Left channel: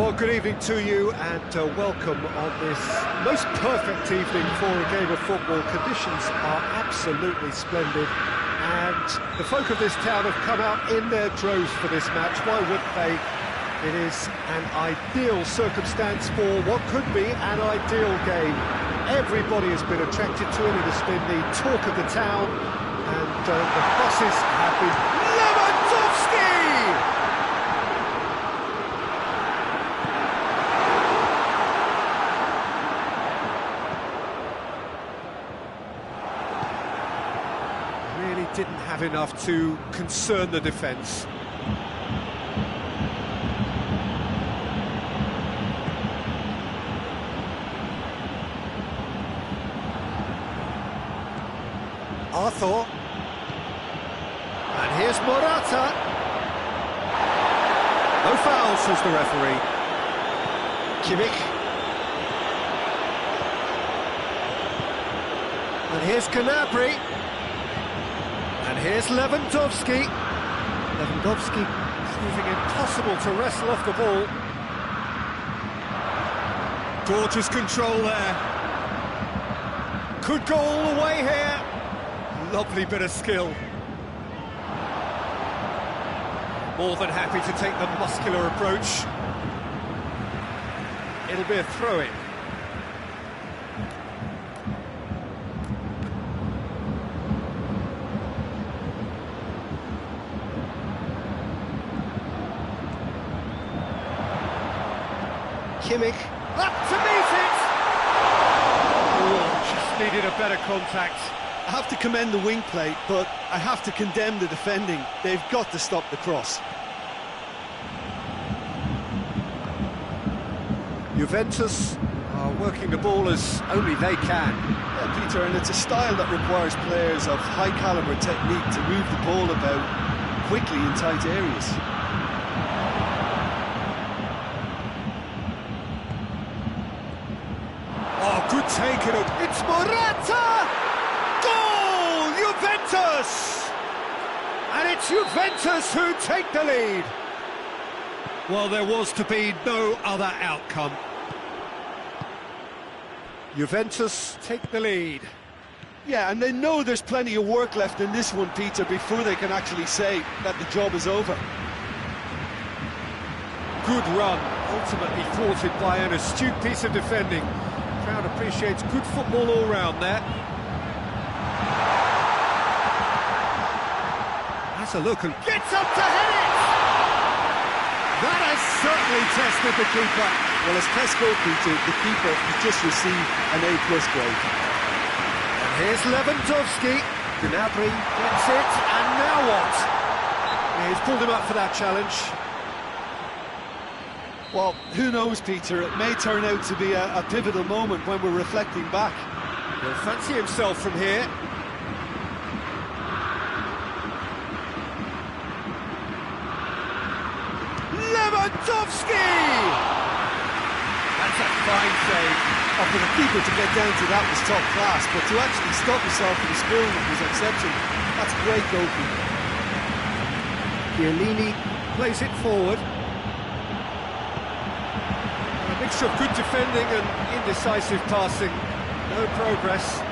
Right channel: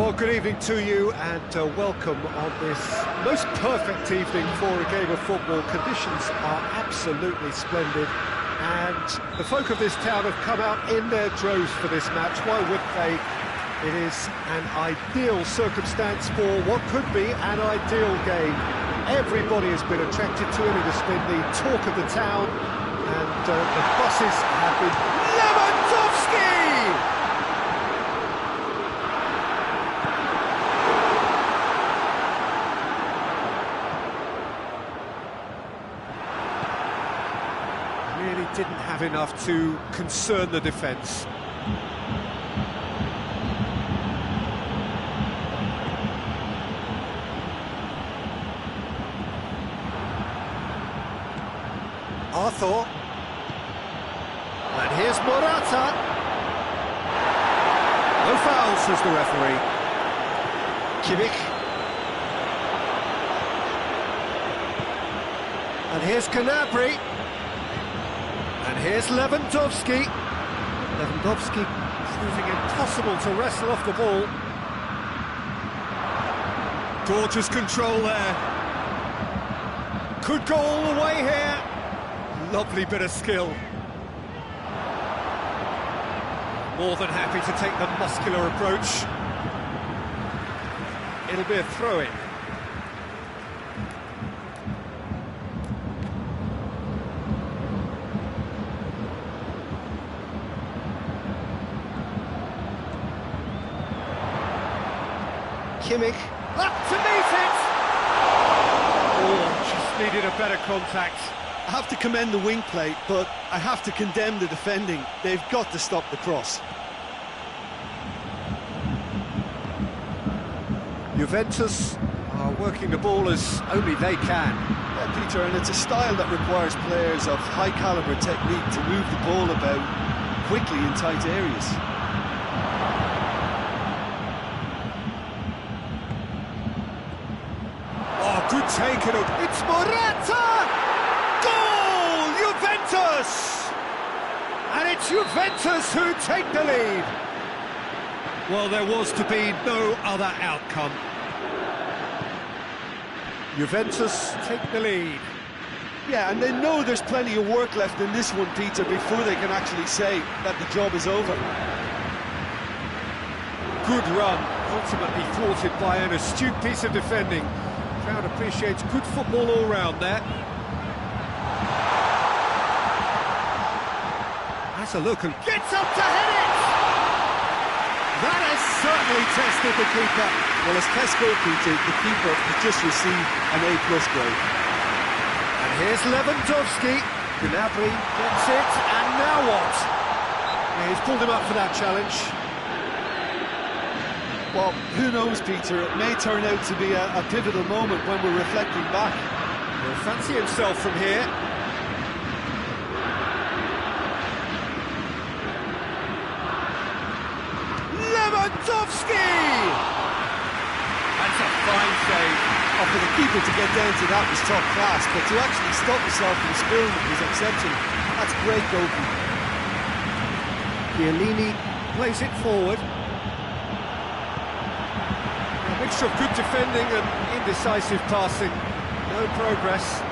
Well, good evening to you and welcome on this most perfect evening for a game of football. Conditions are absolutely splendid and the folk of this town have come out in their droves for this match. Why would they? It is an ideal circumstance for what could be an ideal game. Everybody has been attracted to it. It has been the talk of the town and the buses have been... Lewandowski! Really didn't have enough to concern the defence. Arthur. And here's Morata. No foul, says the referee. Kimmich. And here's Gnabry. And here's Lewandowski. Lewandowski proving impossible to wrestle off the ball. Gorgeous control there. Could go all the way here. Lovely bit of skill. More than happy to take the muscular approach. It'll be a throw-in. Kimmich, up to meet it! Oh, just needed a better contact. I have to commend the wing play, but I have to condemn the defending. They've got to stop the cross. Juventus are working the ball as only they can. Yeah, Peter, and it's a style that requires players of high-caliber technique to move the ball about quickly in tight areas. Oh, good take it up. It's Morata! Goal! Juventus! And it's Juventus who take the lead. Well, there was to be no other outcome. Juventus take the lead. Yeah, and they know there's plenty of work left in this one, Peter, before they can actually say that the job is over. Good run, ultimately thwarted by an astute piece of defending. Crowd appreciates good football all round there. Has a look and gets up to head it! That has certainly tested the keeper. Well, as tests go, Peter, the keeper has just received an A+ grade. And here's Lewandowski. Gnabry gets it, and now what? Yeah, he's pulled him up for that challenge. Well, who knows, Peter? It may turn out to be a pivotal moment when we're reflecting back. He'll fancy himself from here. Lewandowski! That's a fine save. Oh, for the keeper to get down to that was top class, but to actually stop himself from spilling it was exceptional. That's great goalkeeping. Chiellini plays it forward. A mixture of good defending and indecisive passing. No progress.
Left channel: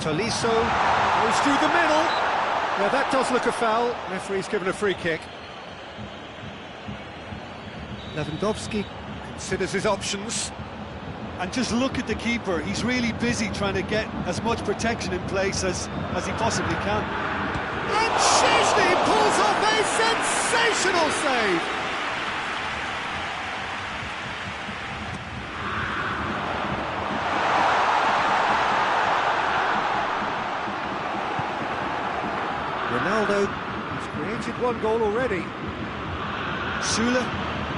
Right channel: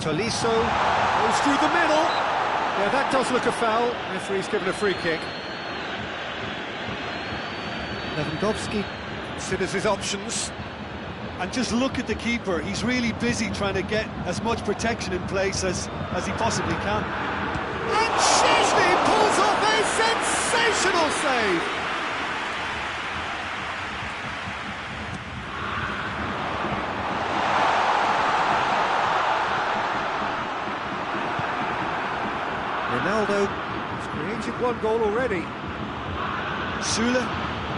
Tolisso goes through the middle. Yeah, that does look a foul. Referee's given a free kick. Lewandowski considers his options. And just look at the keeper. He's really busy trying to get as much protection in place as he possibly can. And Szczęsny pulls off a sensational save. Ronaldo has created one goal already. Sula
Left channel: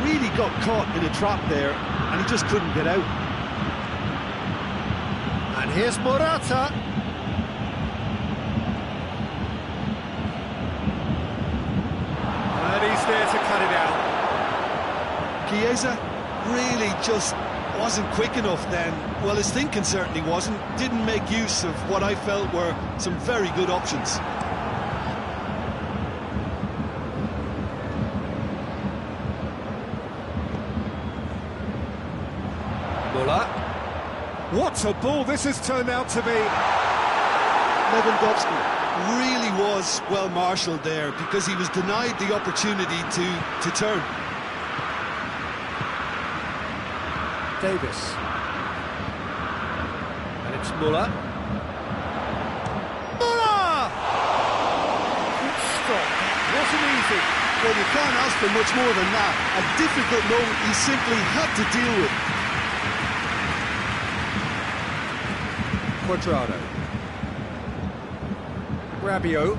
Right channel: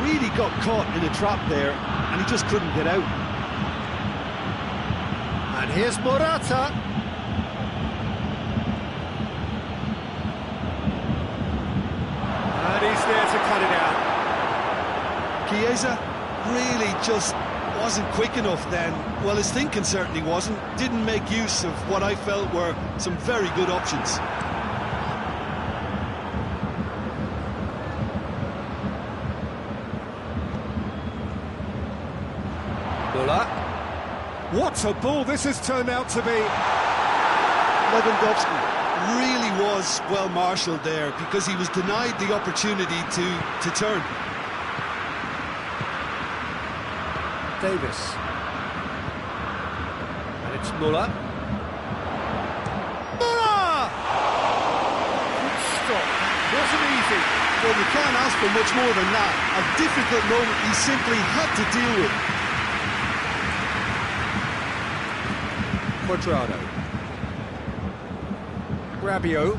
really got caught in a trap there, and he just couldn't get out. And here's Morata. And he's there to cut it out. Chiesa really just wasn't quick enough then. Well, his thinking certainly wasn't. Didn't make use of what I felt were some very good options. Müller. What a ball this has turned out to be. Lewandowski really was well marshalled there because he was denied the opportunity to turn. Davis. And it's Müller. Müller! Good stop. That wasn't easy. Well, you can't ask for much more than that. A difficult moment he simply had to deal with. Cuadrado. Rabiot.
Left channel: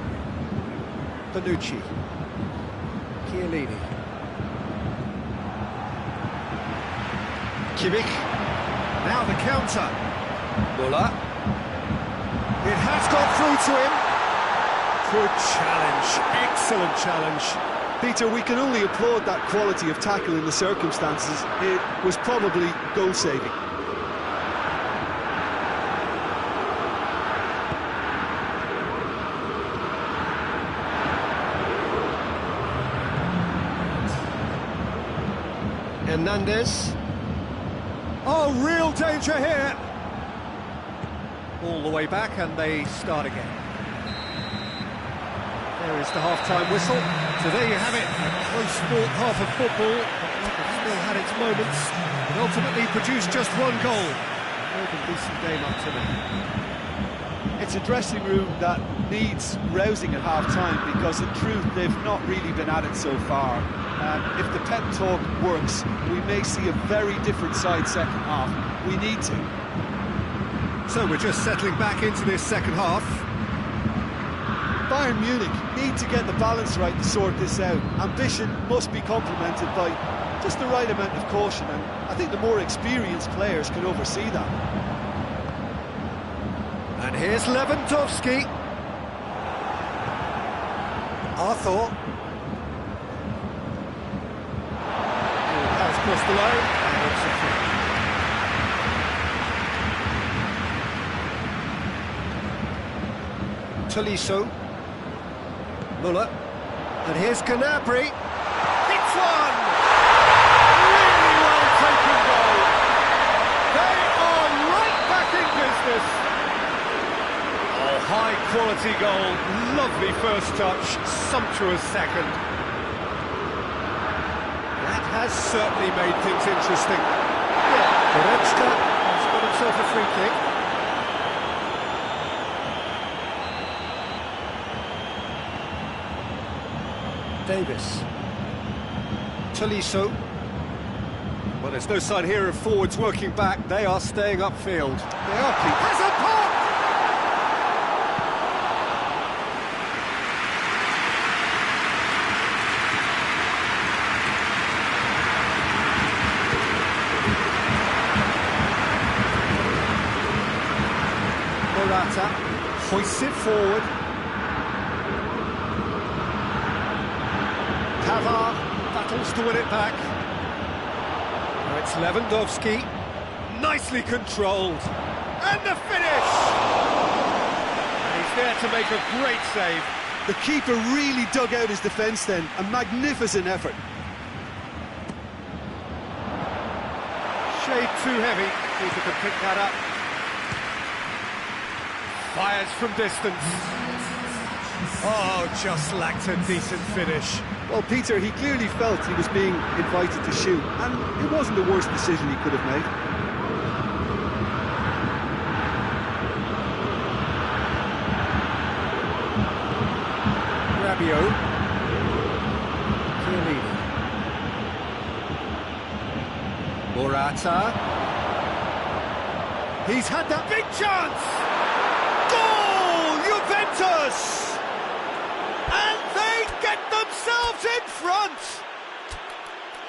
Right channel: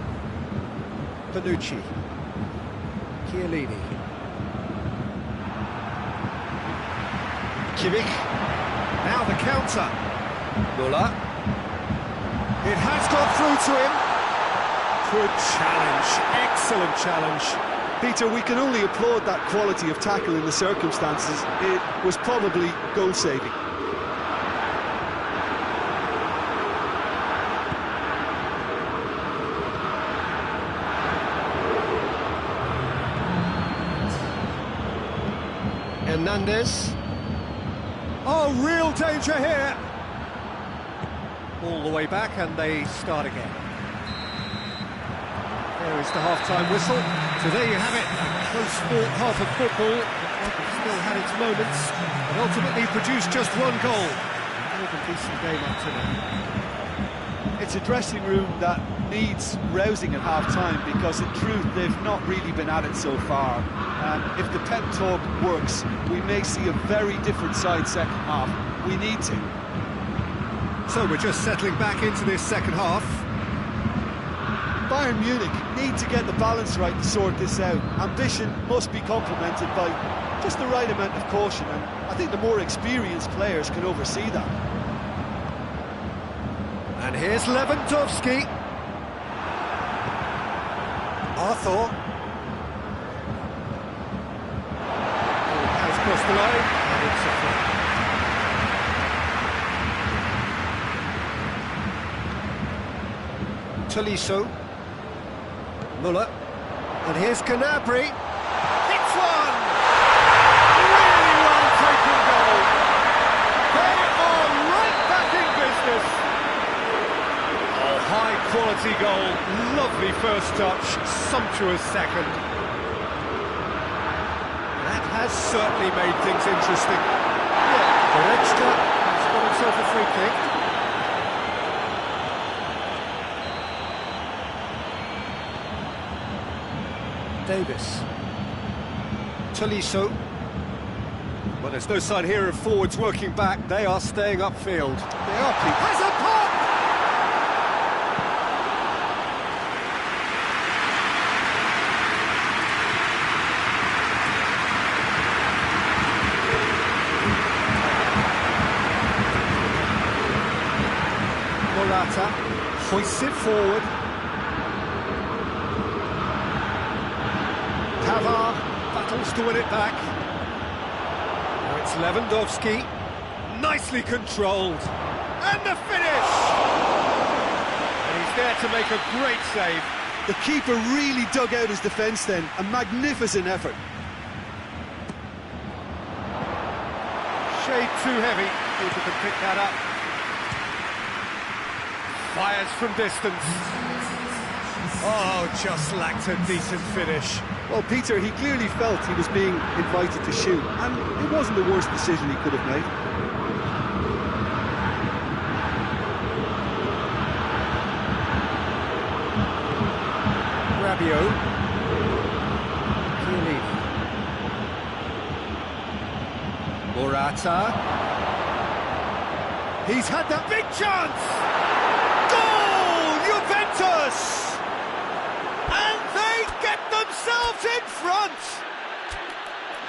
Bonucci. Chiellini. Kimmich. Now the counter. Müller. It has got through to him. Good challenge. Excellent challenge. Peter, we can only applaud that quality of tackle in the circumstances. It was probably goal-saving. Hernandez. Oh, real danger here. All the way back and they start again. There is the half-time whistle. So there you have it, a close-fought half of football, but one that still had its moments, but ultimately produced just one goal. A more than decent game up to now. It's a dressing room that needs rousing at half-time because in truth they've not really been at it so far. If the pep talk works, we may see a very different side second half. We need to. So we're just settling back into this second half. Bayern Munich need to get the balance right to sort this out. Ambition must be complemented by just the right amount of caution, and I think the more experienced players can oversee that. And here's Lewandowski. Arthur. He has crossed the line, and it's a throw. Tolisso. Müller. And here's Gnabry. Hits one! Really well taken goal. They are right back in business. Oh, high quality goal. Lovely first touch. Sumptuous second. That has certainly made things interesting. Yeah, Goretzka has got himself a free kick. Davis. Tolisso. Well, there's no sign here of forwards working back. They are staying upfield. They are, Pete. Has a pop! Morata hoists it forward. Pavard battles to win it back. Now it's Lewandowski. Nicely controlled. And the finish! And he's there to make a great save. The keeper really dug out his defence then. A magnificent effort. Shade too heavy. Keeper can pick that up. Fires from distance. Oh, just lacked a decent finish. Well, Peter, he clearly felt he was being invited to shoot, and it wasn't the worst decision he could have made. Rabiot. Chiellini. Morata. He's had that big chance! Goal! Juventus! And they get themselves in front!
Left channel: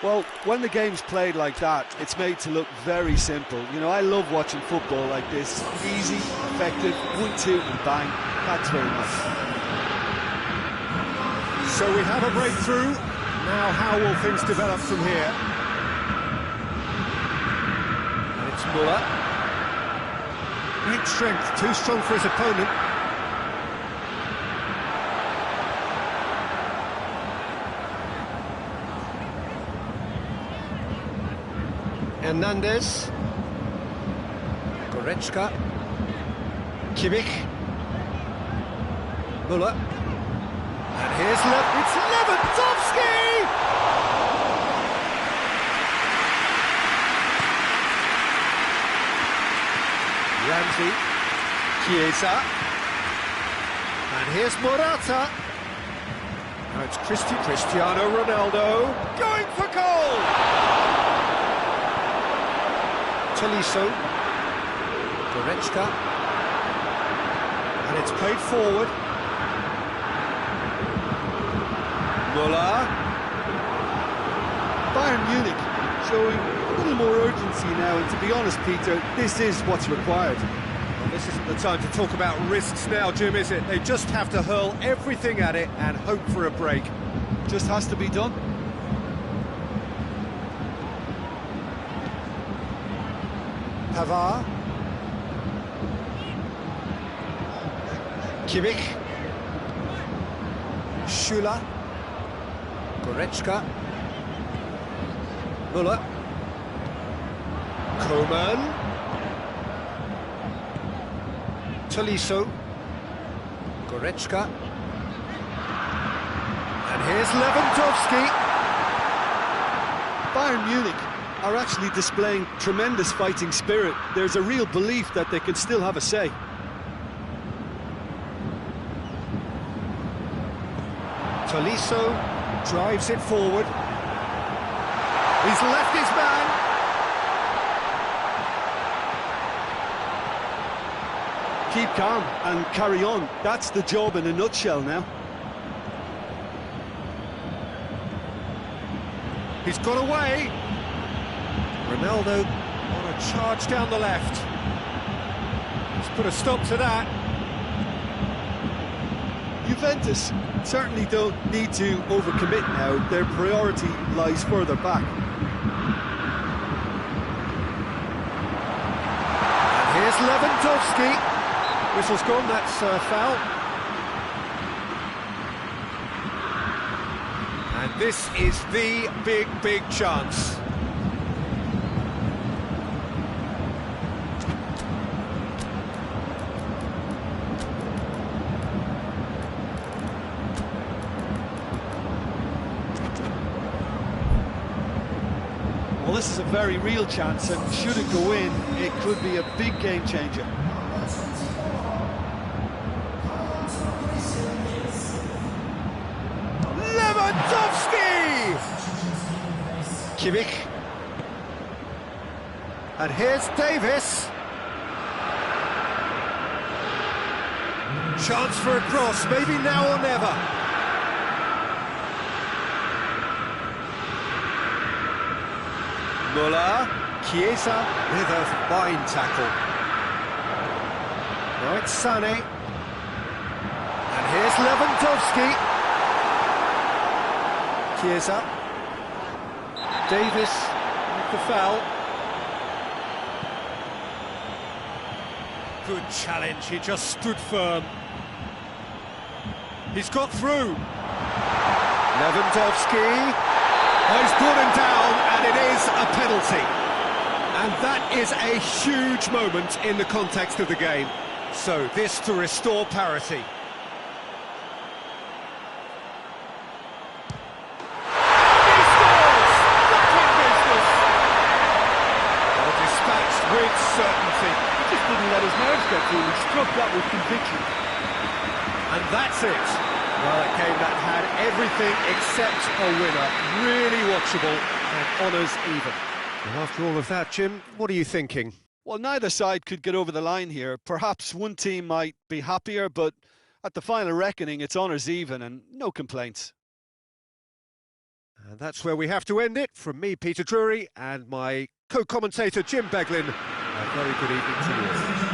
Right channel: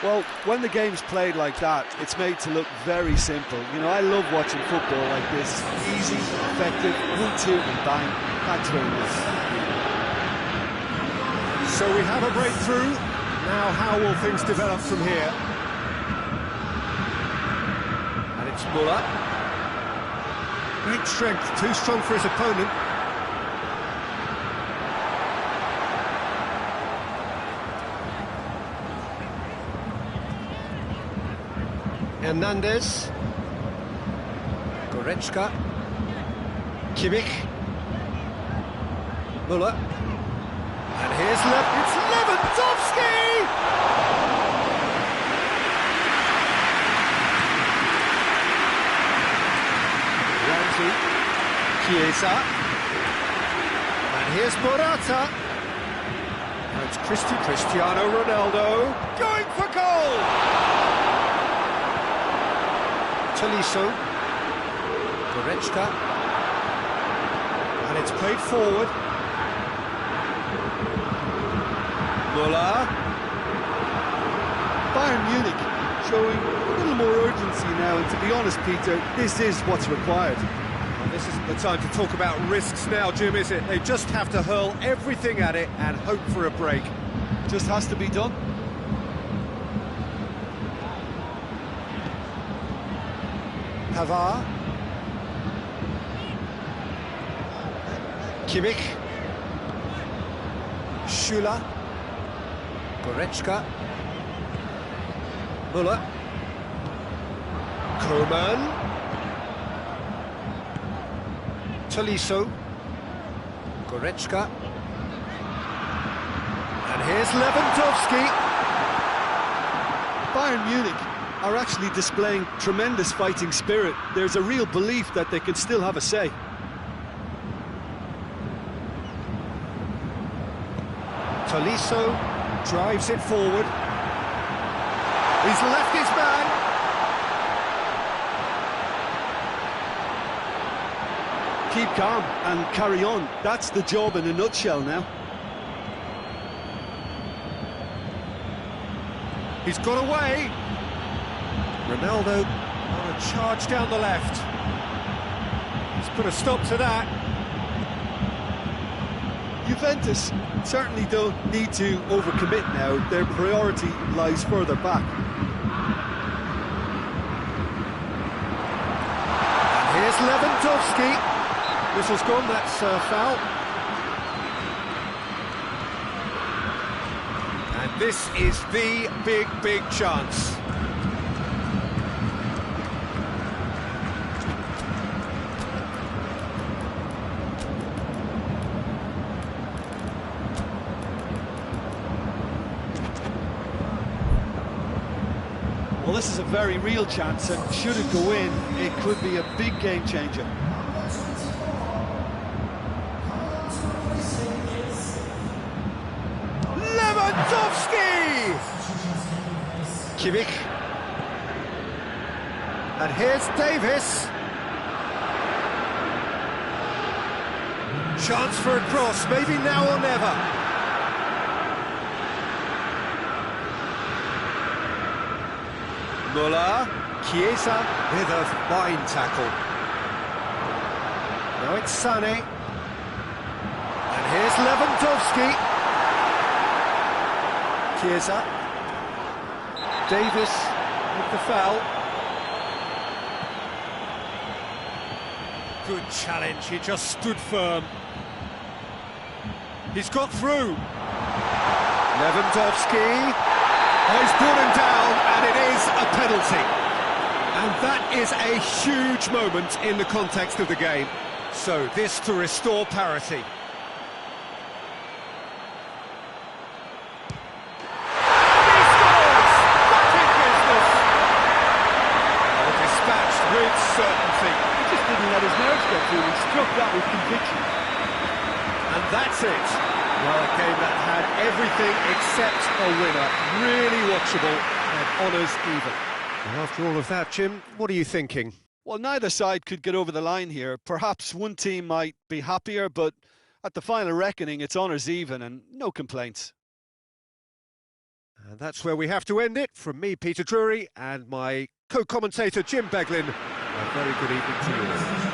Well, when the game's played like that, it's made to look very simple. You know, I love watching football like this. Easy, effective, 1-2 and bang. Thanks very much. So we have a breakthrough. Now how will things develop from here? And it's Müller. Great strength, too strong for his opponent. Hernandez. Goretzka. Kimmich. Müller. And here's it's Lewandowski! Ramsey. Chiesa. And here's Morata. Now it's Cristiano Ronaldo going for goal! Tolisso. Goretzka. And it's played forward. Müller. Bayern Munich showing a little more urgency now, and to be honest, Peter, this is what's required. Well, this isn't the time to talk about risks now, Jim, is it? They just have to hurl everything at it and hope for a break. Just has to be done. Pavard. Kimmich. Schüller. Goretzka. Müller. Coman. Tolisso. Goretzka. And here's Lewandowski. Bayern Munich are actually displaying tremendous fighting spirit. There's a real belief that they can still have a say. Tolisso drives it forward. He's left his man. Keep calm and carry on. That's the job in a nutshell now. He's got away. Ronaldo on a charge down the left. He's put a stop to that. Juventus certainly don't need to overcommit now. Their priority lies further back. And here's Lewandowski. Whistle's gone, that's a foul. And this is the big chance. Well, this is a very real chance, and should it go in, it could be a big game changer. Lewandowski! Kimmich. And here's Davis. Chance for a cross, maybe now or never. Müller. Chiesa with a fine tackle. Now it's Sané. And here's Lewandowski. Chiesa. Davis with the foul. Good challenge, he just stood firm. He's got through. Lewandowski. Oh, he's brought him down, and it is a penalty. And that is a huge moment in the context of the game. So this to restore parity. Dispatched with certainty. He just didn't let his nerves get through. He struck that with conviction. And that's it. Well, a game that had everything except a winner. Really watchable and honours even. Well, after all of that, Jim, what are you thinking? Well, neither side could get over the line here. Perhaps one team might be happier, but at the final reckoning, it's honours even and no complaints. And that's where we have to end it. From me, Peter Drury, and my co-commentator, Jim Beglin. A very good evening to you all.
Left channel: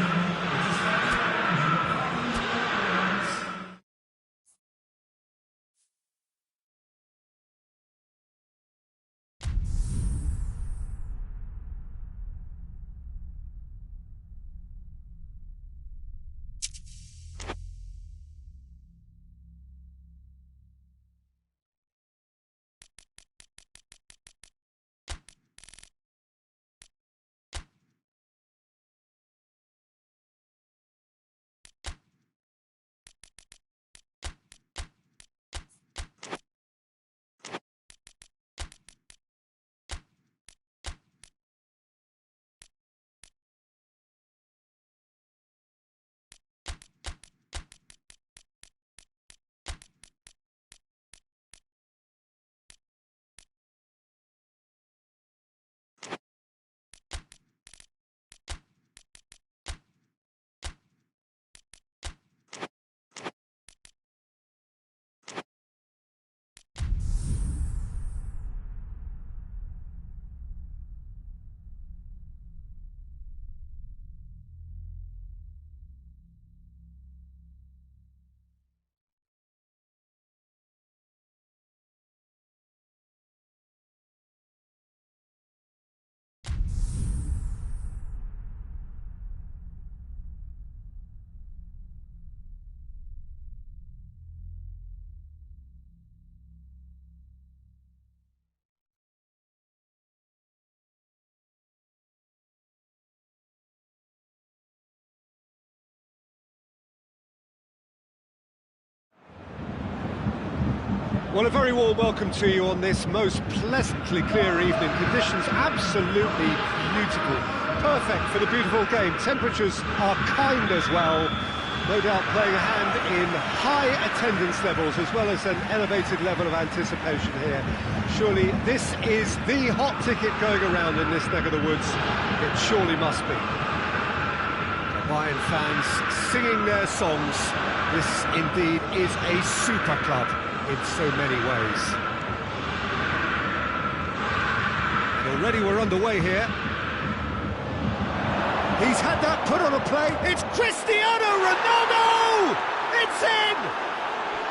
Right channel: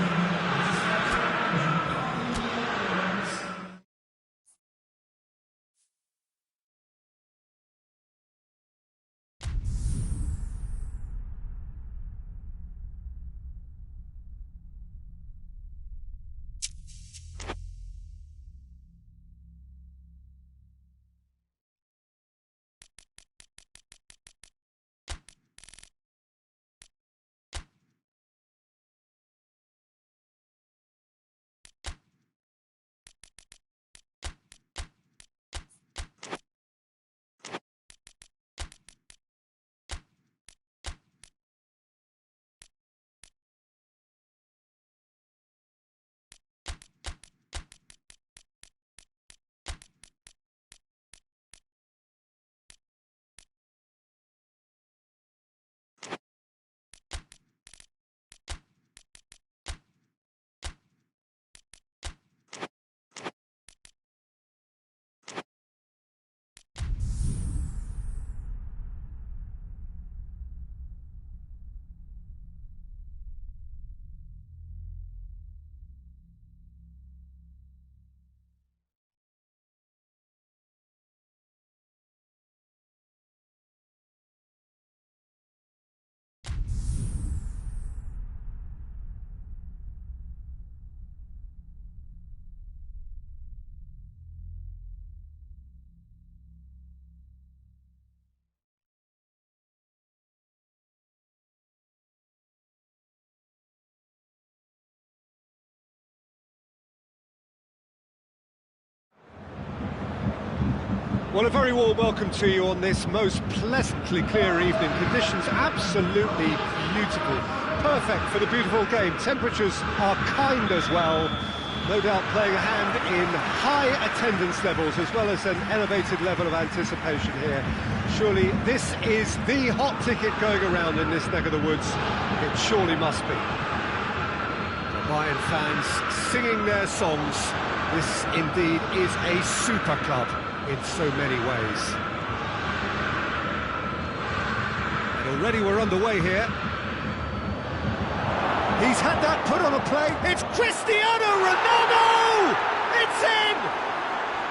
Well, a very warm welcome to you on this most pleasantly clear evening. Conditions absolutely beautiful. Perfect for the beautiful game. Temperatures are kind as well. No doubt playing a hand in high attendance levels as well as an elevated level of anticipation here. Surely this is the hot ticket going around in this neck of the woods. It surely must be. The Bayern fans singing their songs. This indeed is a super club in so many ways. And already we're underway here. He's had that put on a play. It's Cristiano Ronaldo! It's in!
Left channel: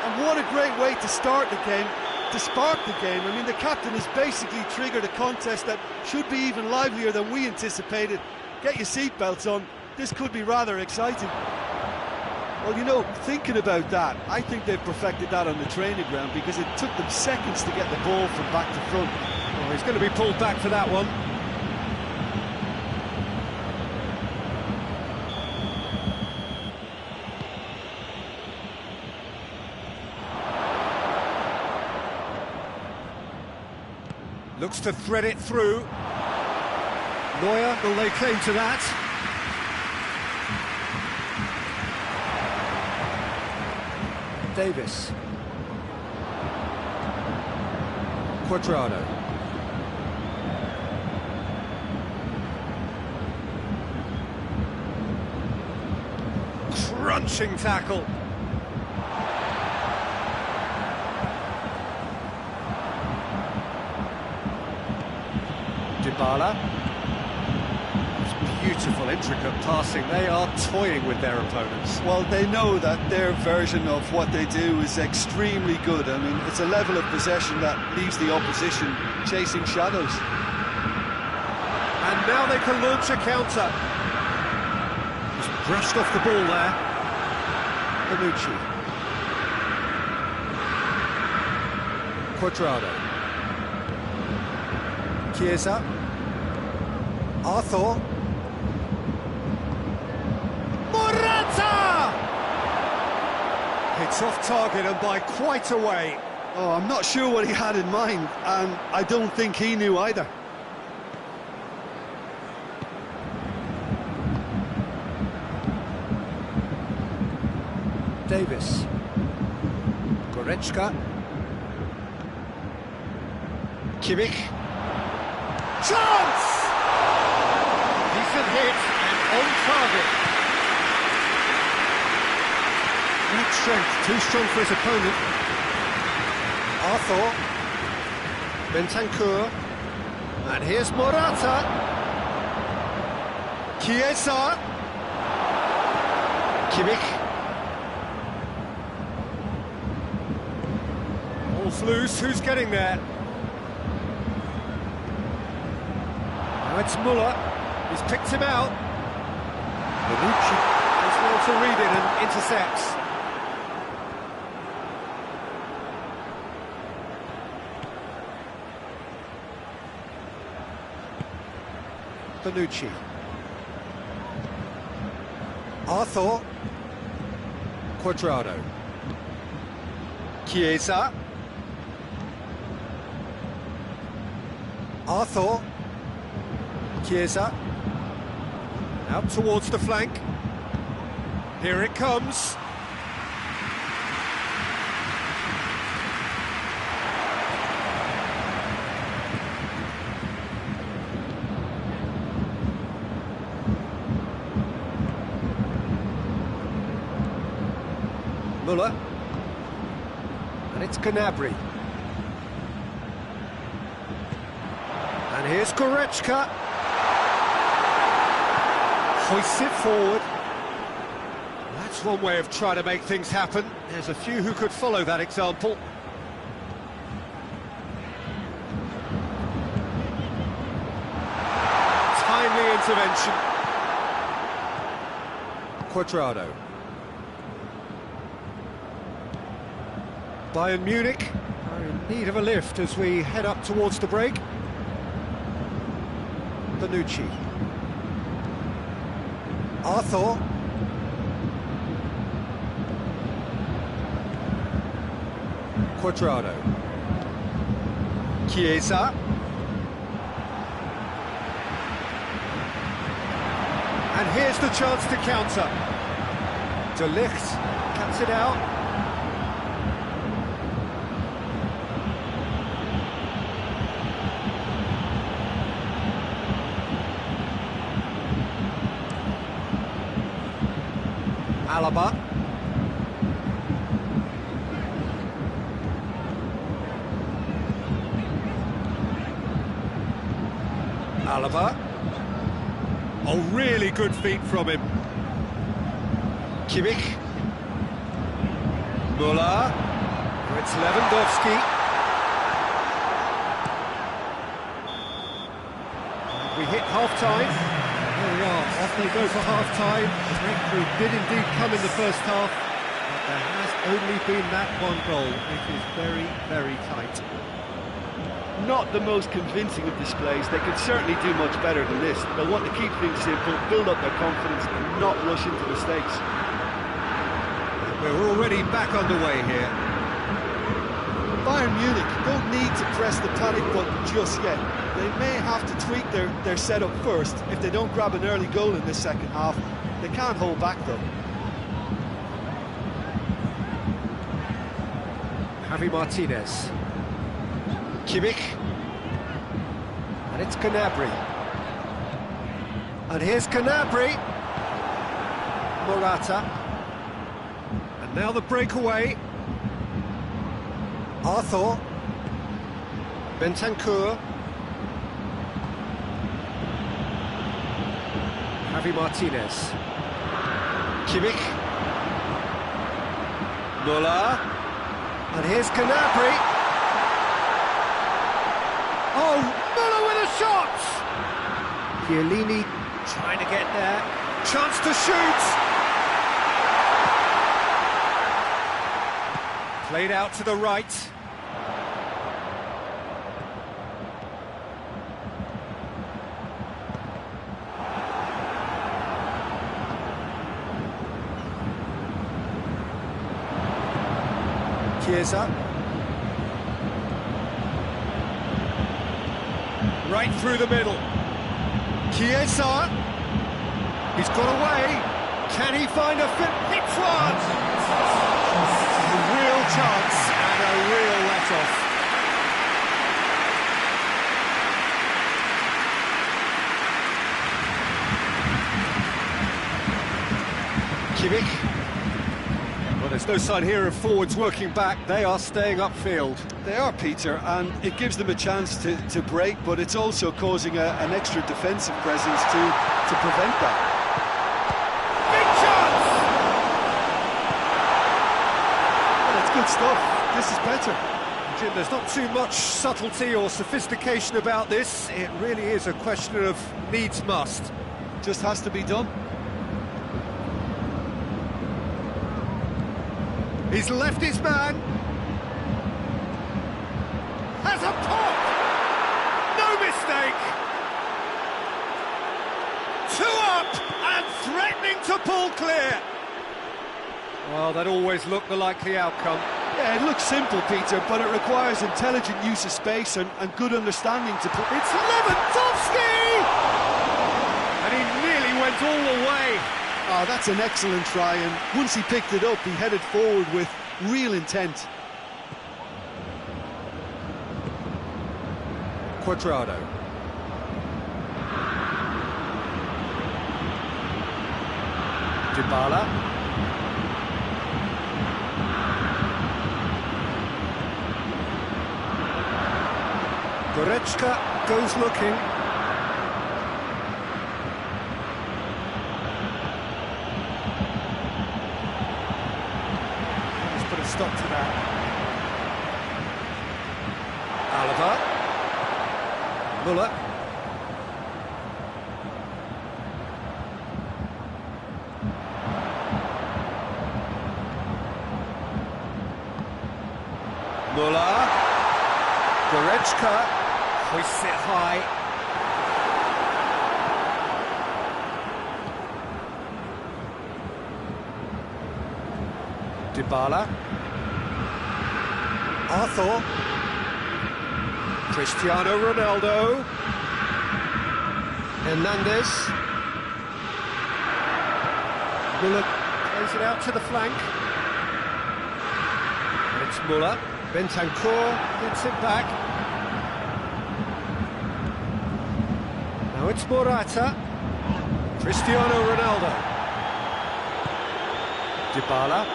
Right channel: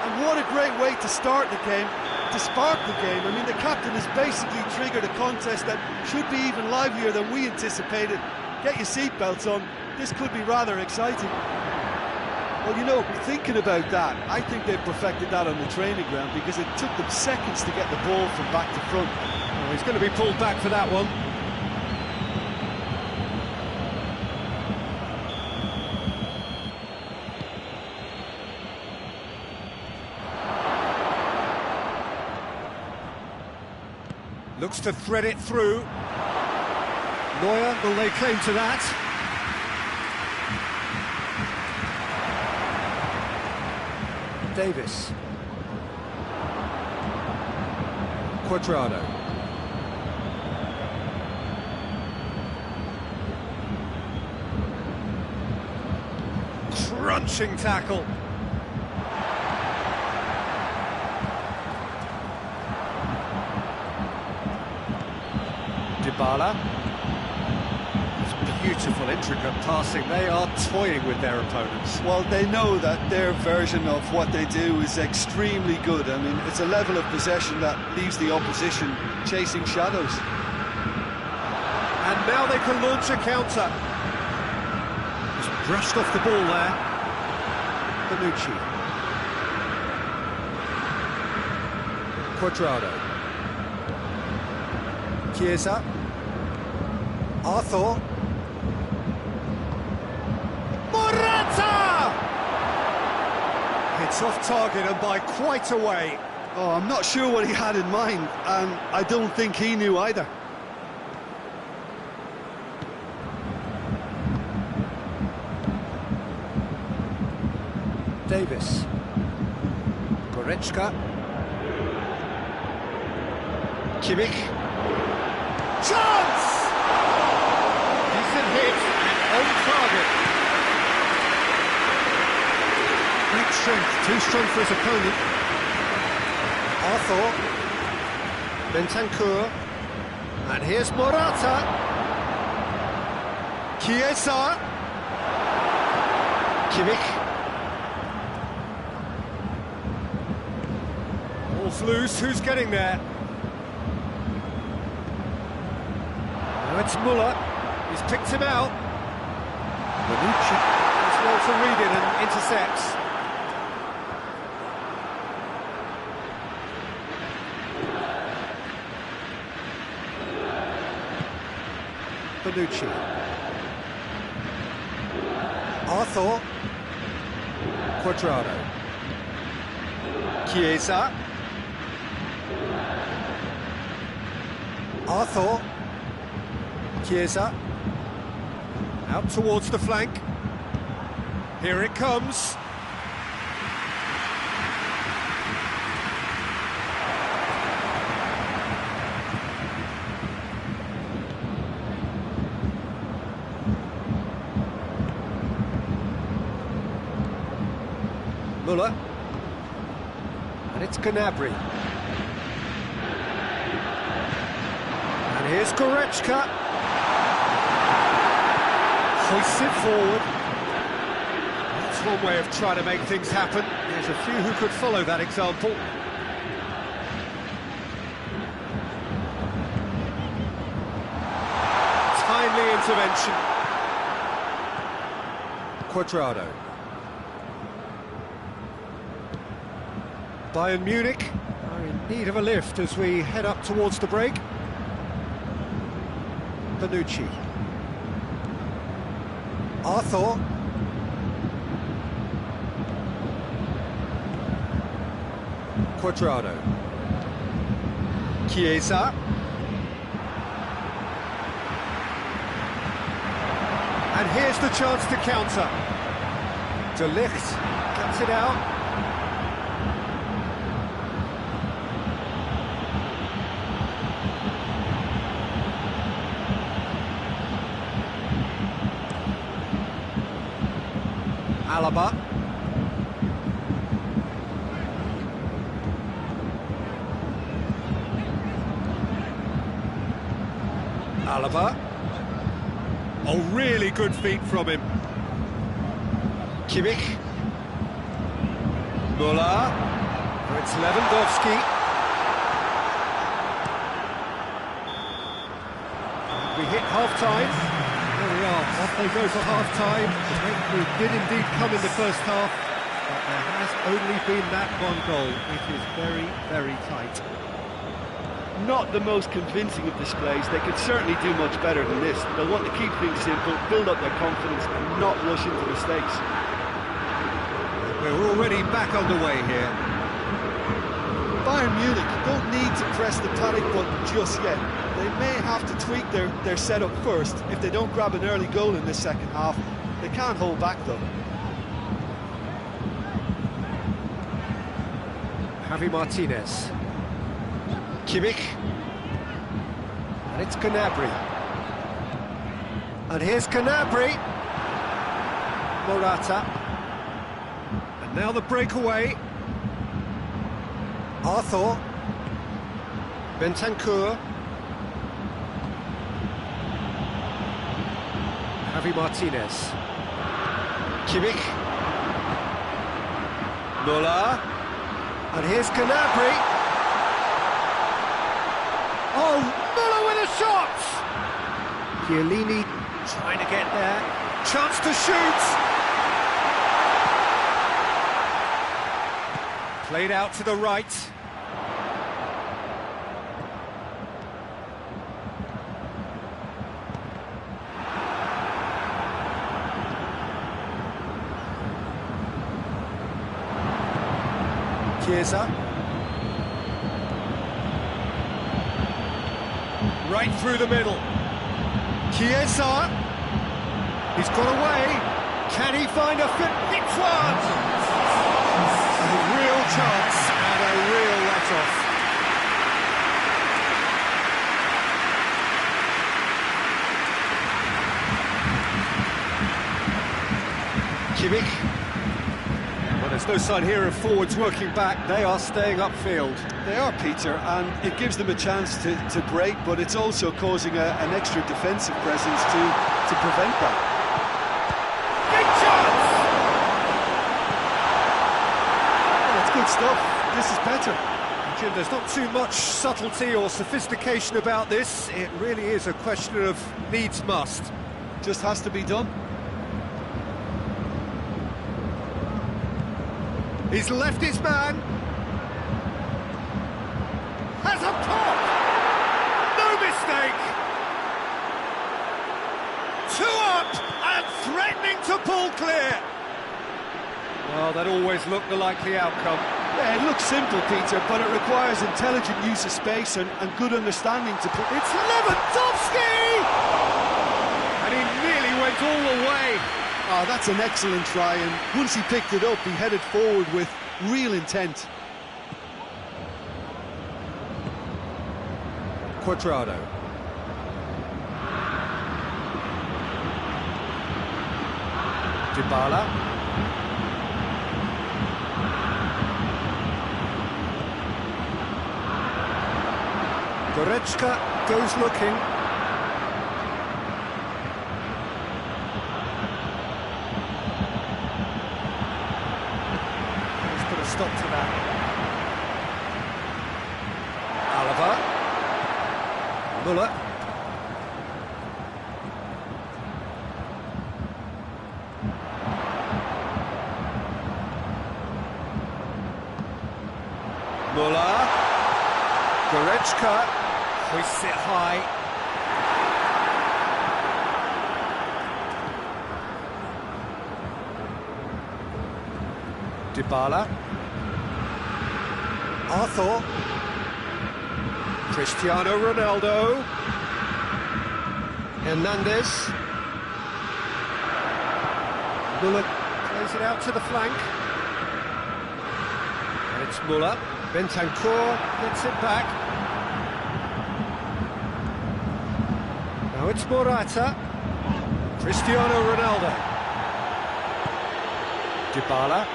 And what a great way to start the game, to spark the game. I mean, the captain has basically triggered a contest that should be even livelier than we anticipated. Get your seatbelts on. This could be rather exciting. Well, you know, thinking about that, I think they've perfected that on the training ground because it took them seconds to get the ball from back to front. Oh, he's going to be pulled back for that one. Looks to thread it through. Neuer will lay claim to that. Davis. Cuadrado. Crunching tackle. Dybala. It's beautiful, intricate passing. They are toying with their opponents. Well, they know that their version of what they do is extremely good. I mean, it's a level of possession that leaves the opposition chasing shadows. And now they can launch a counter. Just brushed off the ball there. Bonucci. Cuadrado. Chiesa. Arthur. Morata! It's off target and by quite a way. Oh, I'm not sure what he had in mind, and I don't think he knew either. Davis. Goretzka. Kimmich. Chance! Decent hit and on target. Great strength, too strong for his opponent. Arthur. Bentancur. And here's Morata. Chiesa. Kimmich. Ball's loose, who's getting there? Now it's Muller, he's picked him out. Bonucci does well to read it and intercepts. Bonucci. Arthur. Cuadrado. Chiesa. Arthur. Chiesa. Out towards the flank. Here it comes. Muller. And it's Gnabry. And here's Goretzka. Hoists it forward. That's one way of trying to make things happen. There's a few who could follow that example. Timely intervention. Cuadrado. Bayern Munich are in need of a lift as we head up towards the break. Bonucci. Arthur. Cuadrado. Chiesa. And here's the chance to counter. De Ligt cuts it out. Alaba. Alaba. Oh, really good feet from him. Kimmich. Müller. It's Lewandowski. And we hit half-time. There we are, off they go for half-time. The breakthrough did indeed come in the first half, but there has only been that one goal. It is very, very tight. Not the most convincing of displays. They could certainly do much better than this. They'll want to keep things simple, build up their confidence and not rush into mistakes. We're already back underway here. Bayern Munich don't need to press the panic button just yet. They may have to tweak their setup first. If they don't grab an early goal in this second half, they can't hold back though. Javi Martinez. Kimmich. And it's Gnabry. And here's Gnabry. Morata. And now the breakaway. Arthur. Bentancur. Javi Martinez. Kimmich. Müller. And here's Gnabry. Oh, Müller with a shot! Chiellini trying to get there. Chance to shoot! Played out to the right. Chiesa. Right through the middle. Chiesa. He's got away. Can he find a fit? Hits one! A real chance and a real let-off. Kimmich. Well, there's no sign here of forwards working back. They are staying upfield. They are, Peter, and it gives them a chance to break, but it's also causing an extra defensive presence to prevent that. Big chance! Well, that's good stuff. This is better. Jim, there's not too much subtlety or sophistication about this. It really is a question of needs must. Just has to be done. He's left his man. Has a pop! No mistake! 2 up and threatening to pull clear. Well, that always looked the likely outcome. Yeah, it looks simple, Peter, but it requires intelligent use of space and good understanding to put... It's Lewandowski! And he nearly went all the way. Oh, that's an excellent try, and once he picked it up, he headed forward with real intent. Cuadrado. Dybala. Goretzka goes looking. Put a stop to that. Alaba. Müller. Müller. Goretzka hoists it high. Dybala. Arthur. Cristiano Ronaldo. Hernandez. Muller plays it out to the flank. And it's Muller. Bentancur gets it back. Now it's Morata. Cristiano Ronaldo. Dybala.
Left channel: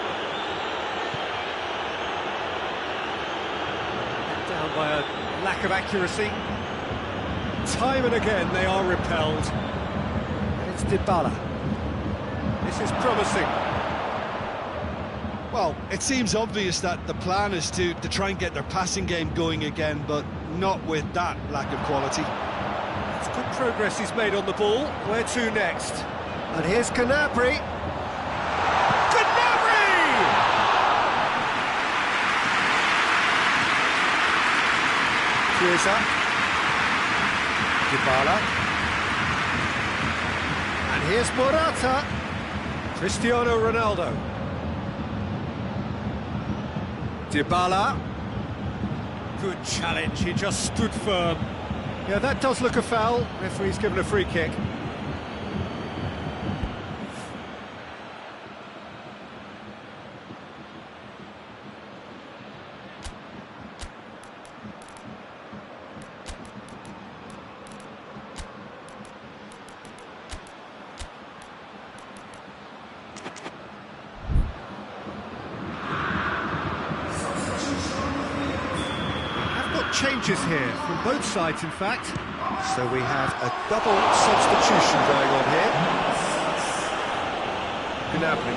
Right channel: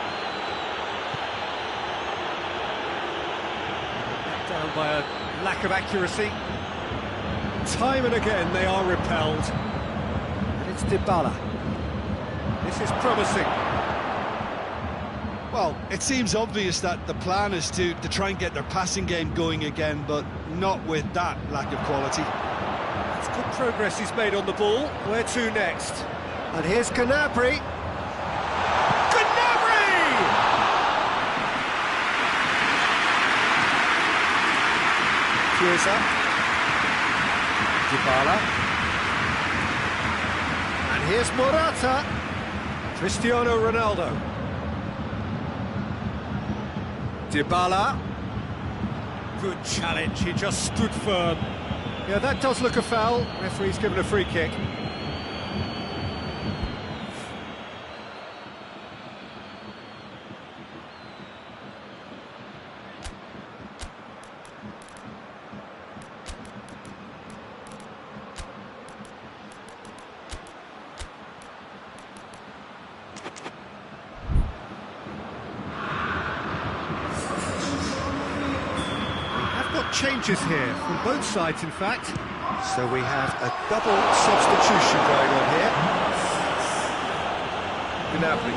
Let down by a lack of accuracy. Time and again they are repelled. And it's Dybala. This is promising. Well, it seems obvious that the plan is to try and get their passing game going again, but not with that lack of quality. It's good progress he's made on the ball. Where to next? And here's Gnabry. Gnabry! Chiesa. Dybala. And here's Morata. Cristiano Ronaldo. Dybala. Good challenge, he just stood firm. Yeah, that does look a foul. Referee's given a free kick. Changes here from both sides, in fact. So we have a double substitution going on here. Gnabry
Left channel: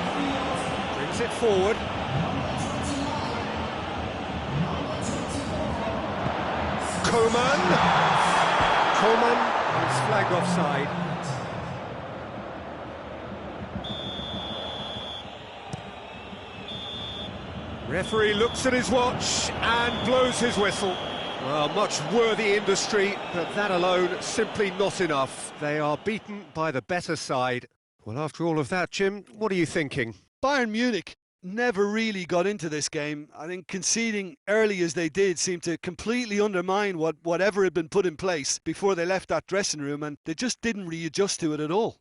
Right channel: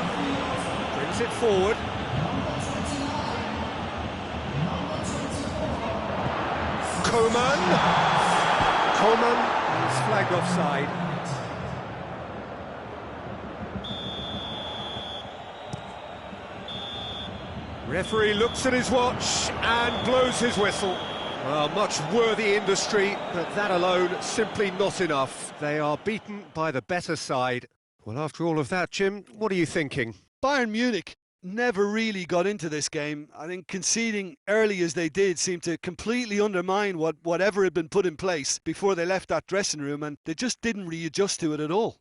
brings it forward. Coman is flagged offside. Referee looks at his watch and blows his whistle. Well, much worthy industry, but that alone simply not enough. They are beaten by the better side. Well, after all of that, Jim, what are you thinking? Bayern Munich never really got into this game. I think conceding early as they did seemed to completely undermine whatever had been put in place before they left that dressing room, and they just didn't readjust to it at all.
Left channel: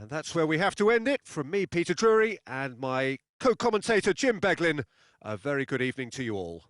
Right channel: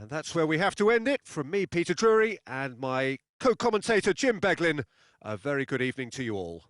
And that's where we have to end it. From me, Peter Drury, and my co-commentator, Jim Beglin, a very good evening to you all.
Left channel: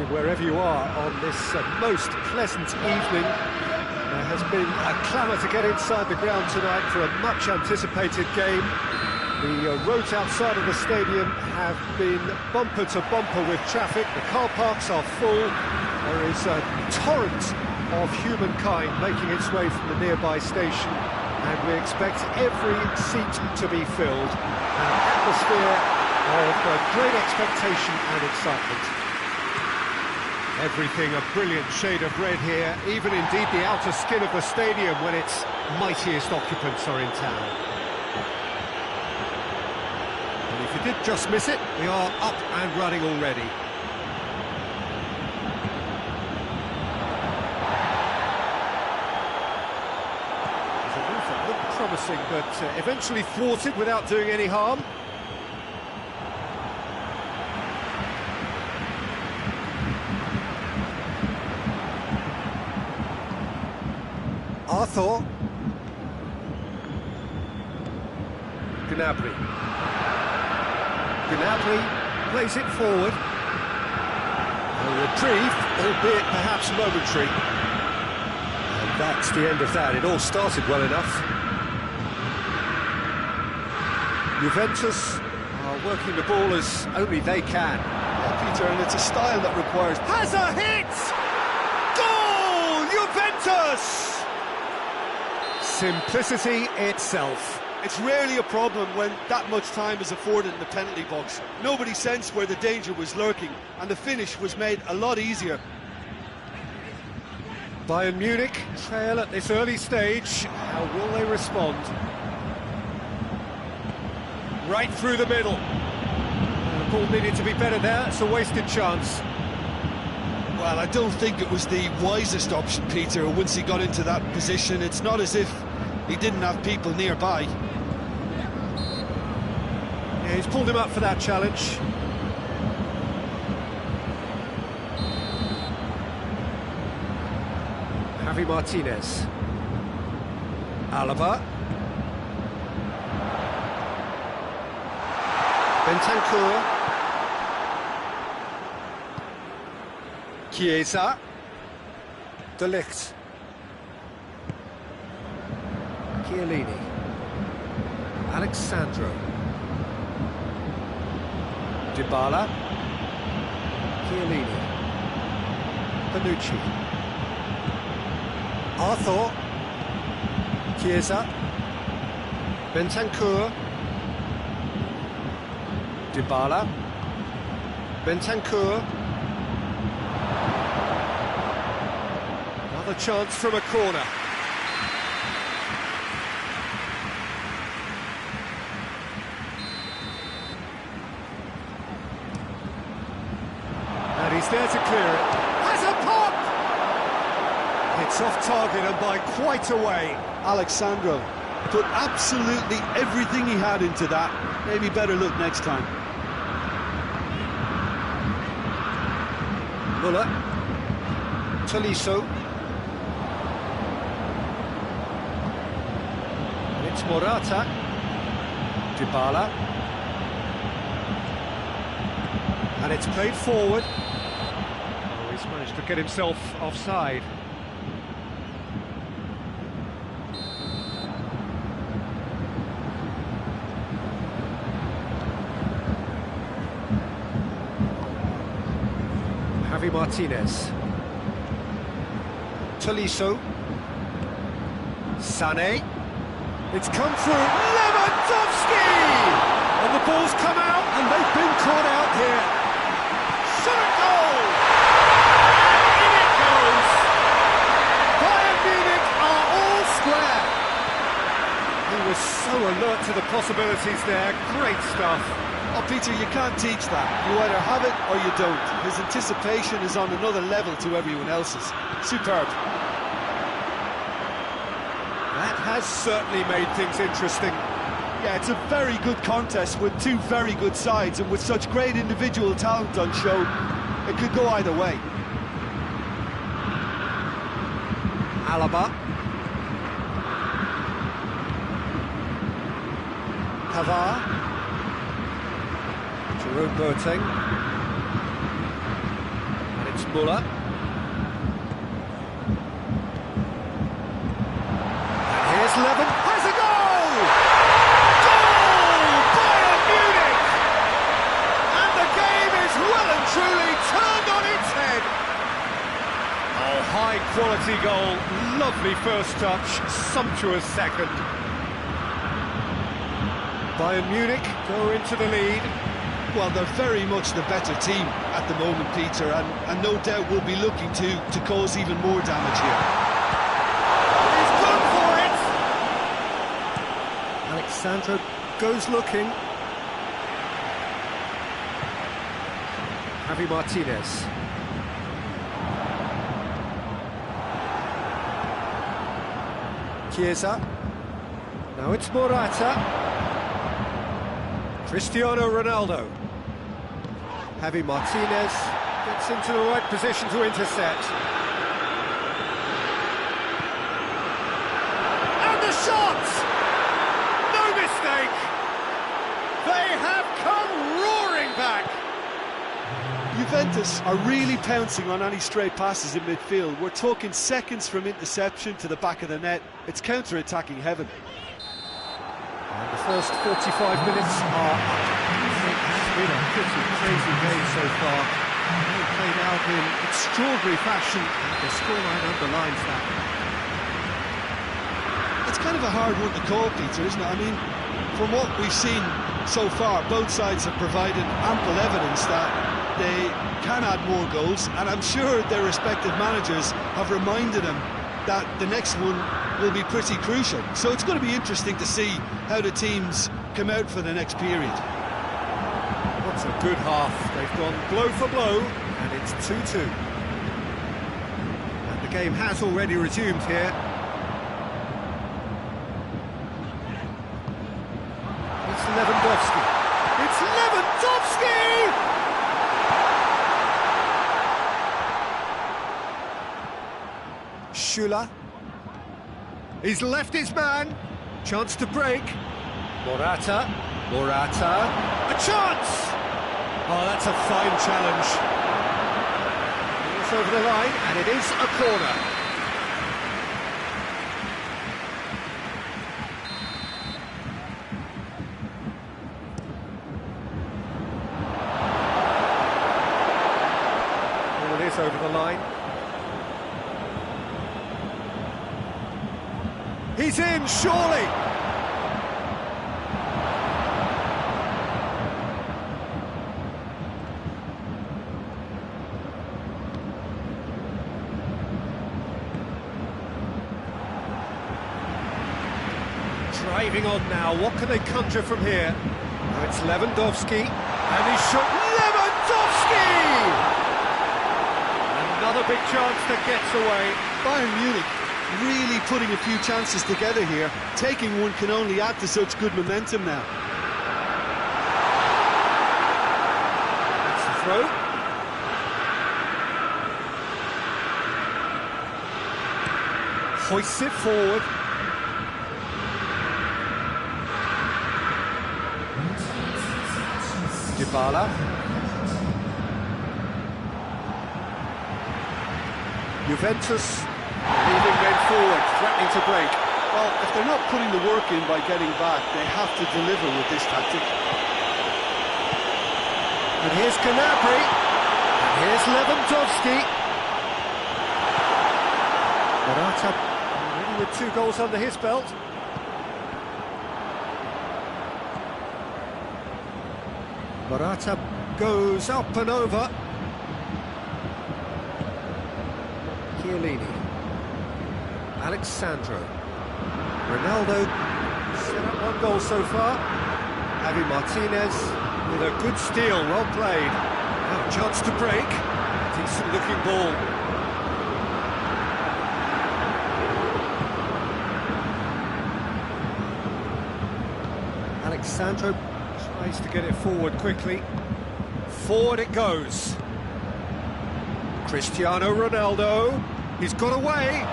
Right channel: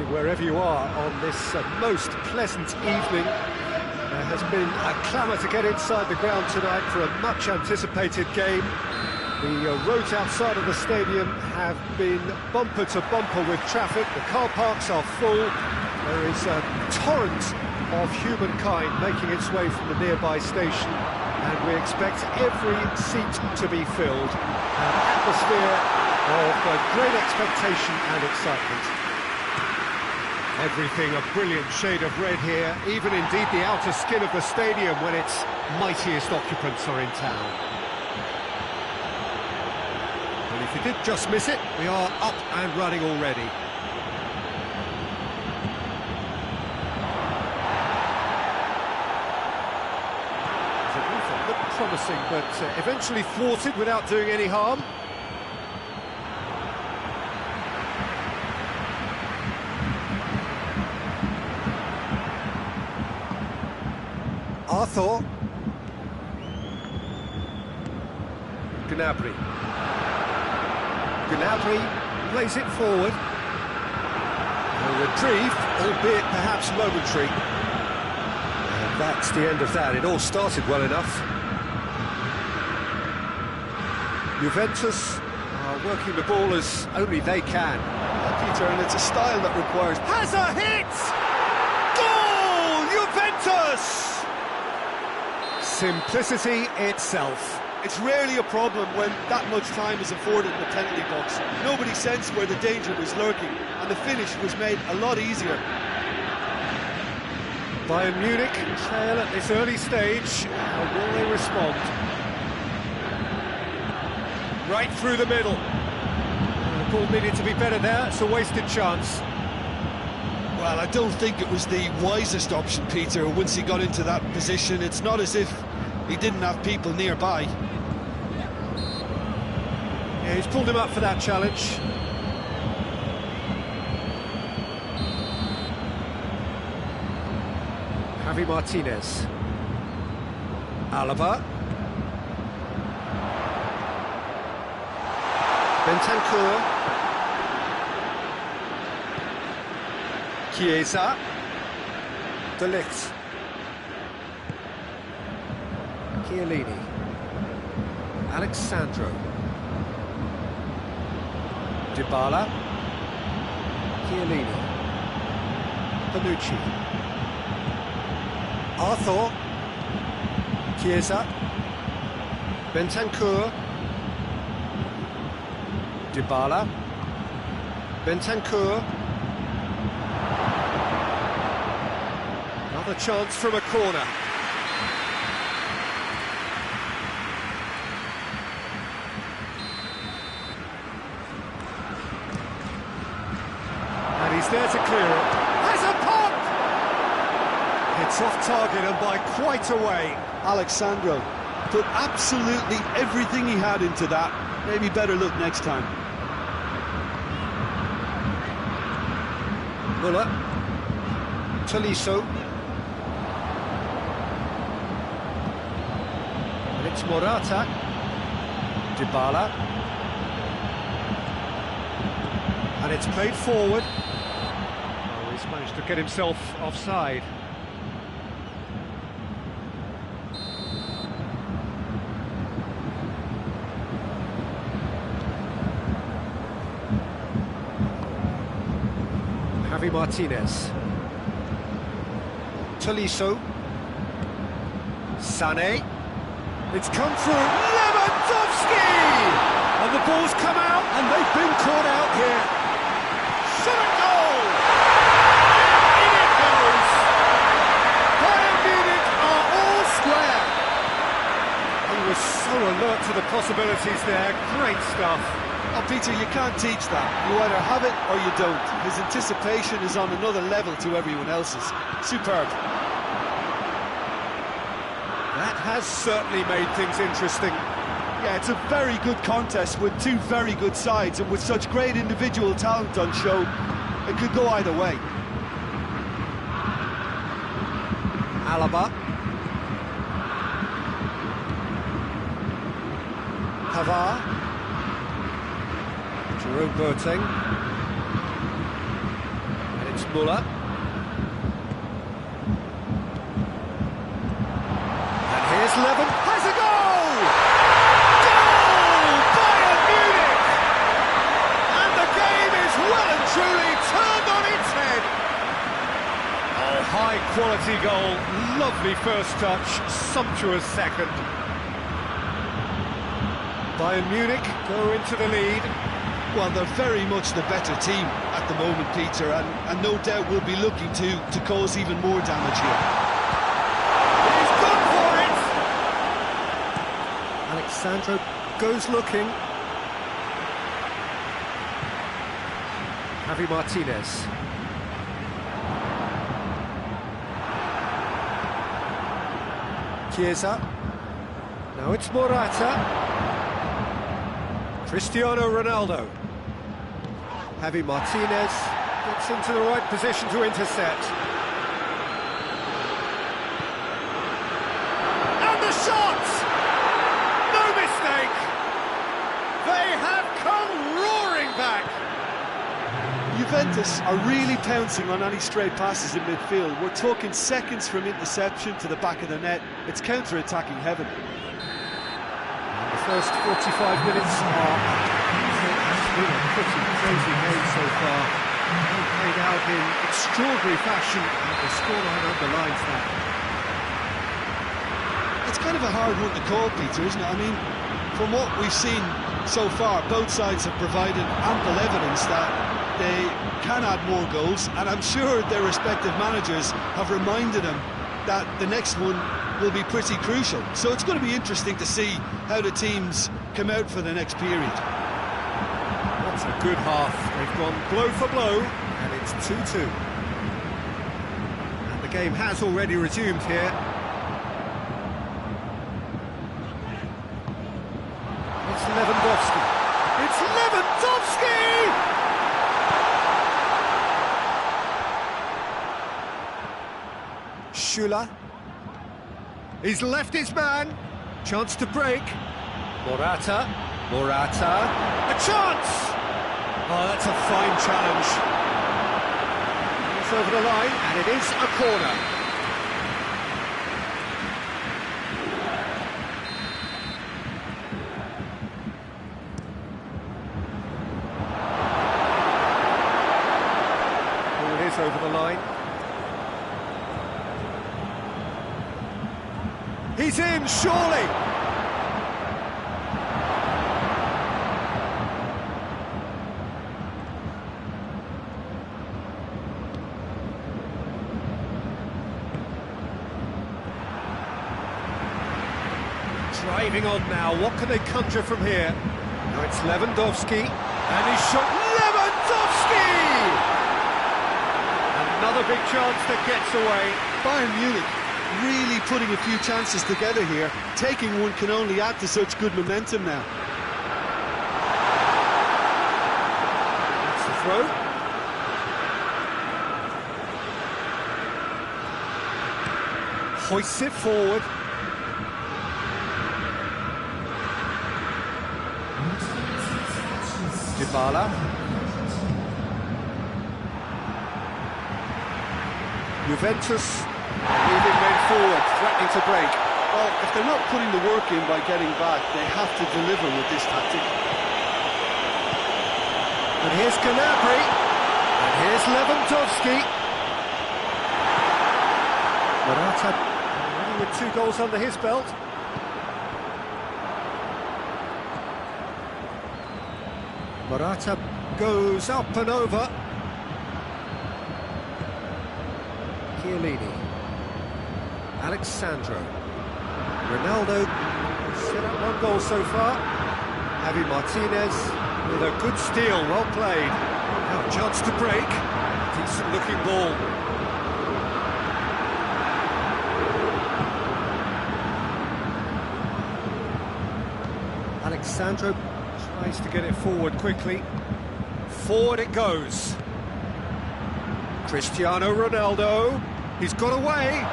happening wherever you are on this most pleasant evening. There has been a clamour to get inside the ground tonight for a much-anticipated game. The roads outside of the stadium have been bumper to bumper with traffic. The car parks are full. There is a torrent of humankind making its way from the nearby station, and we expect every seat to be filled. An atmosphere of great expectation and excitement. Everything a brilliant shade of red here, even indeed the outer skin of the stadium when its mightiest occupants are in town. And if you did just miss it, we are up and running already. There's a move that looked promising, but eventually thwarted without doing any harm. Arthur. Gnabry. Gnabry plays it forward. A reprieve, albeit perhaps momentary. And that's the end of that. It all started well enough. Juventus are working the ball as only they can. Yeah, Peter, and it's a style that requires... Has a hit! Goal! Juventus! Simplicity itself. It's rarely a problem when that much time is afforded in the penalty box. Nobody sensed where the danger was lurking, and the finish was made a lot easier. Bayern Munich trail at this early stage. How will they respond? Right through the middle. The ball needed to be better there. It's a wasted chance. Well, I don't think it was the wisest option, Peter, once he got into that position. It's not as if he didn't have people nearby. Yeah, he's pulled him up for that challenge. Javi Martinez. Alaba. Bentancur. Chiesa. De Ligt. Chiellini. Alexandro. Dybala. Chiellini. Panucci. Arthur. Chiesa. Bentancur. Dybala. Bentancur. Another chance from a corner. And he's there to clear it. Has a pop! It's off target and by quite a way. Alexandro put absolutely everything he had into that. Maybe better look next time. Muller. Tolisso. And it's Morata. Dybala. And it's played forward. Oh, he's managed to get himself offside. Javi Martinez. Tolisso. Sané. It's come through. Lewandowski! And the ball's come out, and they've been caught out here. Shot and goal! And in it goes! Bayern Munich are all square. He was so alert to the possibilities there. Great stuff. Oh, Peter, you can't teach that. You either have it or you don't. His anticipation is on another level to everyone else's. Superb. That has certainly made things interesting. Yeah, it's a very good contest with two very good sides, and with such great individual talent on show, it could go either way. Alaba. Pavard. Jerome Boateng. And it's Thomas Muller. And here's Levin, has a goal! Goal! Bayern Munich! And the game is well and truly turned on its head. Oh, high-quality goal, lovely first touch, sumptuous second. Bayern Munich go into the lead. Well, they're very much the better team at the moment, Peter, and no doubt will be looking to cause even more damage here. He's gone for it! Alexandro goes looking. Javi Martinez. Chiesa. Now it's Morata. Cristiano Ronaldo. Javi Martinez gets into the right position to intercept. And the shot! No mistake! They have come roaring back! Juventus are really pouncing on any stray passes in midfield. We're talking seconds from interception to the back of the net. It's counter-attacking heaven. And the first 45 minutes are up. It has been a pretty crazy game so far. They played out in extraordinary fashion, and the scoreline underlines that. It's kind of a hard one to call, Peter, isn't it? I mean, from what we've seen so far, both sides have provided ample evidence that they can add more goals, and I'm sure their respective managers have reminded them that the next one will be pretty crucial. So it's going to be interesting to see how the teams come out for the next period. What a good half. They've gone blow for blow, and it's 2-2. And the game has already resumed here. It's Lewandowski. It's Lewandowski! Schüller. He's left his man. Chance to break. Morata. Morata. A chance! Oh, that's a fine challenge. It's over the line, and it is a corner. Ball is over the line. He's in, surely! Driving on now, what can they conjure from here? Now it's Lewandowski, and he's shot. Lewandowski! Another big chance that gets away. Bayern Munich really putting a few chances together here. Taking one can only add to such good momentum now. That's the throw. Hoists it forward. Dybala. Juventus leading men forward, threatening to break. Well, if they're not putting the work in by getting back, they have to deliver with this tactic. And here's Gnabry. And here's Lewandowski. Morata already with 2 goals under his belt. Morata goes up and over. Chiellini. Alexandro. Ronaldo set up 1 goal so far. Javi Martinez with a good steal, well played. Now a chance to break. Decent looking ball. Alexandro tries to get it forward quickly. Forward it goes. Cristiano Ronaldo. He's got away.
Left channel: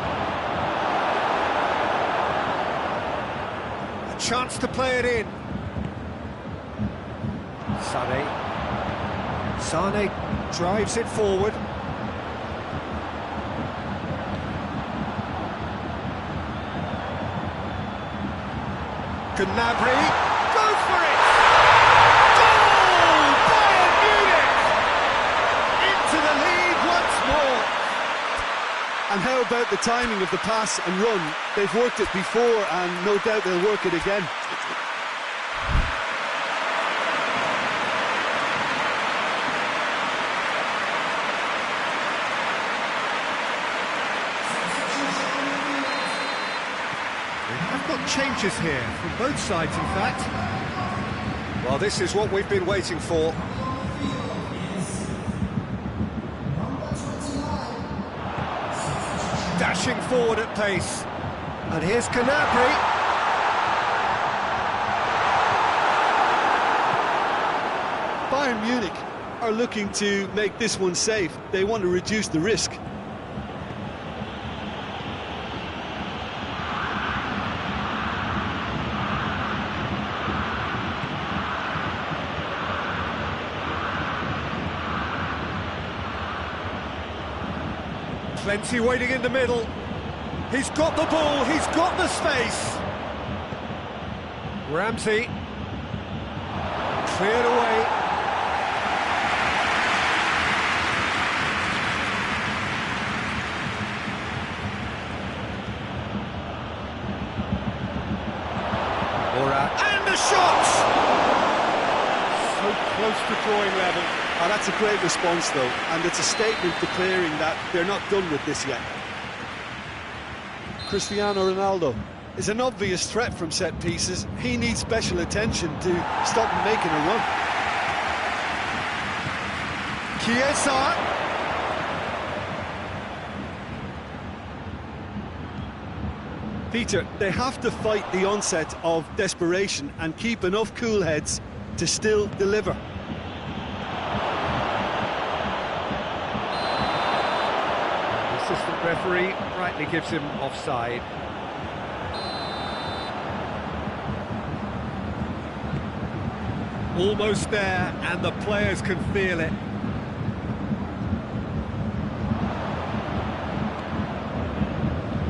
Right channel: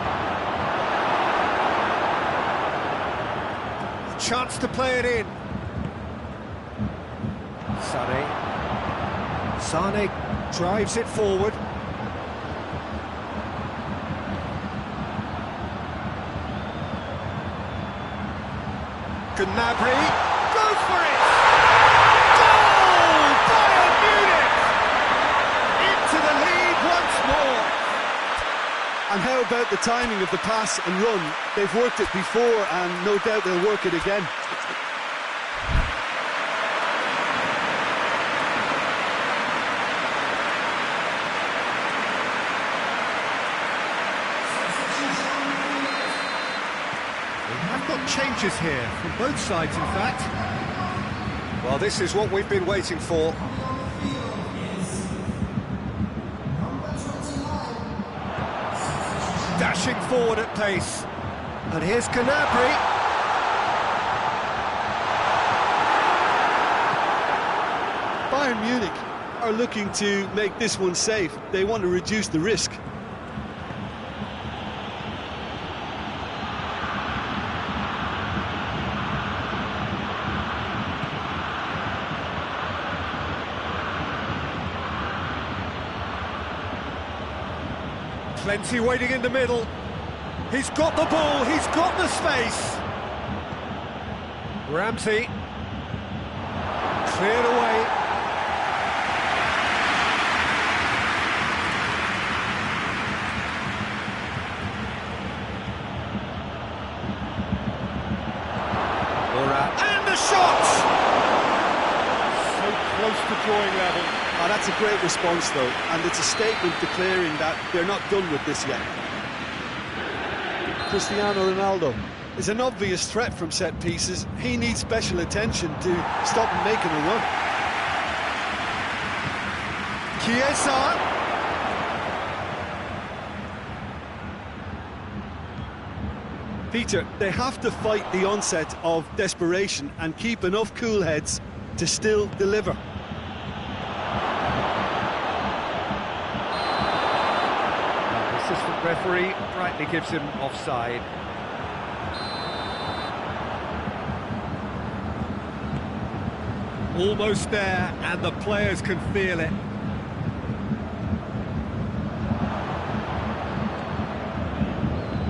A chance to play it in. Sané. Sané drives it forward. Gnabry goes for it! Goal! Bayern Munich! Into the lead once more. And how about the timing of the pass and run? They've worked it before and no doubt they'll work it again. We have got changes here from both sides, in fact. Well, this is what we've been waiting for. Dashing forward at pace. And here's Gnabry. Bayern Munich are looking to make this one safe. They want to reduce the risk. Plenty waiting in the middle. He's got the ball, he's got the space. Ramsey. Cleared away. Moura. And the shot! So close to drawing level. Oh, that's a great response, though, and it's a statement declaring that they're not done with this yet. Cristiano Ronaldo is an obvious threat from set pieces. He needs special attention to stop him making a run. Chiesa. Peter, they have to fight the onset of desperation and keep enough cool heads to still deliver. Assistant referee rightly gives him offside. Almost there, and the players can feel it.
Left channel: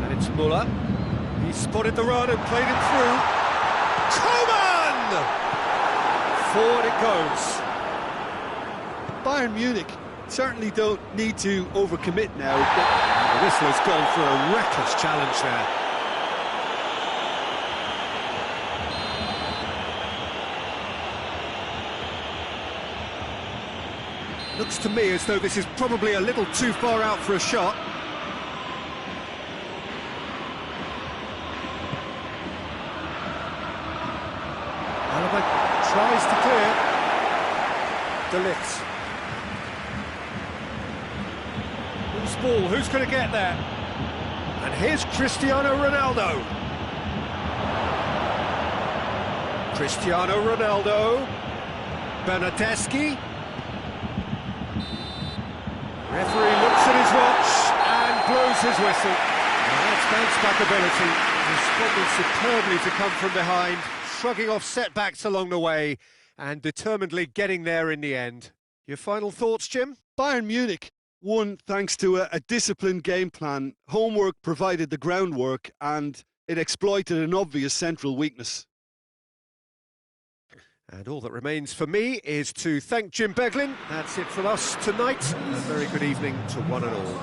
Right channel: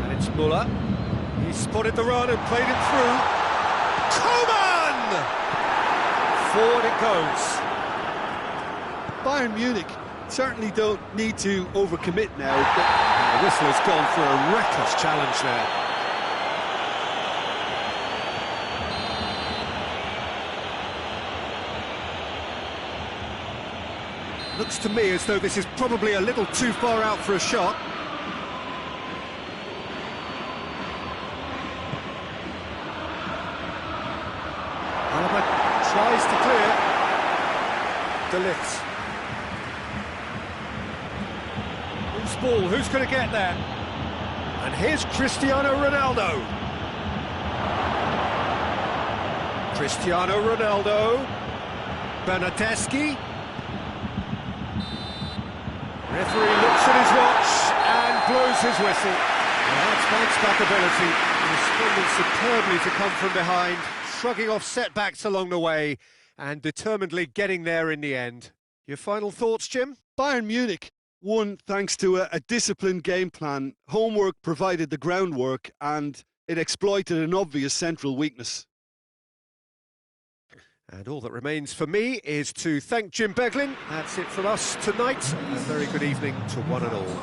And it's Müller. He spotted the run and played it through. Coman! Forward it goes. Bayern Munich certainly don't need to overcommit now. The whistle has gone for a reckless challenge there. Looks to me as though this is probably a little too far out for a shot. Alaba tries to clear. De Ligt. Loose ball, who's going to get there? And here's Cristiano Ronaldo. Cristiano Ronaldo. Bernardeschi. Referee looks at his watch and blows his whistle. And that's bounce-back ability. Responding superbly to come from behind, shrugging off setbacks along the way, and determinedly getting there in the end. Your final thoughts, Jim? Bayern Munich won thanks to a disciplined game plan. Homework provided the groundwork, and it exploited an obvious central weakness. And all that remains for me is to thank Jim Beglin. That's it from us tonight. A very good evening to one and all.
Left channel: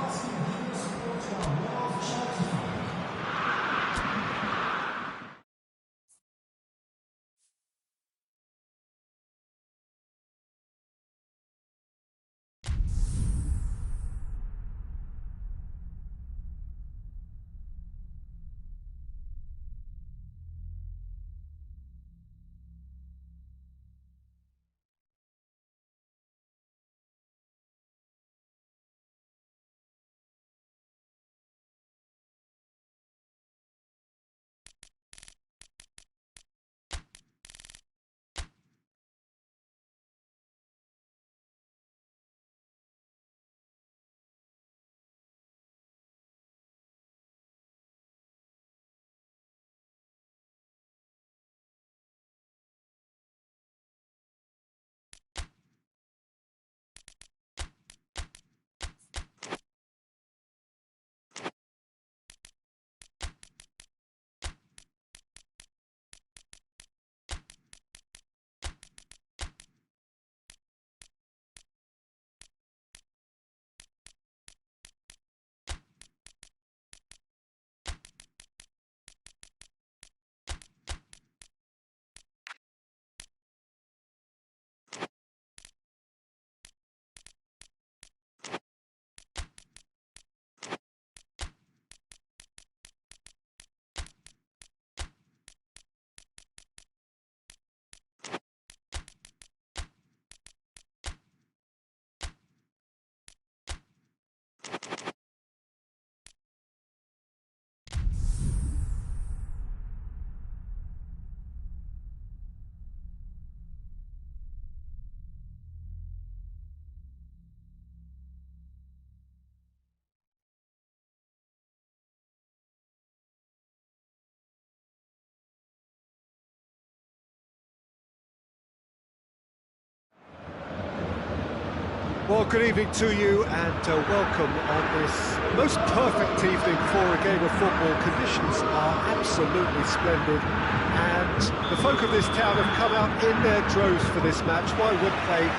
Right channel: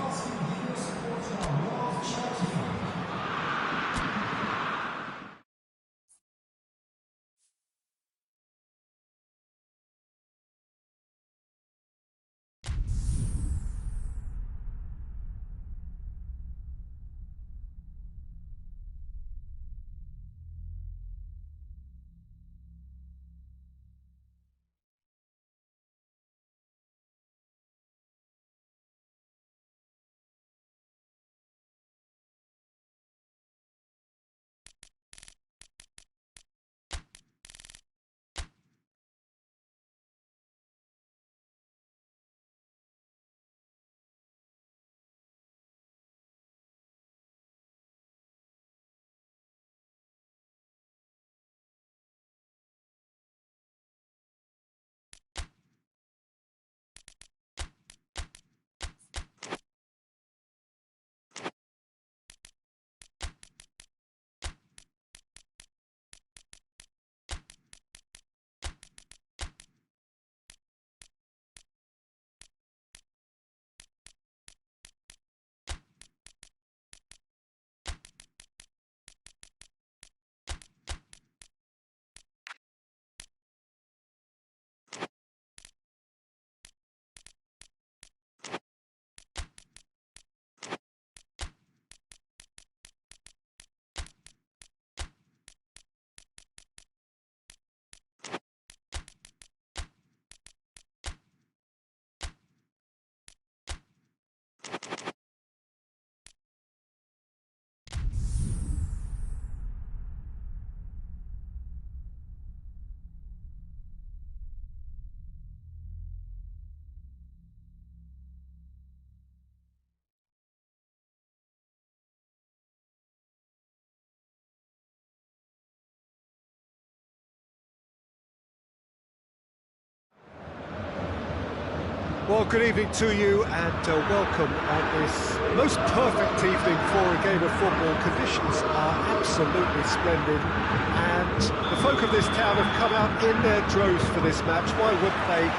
Well, good evening to you and welcome on this most perfect evening for a game of football. Conditions are absolutely splendid and the folk of this town have come out in their droves for this match. Why wouldn't they?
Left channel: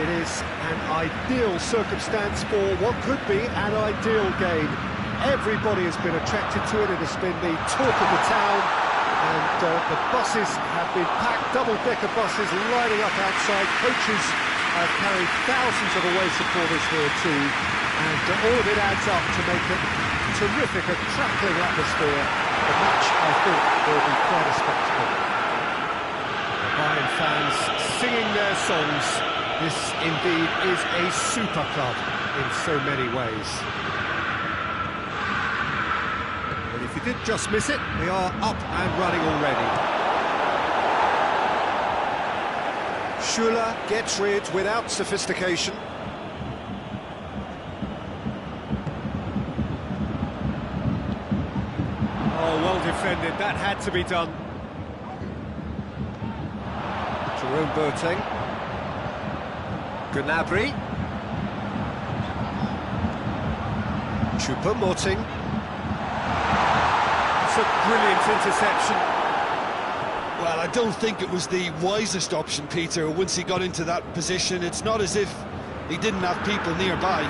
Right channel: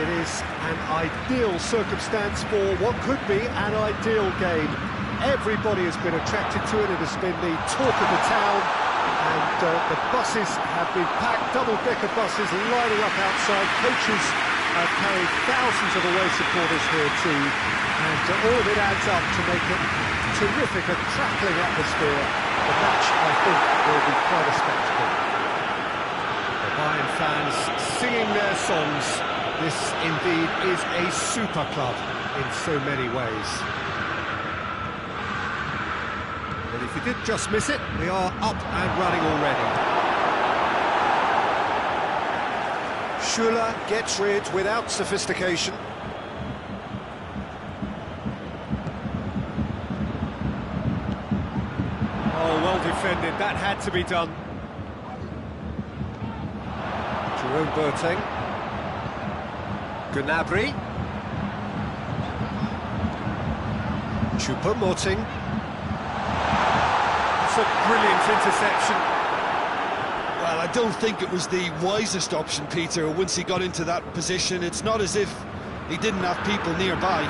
It is an ideal circumstance for what could be an ideal game. Everybody has been attracted to it. It has been the talk of the town and the buses have been packed, double-decker buses lining up outside. Coaches have carried thousands of away supporters here too, and all of it adds up to make it terrific, a crackling atmosphere. The match, I think, will be quite a spectacle. The Bayern fans singing their songs. This indeed is a super club in so many ways. But if you did just miss it, we are up and running already. Schüller gets rid without sophistication. Oh, well defended, that had to be done. Jerome Boateng. Gnabry. Choupo-Moting. That's a brilliant interception. Well, I don't think it was the wisest option, Peter, once he got into that position. It's not as if he didn't have people nearby.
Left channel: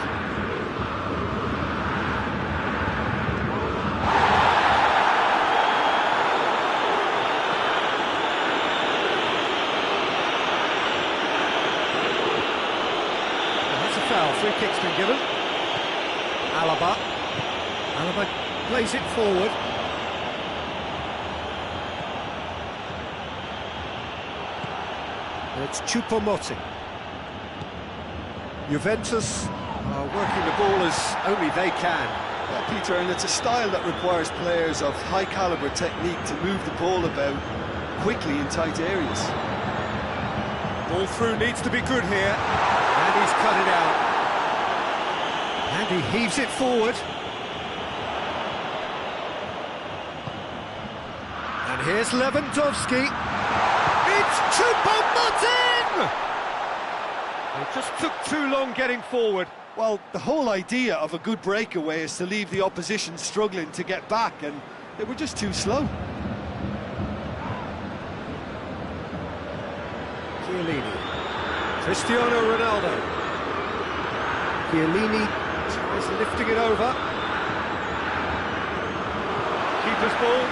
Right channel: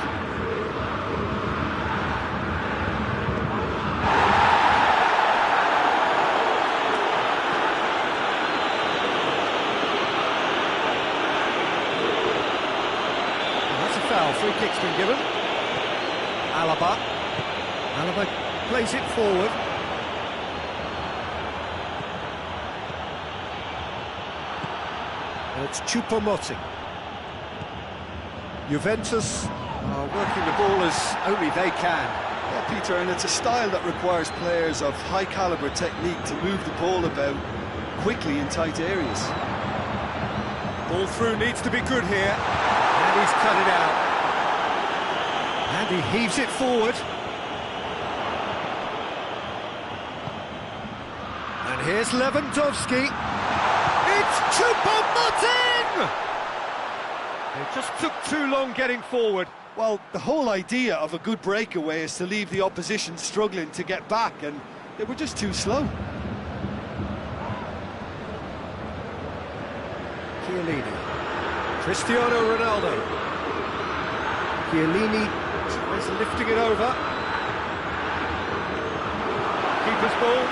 Well, that's a foul. Free kick's been given. Alaba. Alaba plays it forward. And it's Choupo-Moting. Juventus are working the ball as only they can. Yeah, Peter, and it's a style that requires players of high-caliber technique to move the ball about quickly in tight areas. Ball through needs to be good here. And he's cut it out. And he heaves it forward. And here's Lewandowski. It's Choupo-Moting! It just took too long getting forward. Well, the whole idea of a good breakaway is to leave the opposition struggling to get back, and they were just too slow. Chiellini. Cristiano Ronaldo. Chiellini tries lifting it over. Keeper's ball.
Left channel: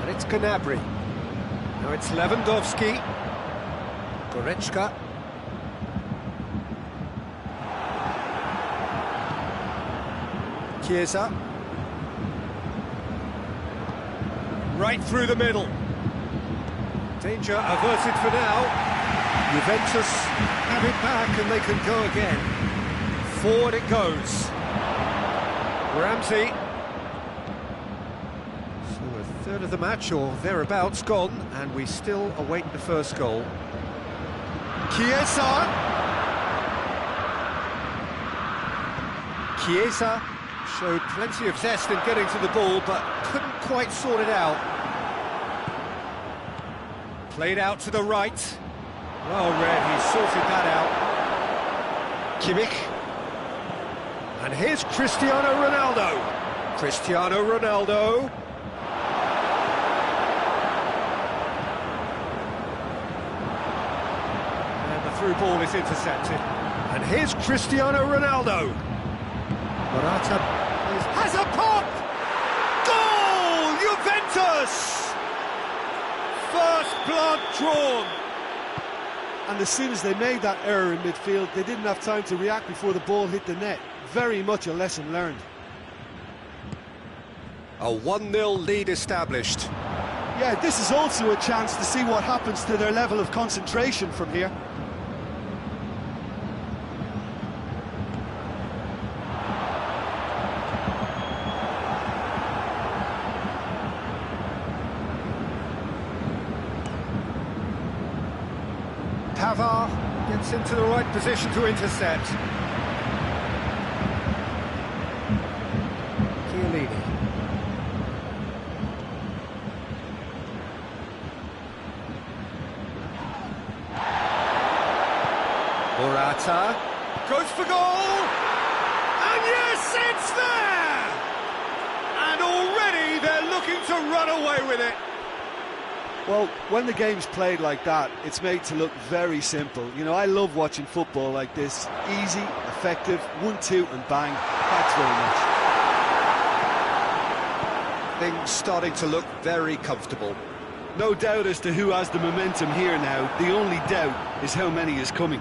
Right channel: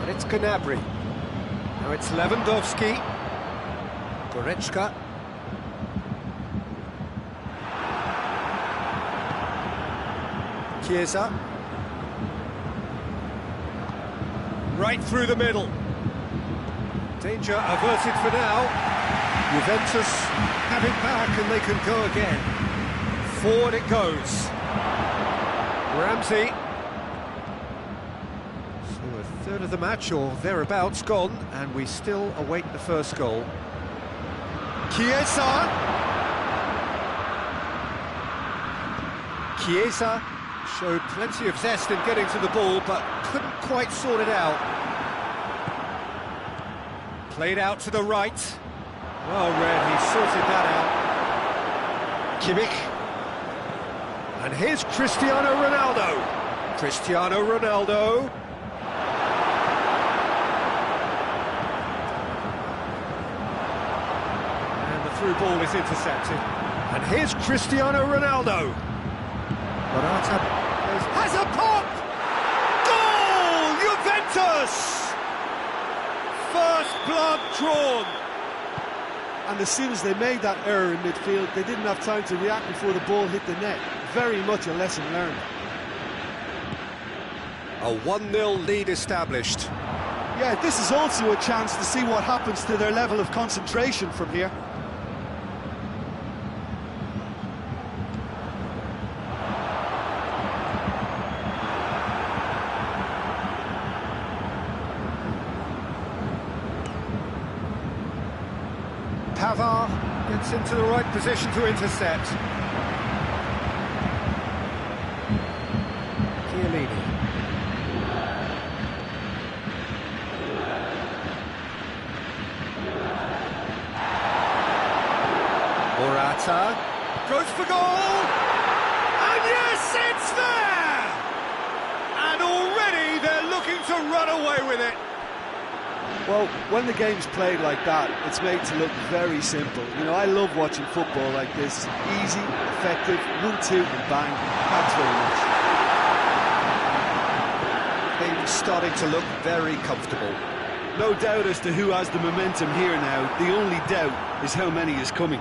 And it's Gnabry. Now it's Lewandowski. Goretzka. Chiesa. Right through the middle. Danger averted for now. Juventus have it back and they can go again. Forward it goes. Ramsey. So a third of the match or thereabouts gone, and we still await the first goal. Chiesa. Chiesa showed plenty of zest in getting to the ball, but couldn't quite sort it out. Played out to the right. Well read, he sorted that out. Kimmich. And here's Cristiano Ronaldo. Cristiano Ronaldo. And the through ball is intercepted. And here's Cristiano Ronaldo. Morata has a pop! Goal! Juventus! First blood drawn. And as soon as they made that error in midfield, they didn't have time to react before the ball hit the net. Very much a lesson learned. A 1-0 lead established. Yeah, this is also a chance to see what happens to their level of concentration from here. Pavard gets into the right position to intercept. Chiellini. Morata goes for goal, and yes, it's there! And already they're looking to run away with it. Well, when the game's played like that, it's made to look very simple. You know, I love watching football like this. Easy, effective, 1-2 and bang. Thanks very much. Things starting to look very comfortable. No doubt as to who has the momentum here now. The only doubt is how many is coming.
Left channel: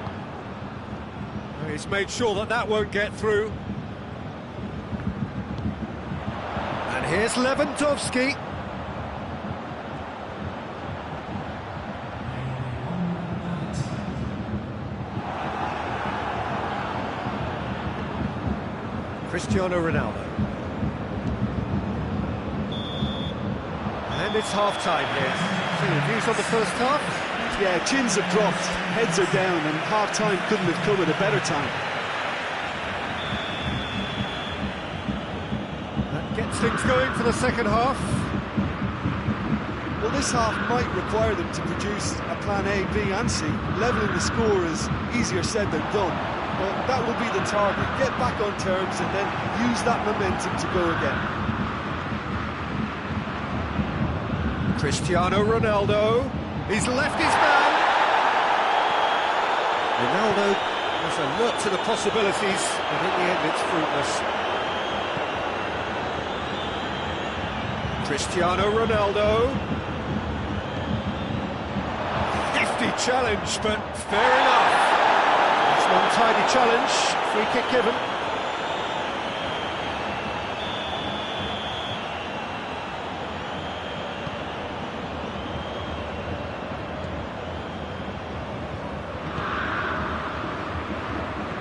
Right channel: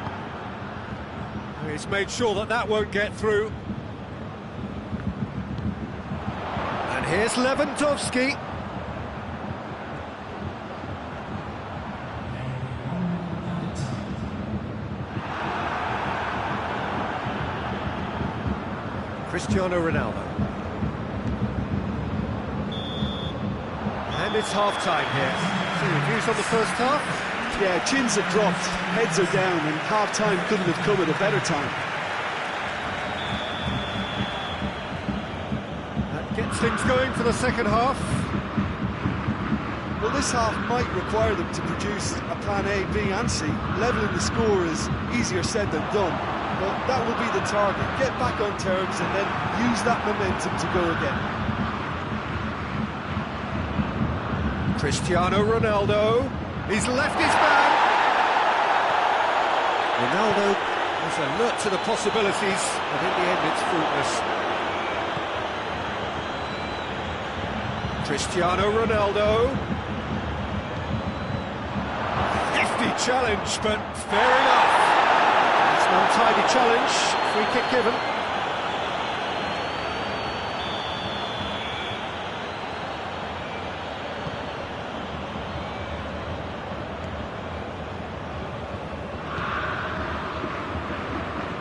He's made sure that that won't get through. And here's Lewandowski. Cristiano Ronaldo. And it's half-time here. So your views on the first half? Yeah, chins have dropped, heads are down, and half-time couldn't have come at a better time. That gets things going for the second half. Well, this half might require them to produce a plan A, B and C. Levelling the score is easier said than done, but that will be the target. Get back on terms and then use that momentum to go again. Cristiano Ronaldo, he's left his man. Ronaldo was alert to the possibilities, but in the end it's fruitless. Cristiano Ronaldo. Hefty challenge, but fair enough. It's an untidy challenge, free kick given.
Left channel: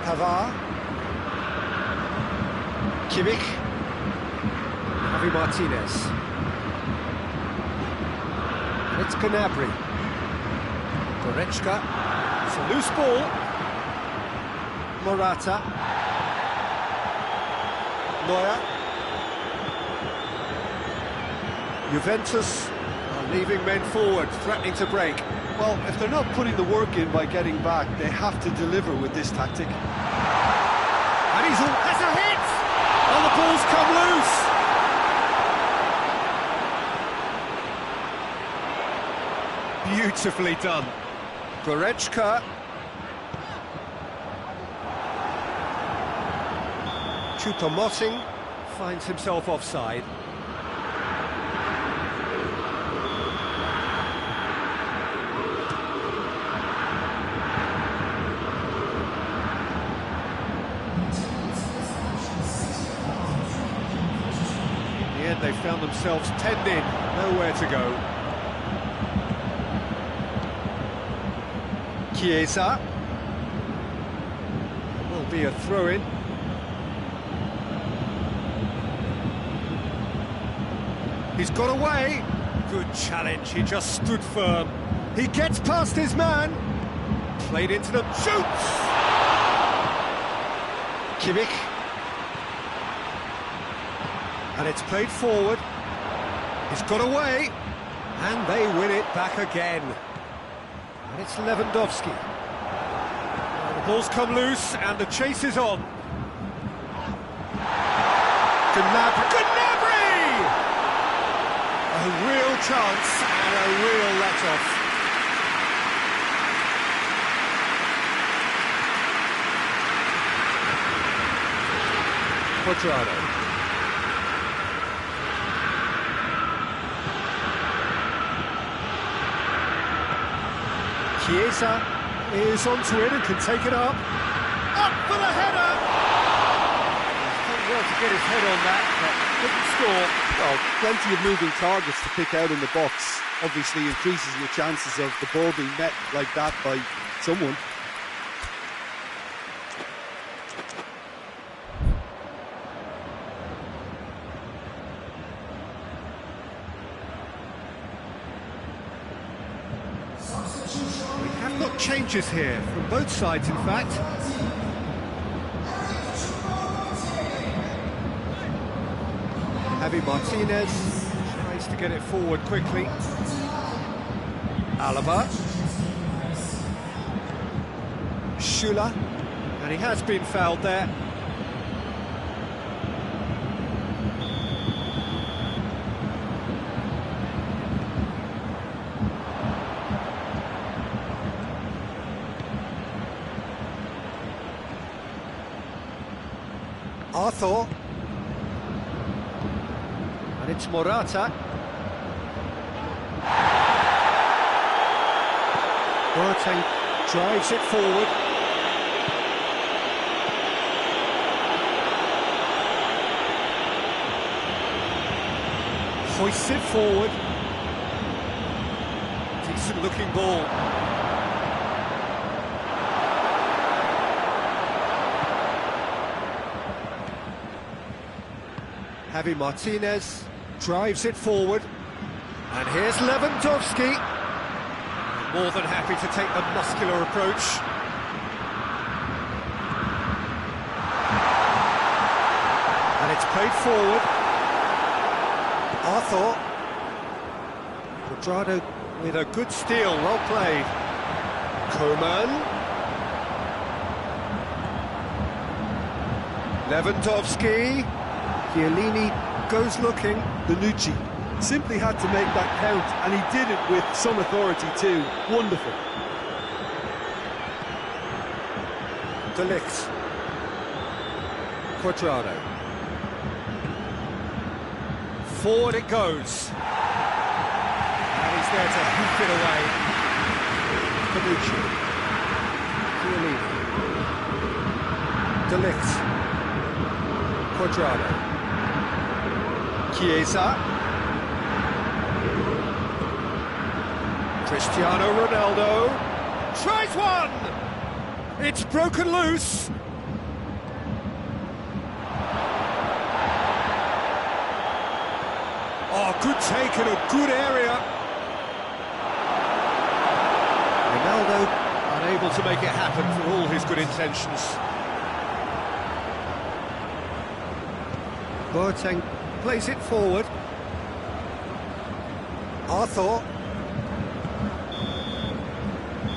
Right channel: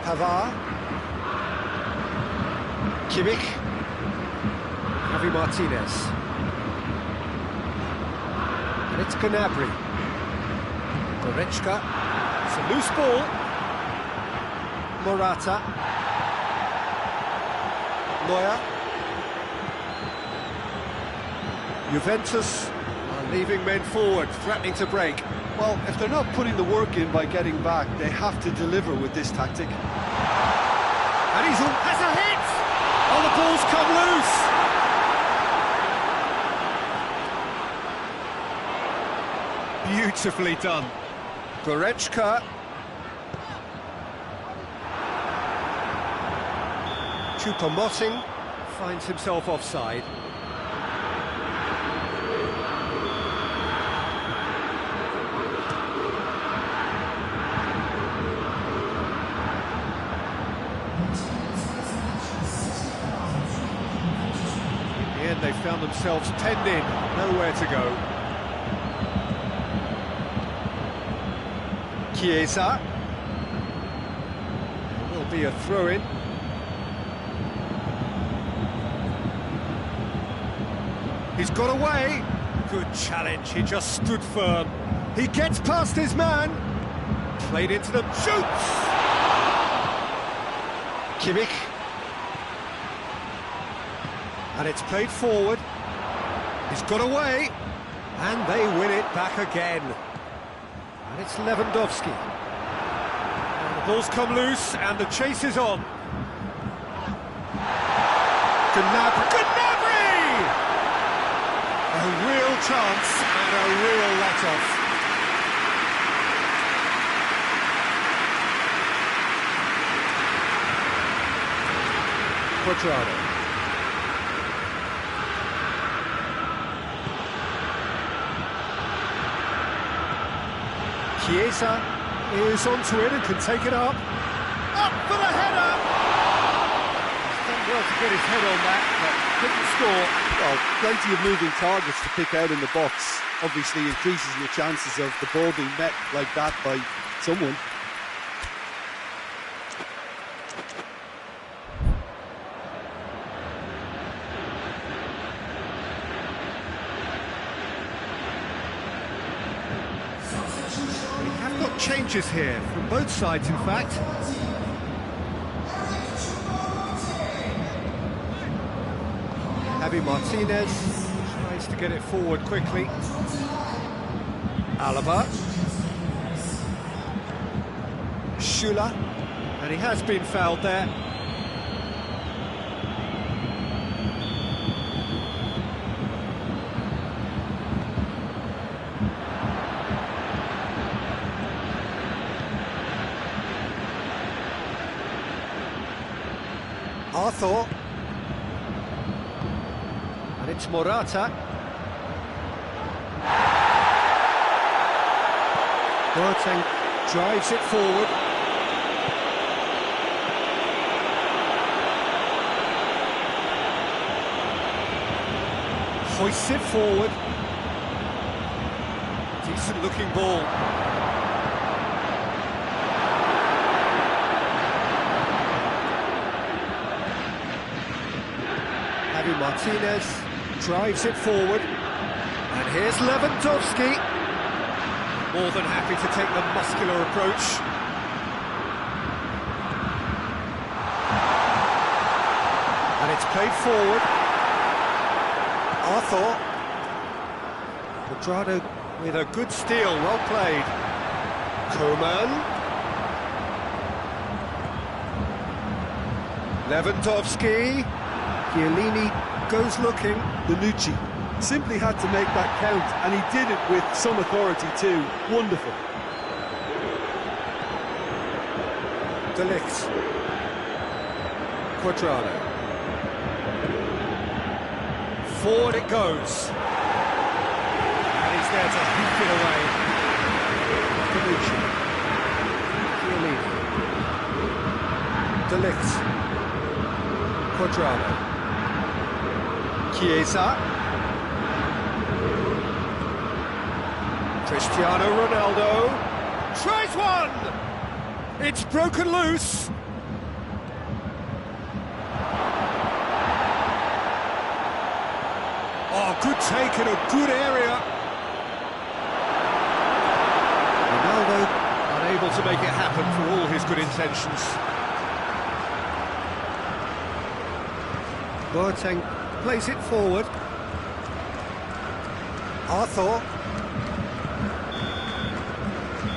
Pavard, Kimmich, Javi Martinez, and it's Gnabry, Goretzka, it's a loose ball, Morata, Neuer, Juventus are leaving men forward, threatening to break. Well, if they're not putting the work in by getting back, they have to deliver with this tactic. And he's has a hit! Oh, the ball's come loose! Beautifully done. Goretzka. Choupo-Moting finds himself offside. In the end, they found themselves penned in, nowhere to go. Chiesa. There will be a throw-in. He's got away. Good challenge, he just stood firm. He gets past his man. Played into them, shoots! Kimmich. And it's played forward. He's got away. And they win it back again. And it's Lewandowski. Well, the ball's come loose and the chase is on. Gnabry! A real chance and a real let-off. Quadrado. Chiesa is onto it and can take it up. Up for the header! He's done well to get his head on that, but couldn't score. Well, plenty of moving targets to pick out in the box. Obviously increases your chances of the ball being met like that by someone. We have got changes here, from both sides in fact. Javi Martinez tries to get it forward quickly. Alaba. Schüller, and he has been fouled there. Arthur. And it's Morata. Boateng drives it forward. Hoists it forward. Decent looking ball. Javi Martinez drives it forward. And here's Lewandowski. More than happy to take the muscular approach. And it's played forward. Arthur. Quadrado with a good steal, well played. Coman. Lewandowski. Chiellini goes looking. Bonucci simply had to make that count, and he did it with some authority too. Wonderful. De Ligt. Quadrado. Forward it goes. And he's there to hoop it away. Bonucci. Chiellini. De Ligt. Quadrado. Chiesa. Cristiano Ronaldo tries one! It's broken loose! Oh, good take in a good area. Ronaldo unable to make it happen for all his good intentions. Boateng plays it forward. Arthur.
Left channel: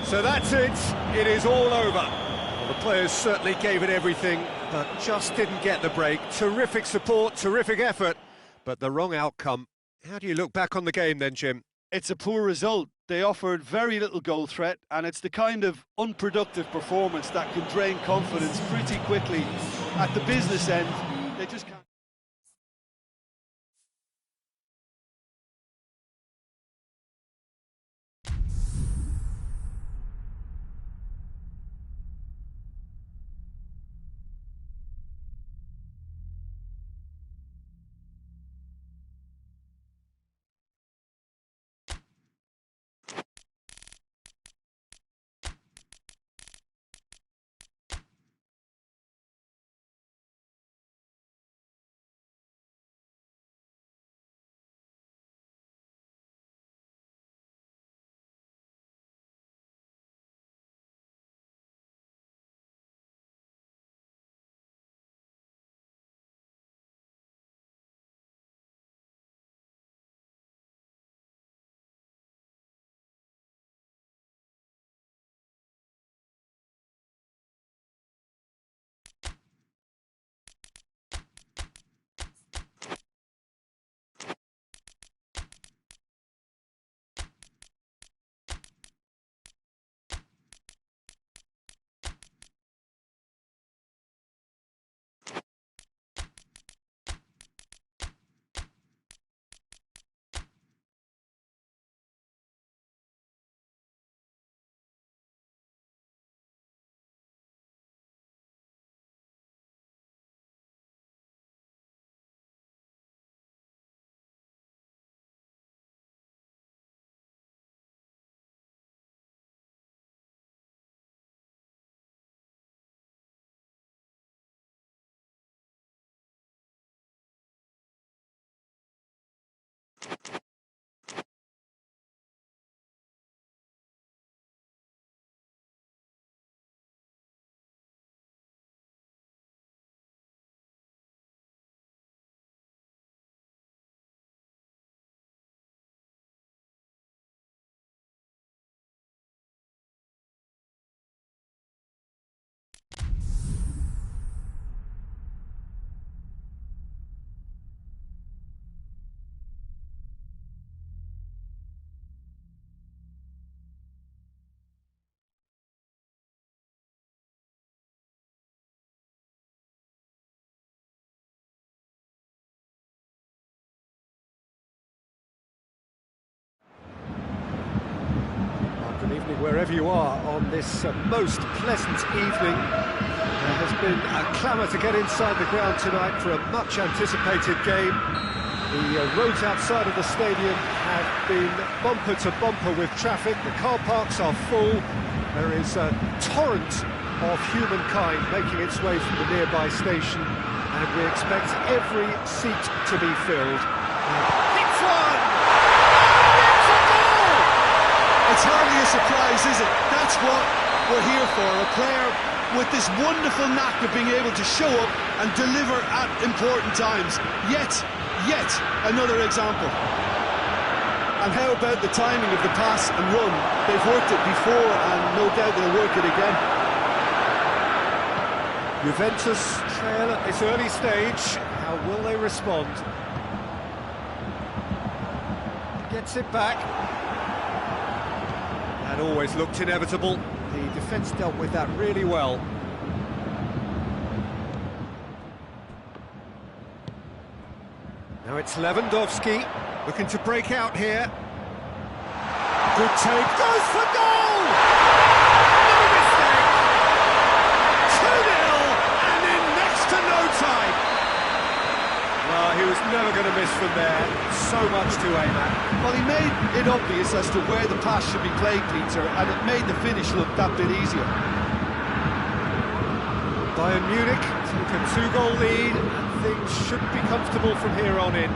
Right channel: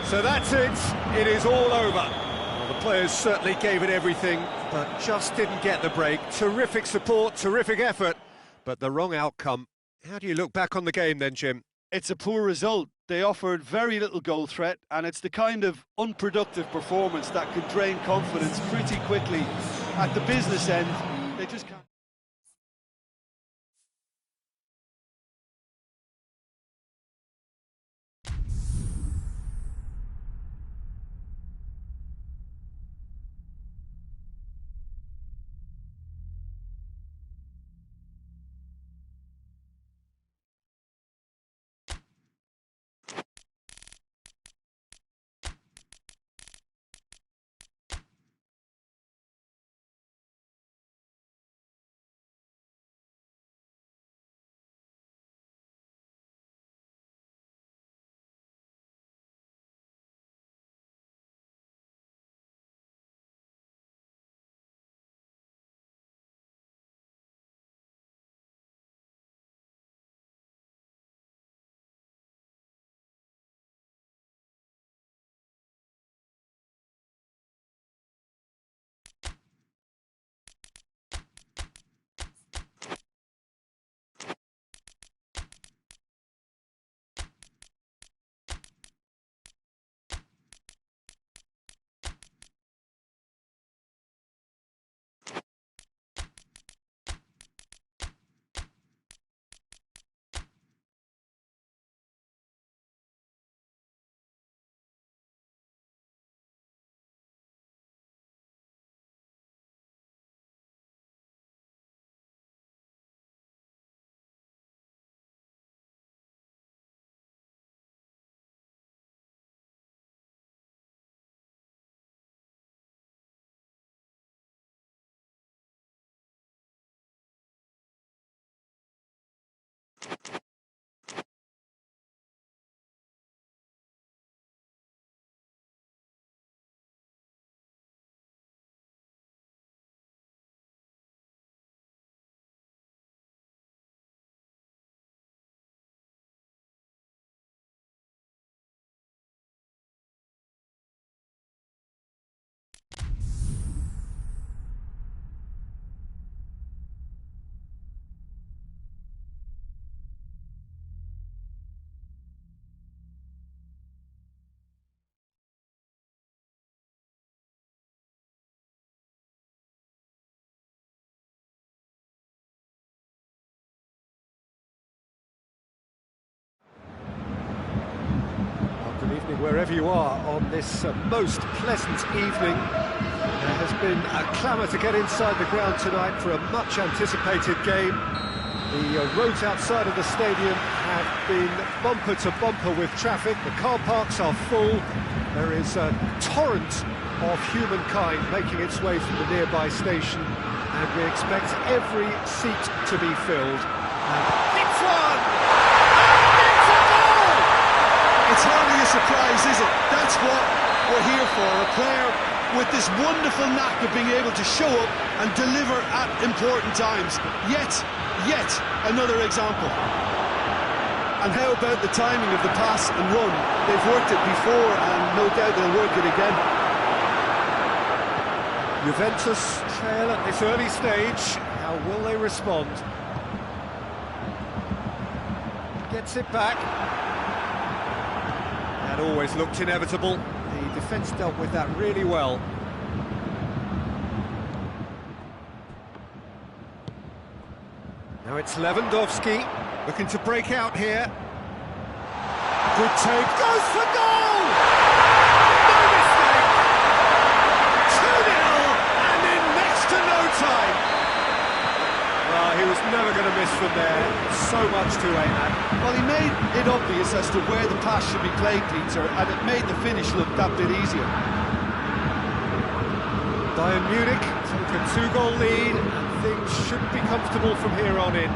So that's it. It is all over. Well, the players certainly gave it everything, but just didn't get the break. Terrific support, terrific effort, but the wrong outcome. How do you look back on the game then, Jim? It's a poor result. They offered very little goal threat, and it's the kind of unproductive performance that can drain confidence pretty quickly. At the business end, they just can't. evening wherever you are on this most pleasant evening. There has been a clamour to get inside the ground tonight for a much anticipated game. The roads outside of the stadium have been bumper to bumper with traffic. The car parks are full. There is a torrent of humankind making its way from the nearby station, and we expect every seat to be filled. Hits one! And it's a goal! It's hardly a surprise, is it? That's what we're here for, a player with this wonderful knack of being able to show up and deliver at important times. Yet another example. And how about the timing of the pass and run? They've worked it before, and no doubt they'll work it again. Juventus trail at this early stage. How will they respond? Gets it back. That always looked inevitable. The defence dealt with that really well. Now it's Lewandowski looking to break out here. Good take, goes for goal! No mistake! 2-0 and in next to no time. Well, he was never going to miss from there. So much to aim at. Well, he made it obvious as to where the pass should be played, Peter, and it made the finish look that bit easier. Bayern Munich took a 2-goal lead, and things should be comfortable from here on in.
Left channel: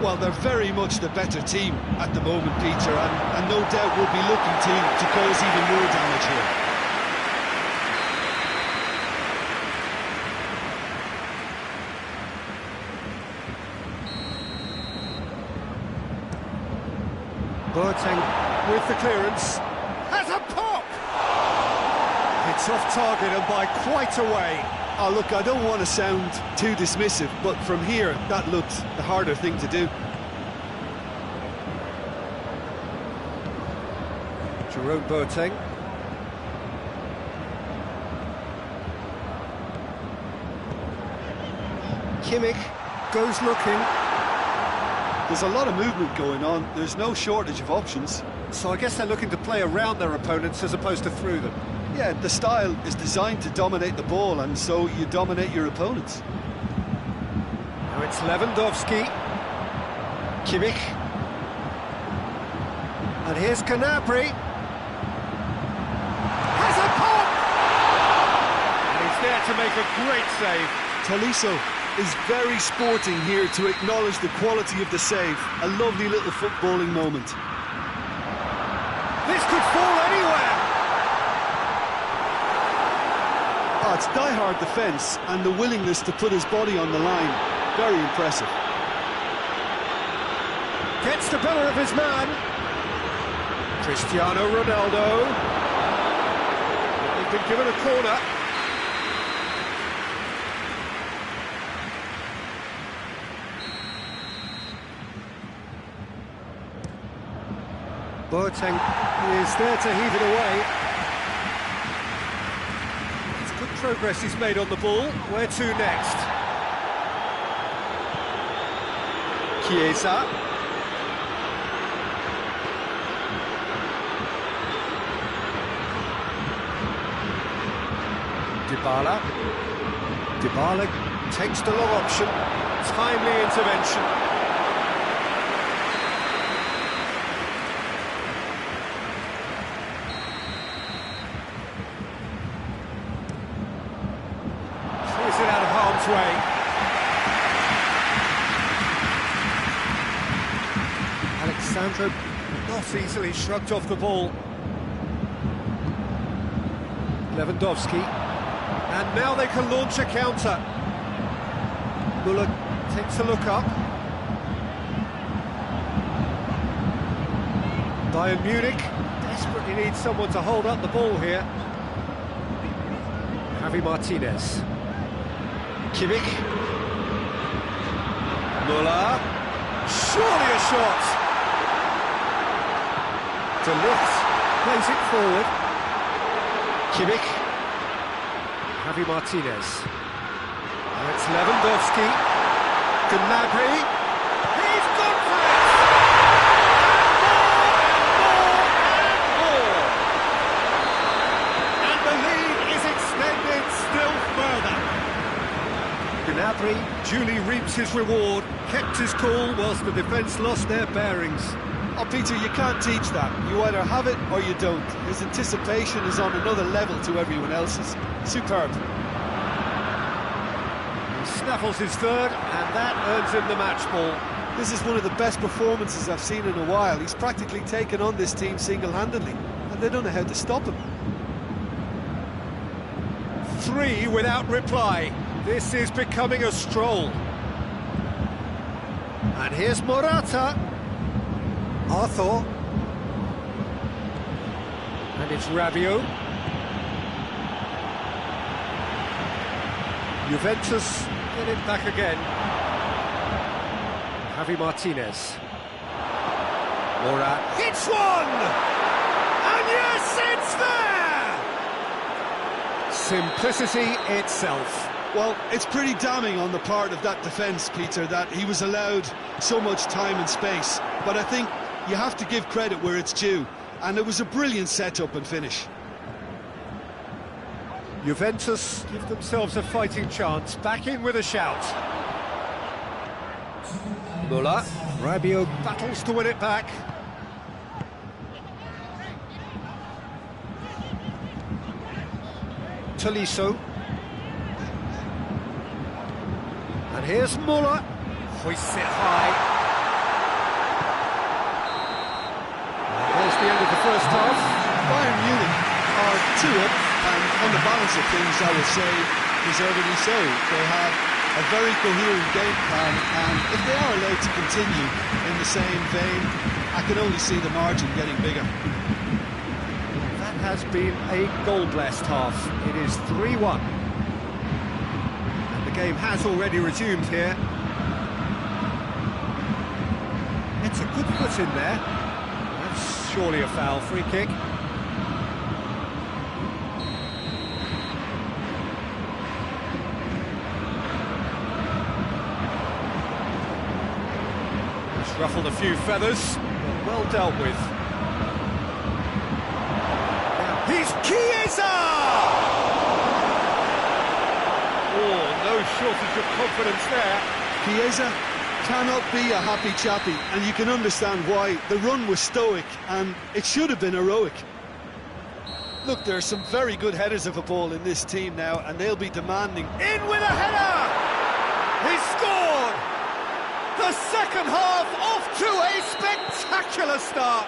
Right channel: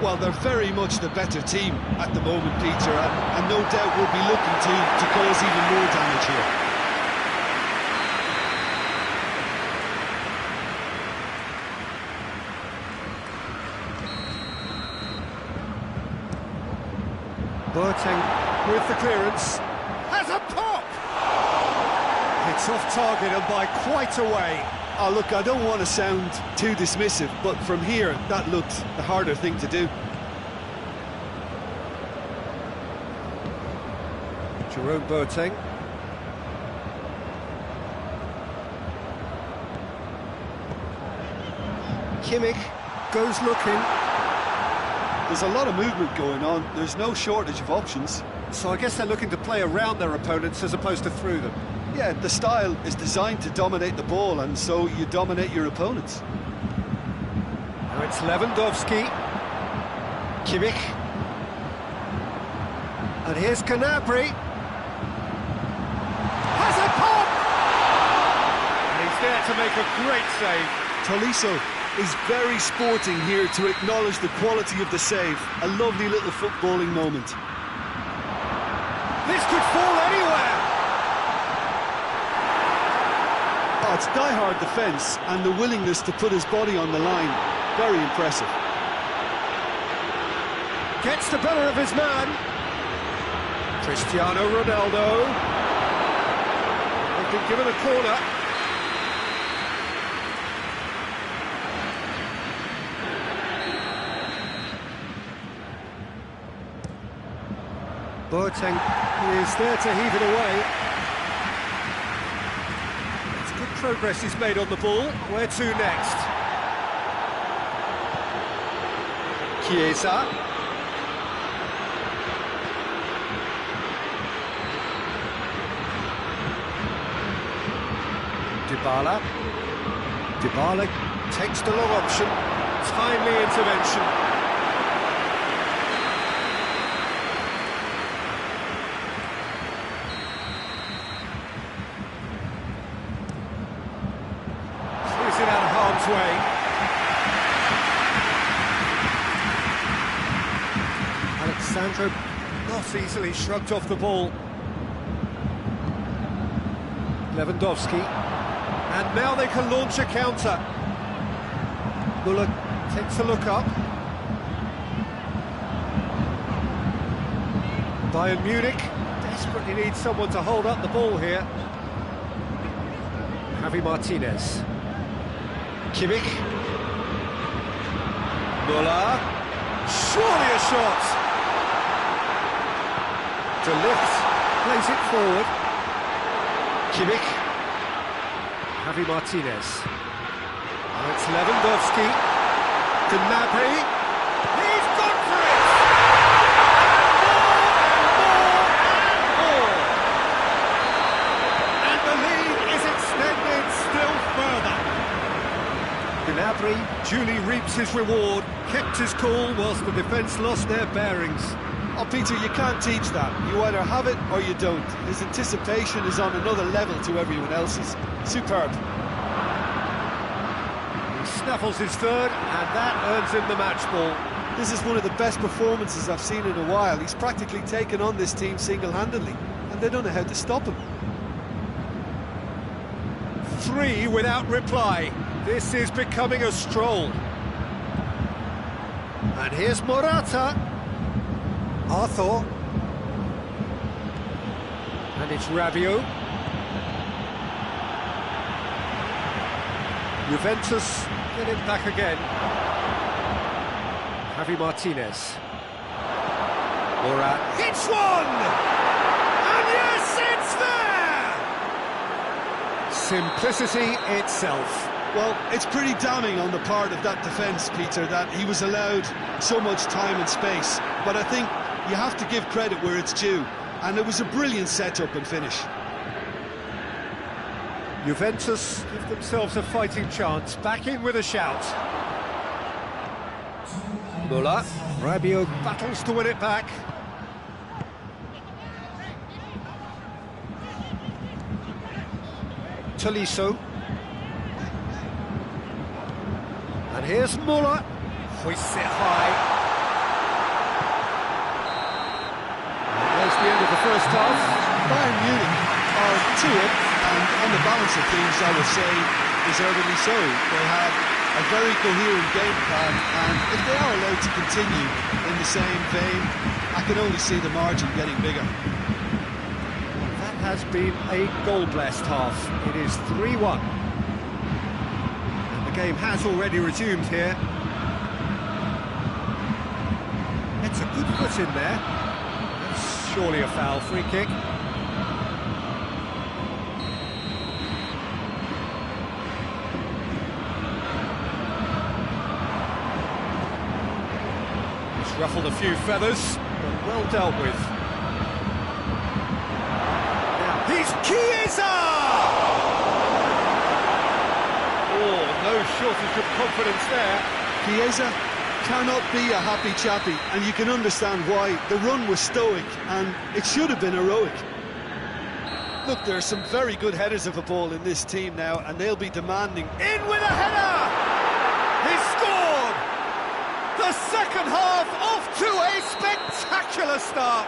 Well, they're very much the better team at the moment, Peter, and no doubt will be looking to cause even more damage here. Boateng with the clearance, has a pop! It's off target and by quite a way. Oh, look, I don't want to sound too dismissive, but from here, that looked the harder thing to do. Jerome Boateng. Kimmich goes looking. There's a lot of movement going on. There's no shortage of options. So I guess they're looking to play around their opponents as opposed to through them. Yeah, the style is designed to dominate the ball, and so you dominate your opponents. Now it's Lewandowski. Kimmich. And here's Gnabry. Has a pop! And he's there to make a great save. Tolisso is very sporting here to acknowledge the quality of the save. A lovely little footballing moment. This could fall anywhere. Oh, it's die-hard defence and the willingness to put his body on the line. Very impressive. Gets the better of his man. Cristiano Ronaldo. They've been given a corner. Boateng is there to heave it away. It's good progress he's made on the ball. Where to next? Chiesa. Dybala. Dybala takes the long option. Timely intervention. Clears it out of harm's way. Alexandro not easily shrugged off the ball. Lewandowski. And now they can launch a counter. Müller takes a look up. Bayern Munich desperately needs someone to hold up the ball here. Javi Martinez. Kimmich. Müller. Surely a shot. De Ligt plays it forward. Kimmich. Javi Martinez. Now it's Lewandowski. Gnabry. He's gone for it! And more, and more, and more! referee duly reaps his reward, kept his cool whilst the defence lost their bearings. Oh, Peter, you can't teach that. You either have it or you don't. His anticipation is on another level to everyone else's. Superb. He snaffles his third, and that earns him the match ball. This is one of the best performances I've seen in a while. He's practically taken on this team single-handedly, and they don't know how to stop him. 3 without reply. This is becoming a stroll. And here's Morata. Arthur. And it's Rabiot. Juventus get it back again. Javi Martinez. Morat hits one! And yes, it's there! Simplicity itself. Well, it's pretty damning on the part of that defence, Peter, that he was allowed so much time and space. But I think you have to give credit where it's due. And it was a brilliant setup and finish. Juventus give themselves a fighting chance. Back in with a shout. Muller. Rabiot battles to win it back. Tolisso. And here's Muller. Hoists it high. And there's the end of the first half. Bayern Munich are 2 up, and on the balance of things, I would say, deservedly so. They had a very coherent game plan, and if they are allowed to continue in the same vein, I can only see the margin getting bigger. That has been a goal-blessed half. It is 3-1. And the game has already resumed here. It's a good foot in there. That's surely a foul. Free kick. It's ruffled a few feathers, but well dealt with. Now, he's Chiesa! Oh, no shortage of confidence there. Chiesa cannot be a happy chappy, and you can understand why. The run was stoic, and it should have been heroic. Look, there are some very good headers of a ball in this team now, and they'll be demanding. In with a header! He's scored! The second half off to a spectacular start.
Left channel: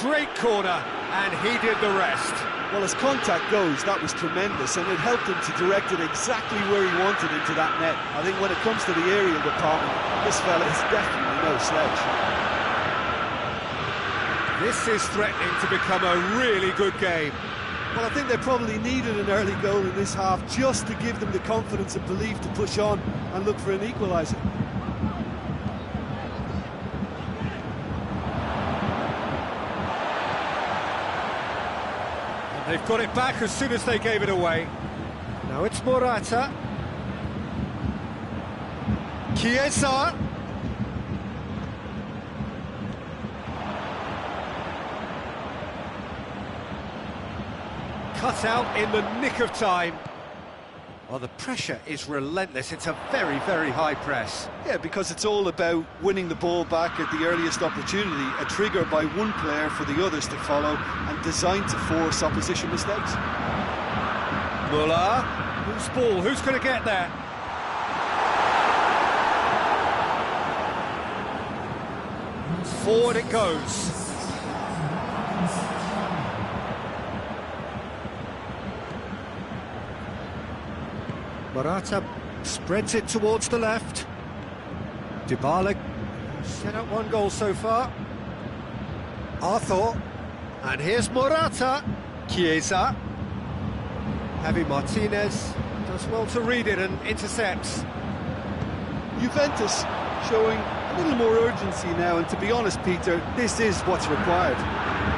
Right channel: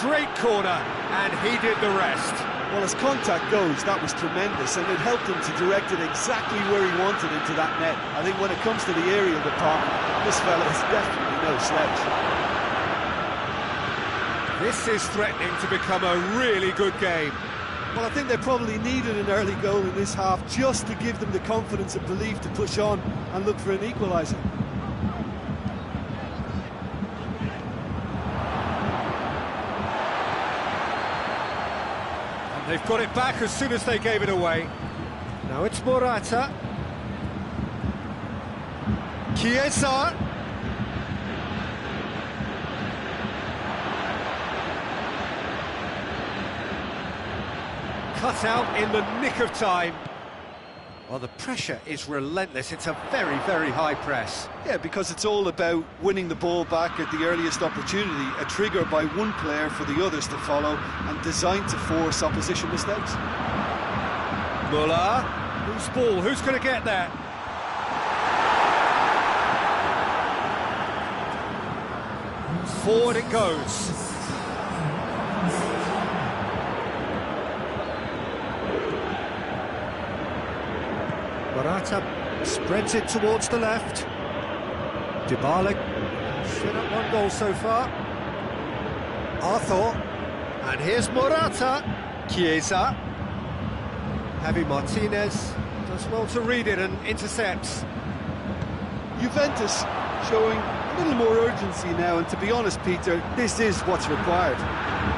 Great corner, and he did the rest. Well, as contact goes, that was tremendous, and it helped him to direct it exactly where he wanted into that net. I think when it comes to the aerial department, this fella is definitely no slouch. This is threatening to become a really good game. Well, I think they probably needed an early goal in this half just to give them the confidence and belief to push on and look for an equaliser. They've got it back as soon as they gave it away. Now it's Morata. Chiesa. Cut out in the nick of time. Well, the pressure is relentless. It's a very, very high press. Yeah, because it's all about winning the ball back at the earliest opportunity, a trigger by one player for the others to follow, and designed to force opposition mistakes. Muller. Whose ball? Who's going to get there? Forward it goes. Morata spreads it towards the left. Dybala set up one goal so far. Arthur. And here's Morata. Chiesa. Javi Martinez does well to read it and intercepts. Juventus showing a little more urgency now, and to be honest, Peter, this is what's required.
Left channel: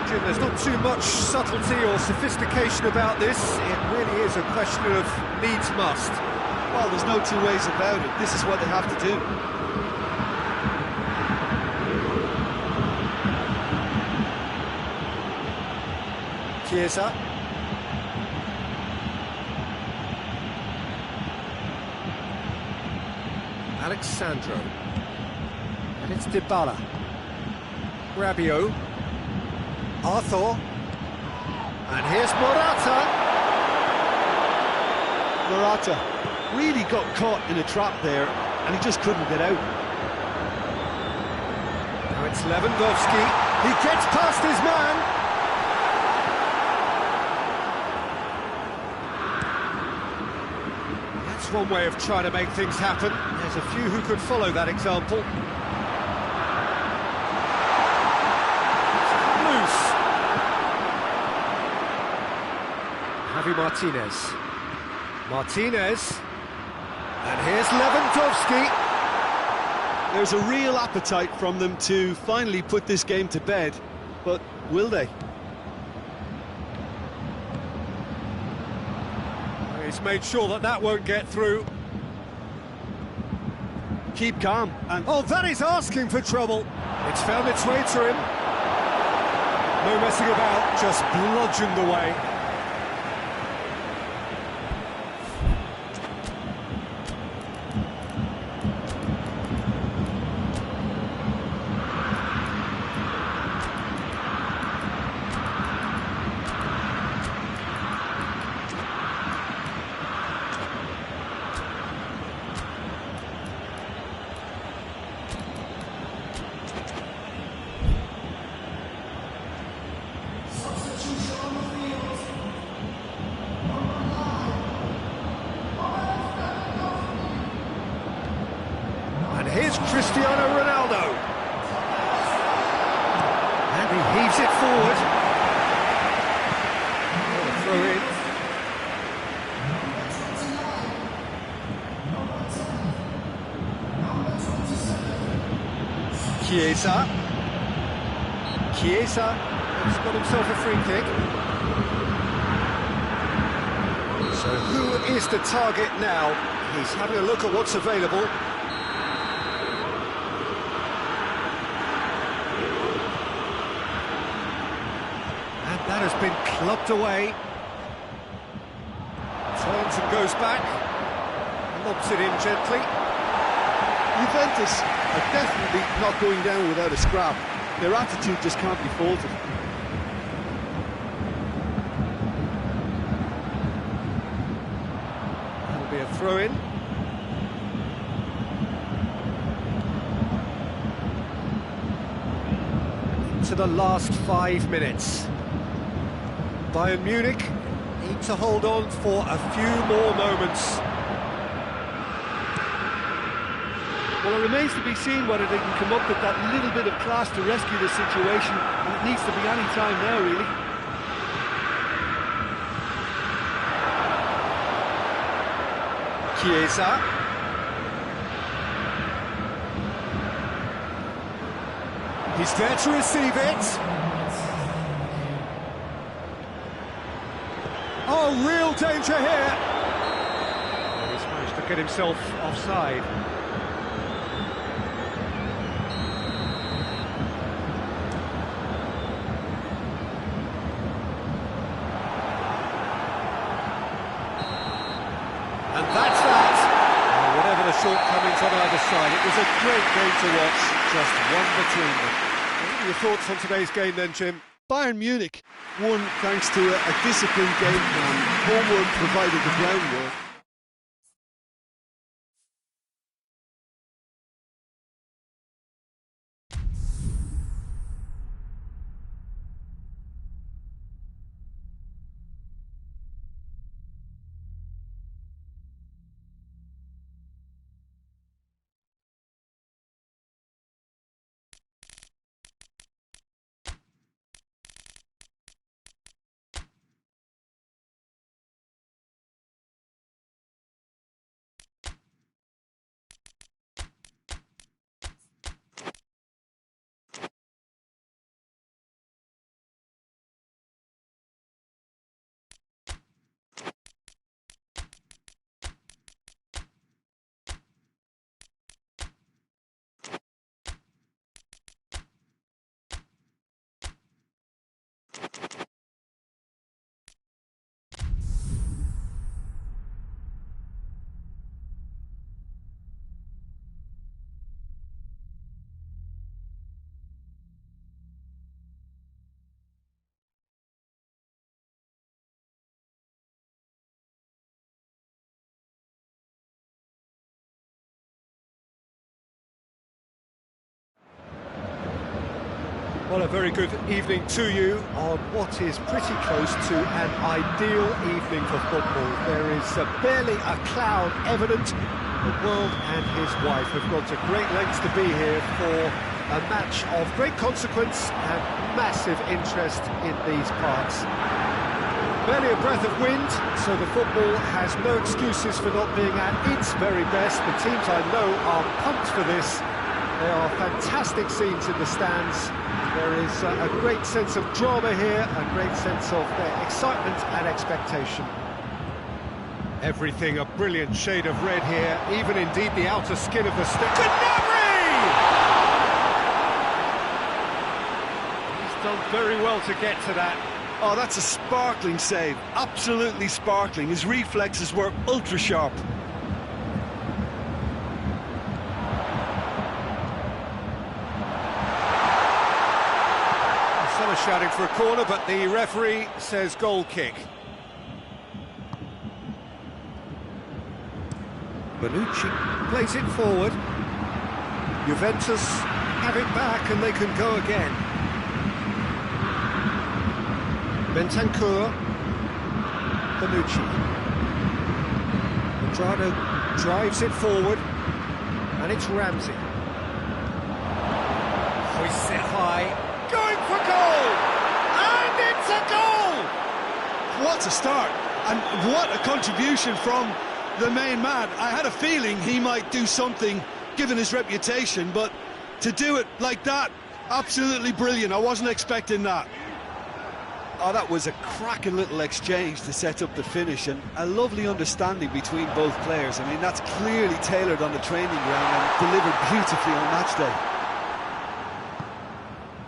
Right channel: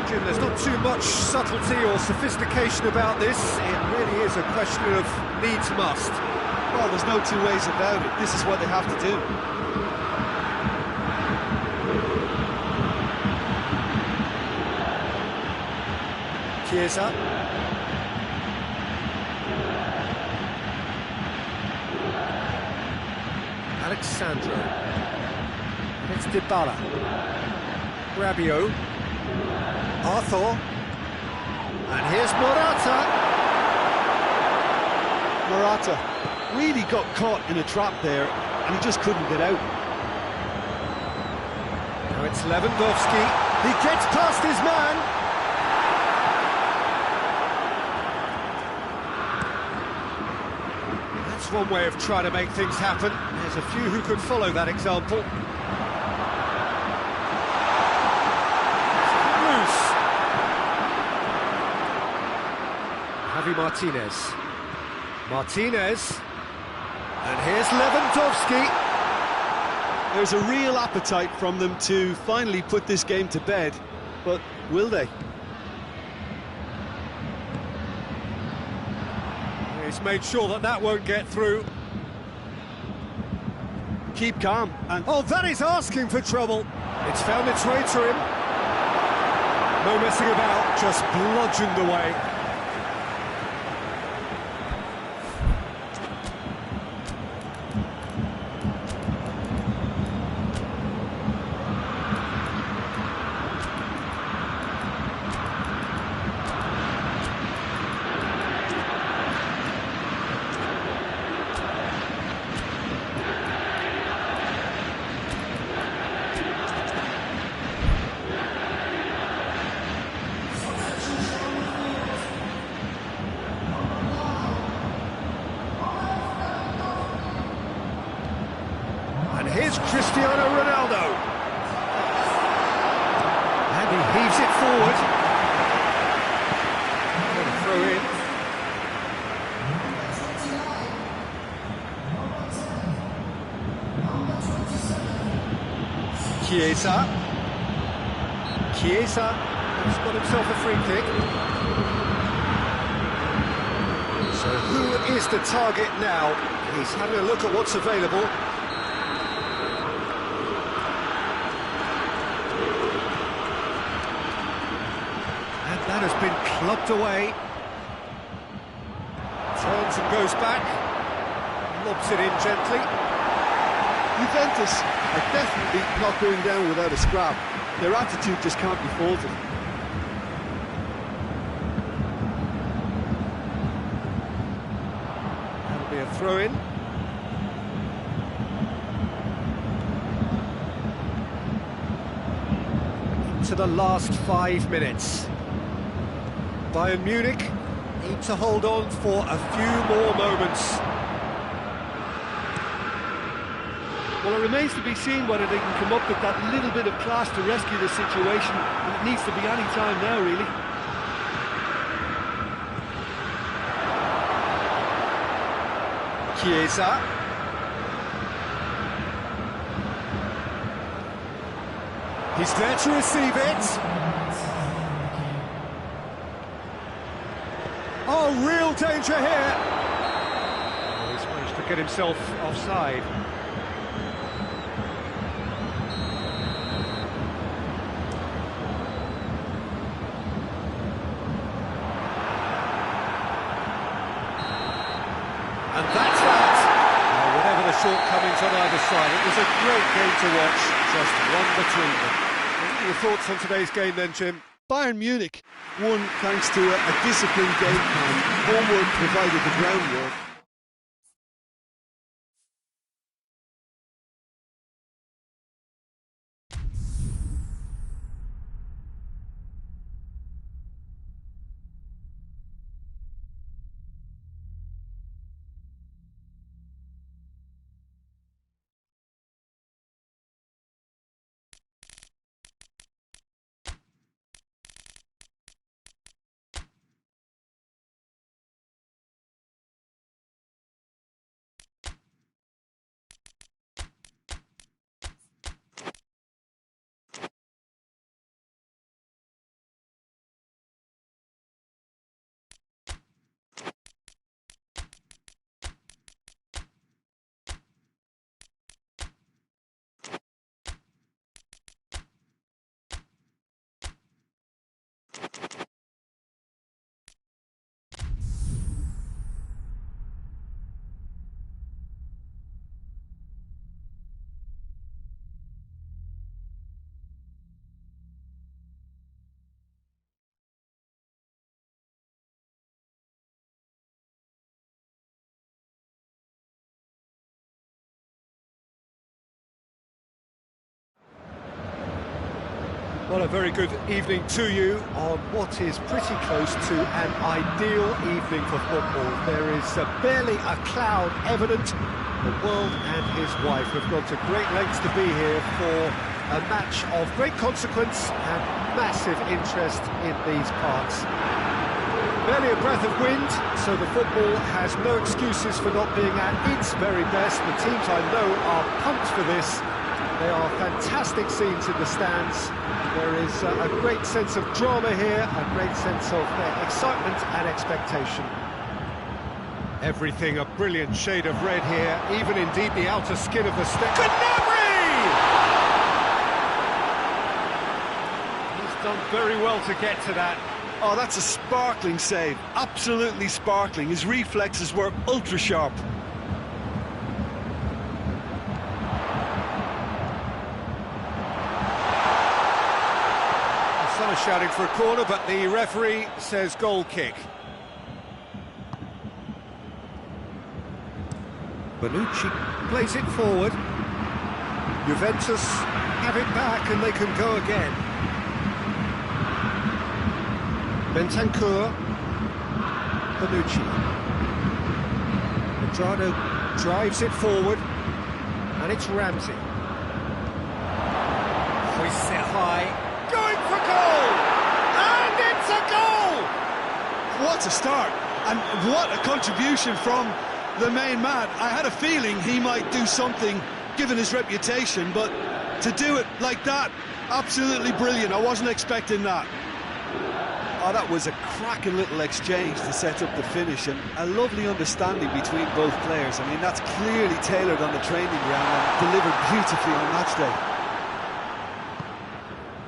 Jim, there's not too much subtlety or sophistication about this. It really is a question of needs must. Well, there's no two ways about it. This is what they have to do. Chiesa. Alexandro. And it's Dybala. Rabiot. Arthur. And here's Morata. Morata really got caught in a trap there, and he just couldn't get out. Now it's Lewandowski. He gets past his man. That's one way of trying to make things happen. There's a few who could follow that example. It's loose. Javi Martinez. Martinez. And here's Lewandowski. There's a real appetite from them to finally put this game to bed, but will they? He's made sure that that won't get through. Keep calm and... Oh, that is asking for trouble. It's found its way to him. No messing about, just bludgeoned away. And here's Cristiano Ronaldo. And he heaves it forward. Got a throw in. Chiesa. Chiesa has got himself a free kick. So who is the target now? He's having a look at what's available. And that has been clubbed away. Turns and goes back. Lobs it in gently. Juventus are definitely not going down without a scrap. Their attitude just can't be faulted. That'll be a throw-in. Into the last 5 minutes. Bayern Munich need to hold on for a few more moments. Well, it remains to be seen whether they can come up with that little bit of class to rescue the situation, and it needs to be any time now, really. Chiesa. He's there to receive it. Oh, real danger here. Oh, he's managed to get himself offside. And that's that. Whatever the shortcomings on either side, it was a great game to watch, just one between them. What are your thoughts on today's game then, Jim? Bayern Munich won thanks to a disciplined game plan. Homework provided the groundwork. Well, a very good evening to you on what is pretty close to an ideal evening for football. There is barely a cloud evident. The world and his wife have gone to great lengths to be here for a match of great consequence and massive interest in these parts. Barely a breath of wind, so the football has no excuses for not being at its very best. The teams I know are pumped for this. There are fantastic scenes in the stands. There is a great sense of drama here, a great sense of excitement and expectation. Everything a brilliant shade of red here, even indeed the outer skin of the stick. Gnabry! He's done very well to get to that. Oh, that's a sparkling save, absolutely sparkling. His reflexes were ultra sharp. Some are shouting for a corner, but the referee says goal kick. Bonucci plays it forward. Juventus have it back and they can go again. Bentancur, Bonucci. Cuadrado drives it forward, and it's Ramsey. Hoists it high, going for goal, and it's a goal! What a start, and what a contribution from the main man. I had a feeling he might do something, given his reputation, but to do it like that, absolutely brilliant. I wasn't expecting that. Oh, that was a cracking little exchange to set up the finish, and a lovely understanding between both players. I mean, that's clearly tailored on the training ground and delivered beautifully on match day.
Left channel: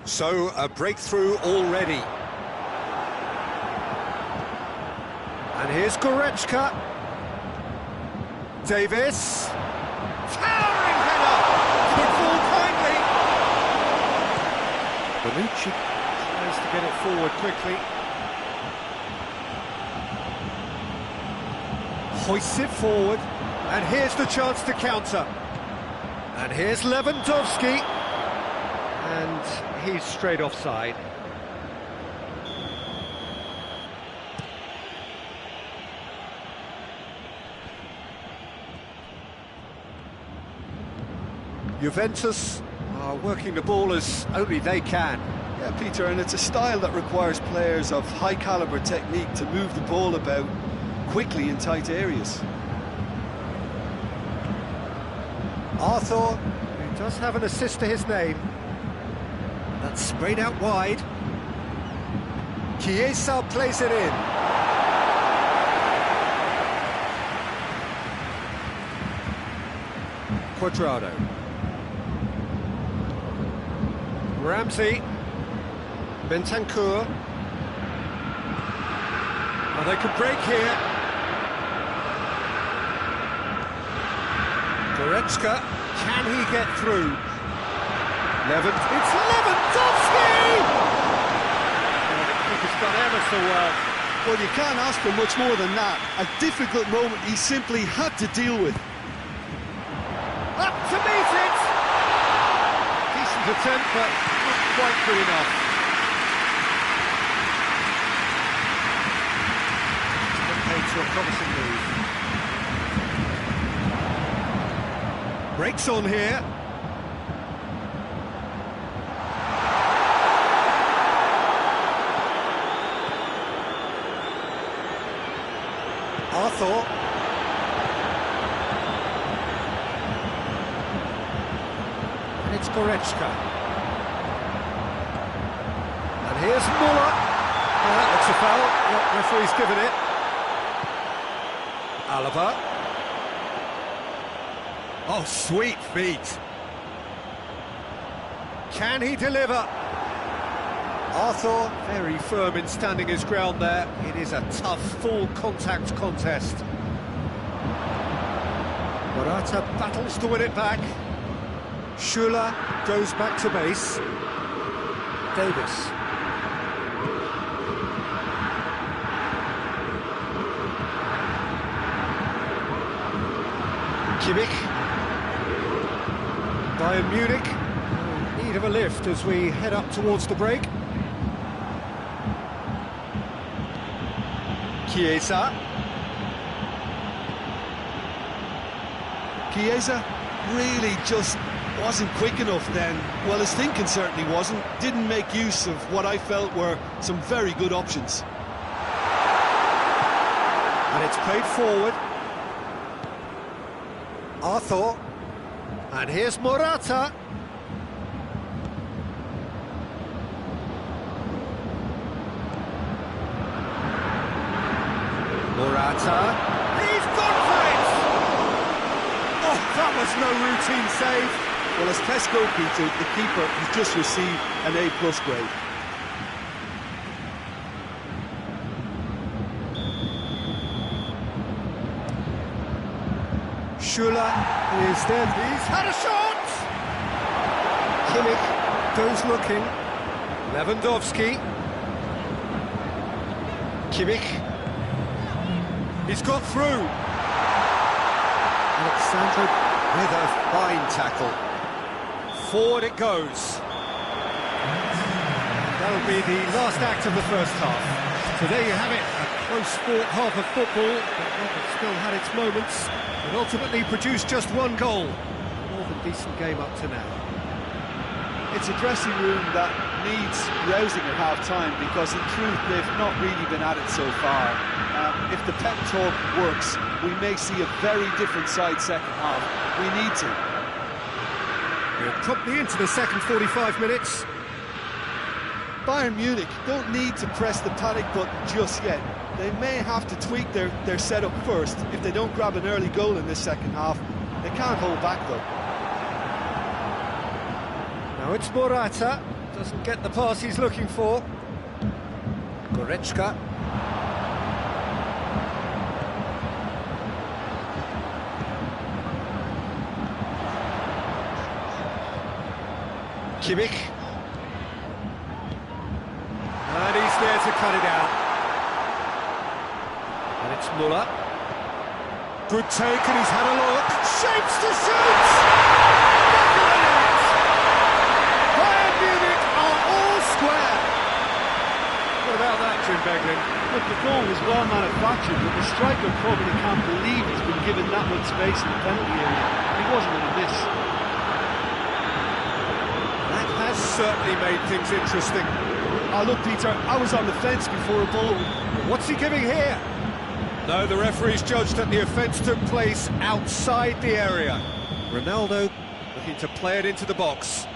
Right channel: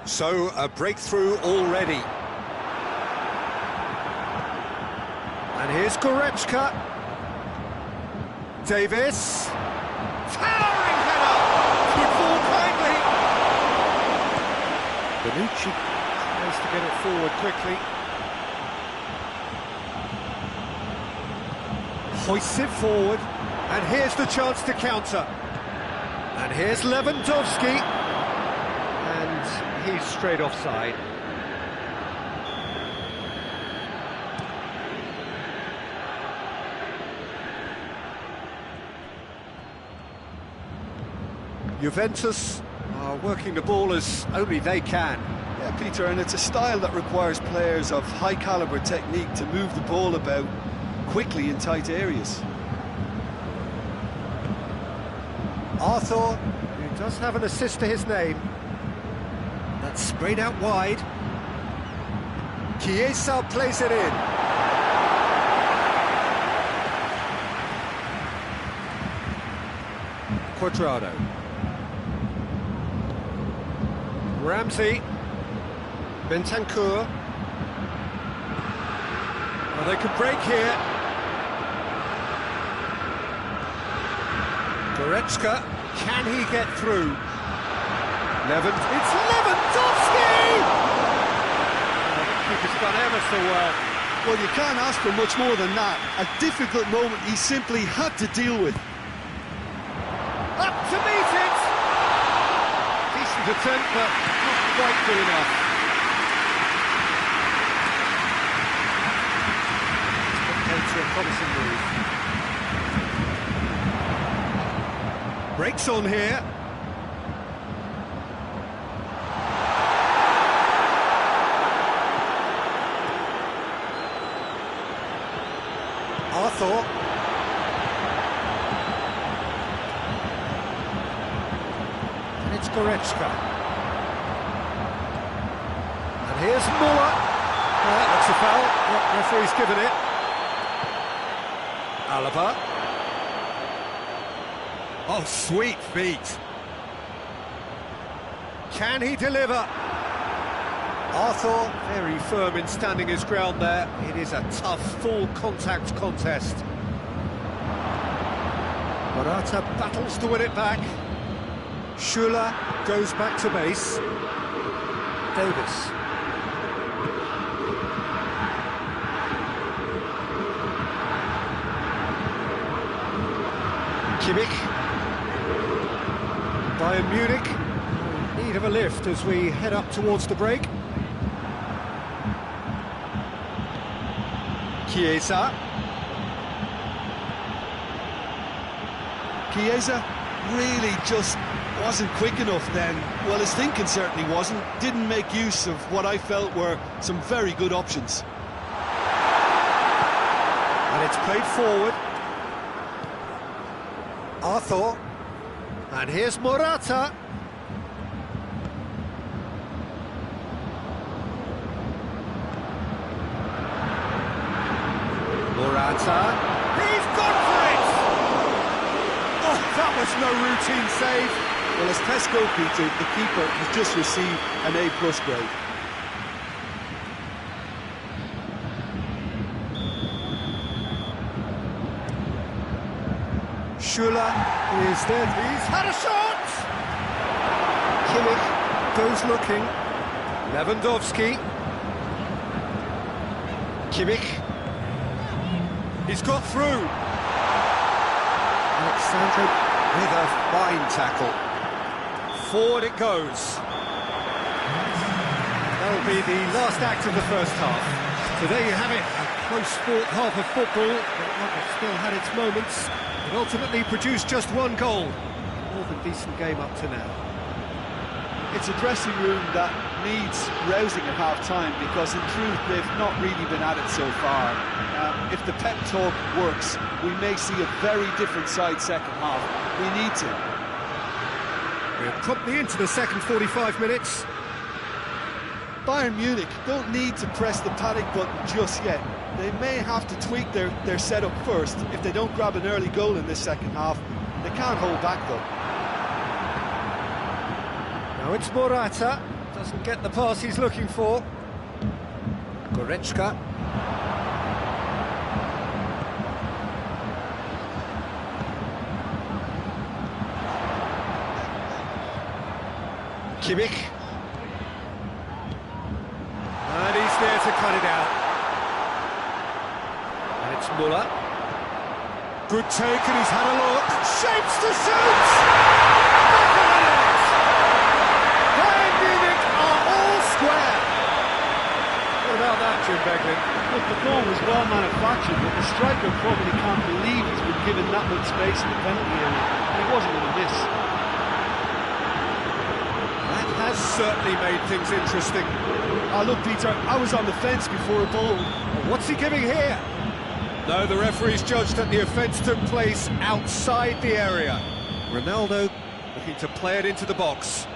So, a breakthrough already. And here's Goretzka. Davis. Towering header! Could fall kindly. Bonucci tries to get it forward quickly. Hoists it forward. And here's the chance to counter. And here's Lewandowski. And he's straight offside. Juventus are working the ball as only they can. Yeah, Peter, and it's a style that requires players of high-caliber technique to move the ball about quickly in tight areas. Arthur, who does have an assist to his name. That's sprayed out wide. Chiesa plays it in. Cuadrado. Ramsey. Bentancur. Well, they could break here. Goretzka. Can he get through? It's Lewandowski! Oh, the keeper's done ever so well. Well, you can't ask for much more than that. A difficult moment he simply had to deal with. Up to meet it! Decent attempt, but not quite good enough. It's put paid to a promising move. Breaks on here. Arthur. And it's Goretzka. And here's Muller. That looks a foul. The referee's given it. Alaba. Oh, sweet feet. Can he deliver? Arthur, very firm in standing his ground there. It is a tough, full-contact contest. Morata battles to win it back. Schuller goes back to base. Davis. Kimmich. Bayern Munich bit of a lift as we head up towards the break. Chiesa. Chiesa really just wasn't quick enough then. Well, his thinking certainly wasn't. Didn't make use of what I felt were some very good options. And it's played forward. Arthur. And here's Morata. Morata. He's gone for it! Oh, that was no routine save. Well, as tests go, Peter, the keeper has just received an A+ grade. Schuller is there. He's had a shot! Kimmich goes looking. Lewandowski. Kimmich. He's got through. Alexandro with a fine tackle. Forward it goes. And that'll be the last act of the first half. So there you have it, a close fought half of football, but one that still had its moments. It ultimately produced just one goal. More than decent game up to now. It's a dressing room that needs rousing at half-time because in truth they've not really been at it so far. If the pep talk works, we may see a very different side second half. We need to. We're promptly into the second 45 minutes. Bayern Munich don't need to press the panic button just yet. They may have to tweak their setup first. If they don't grab an early goal in this second half, they can't hold back though. Now it's Morata, doesn't get the pass he's looking for. Goretzka. Kimmich. And he's there to cut it out. And it's Müller. Good take, and he's had a look. Shapes to shoot! Back of the net! Bayern Munich are all square. What about that, Jim Beglin? Look, the goal was well manufactured, but the striker probably can't believe he's been given that much space in the penalty area, and he wasn't going to miss. That has certainly made things interesting. Oh, look, Peter, I was on the fence before a ball. What's he giving here? No, the referee's judged that the offence took place outside the area. Ronaldo looking to play it into the box.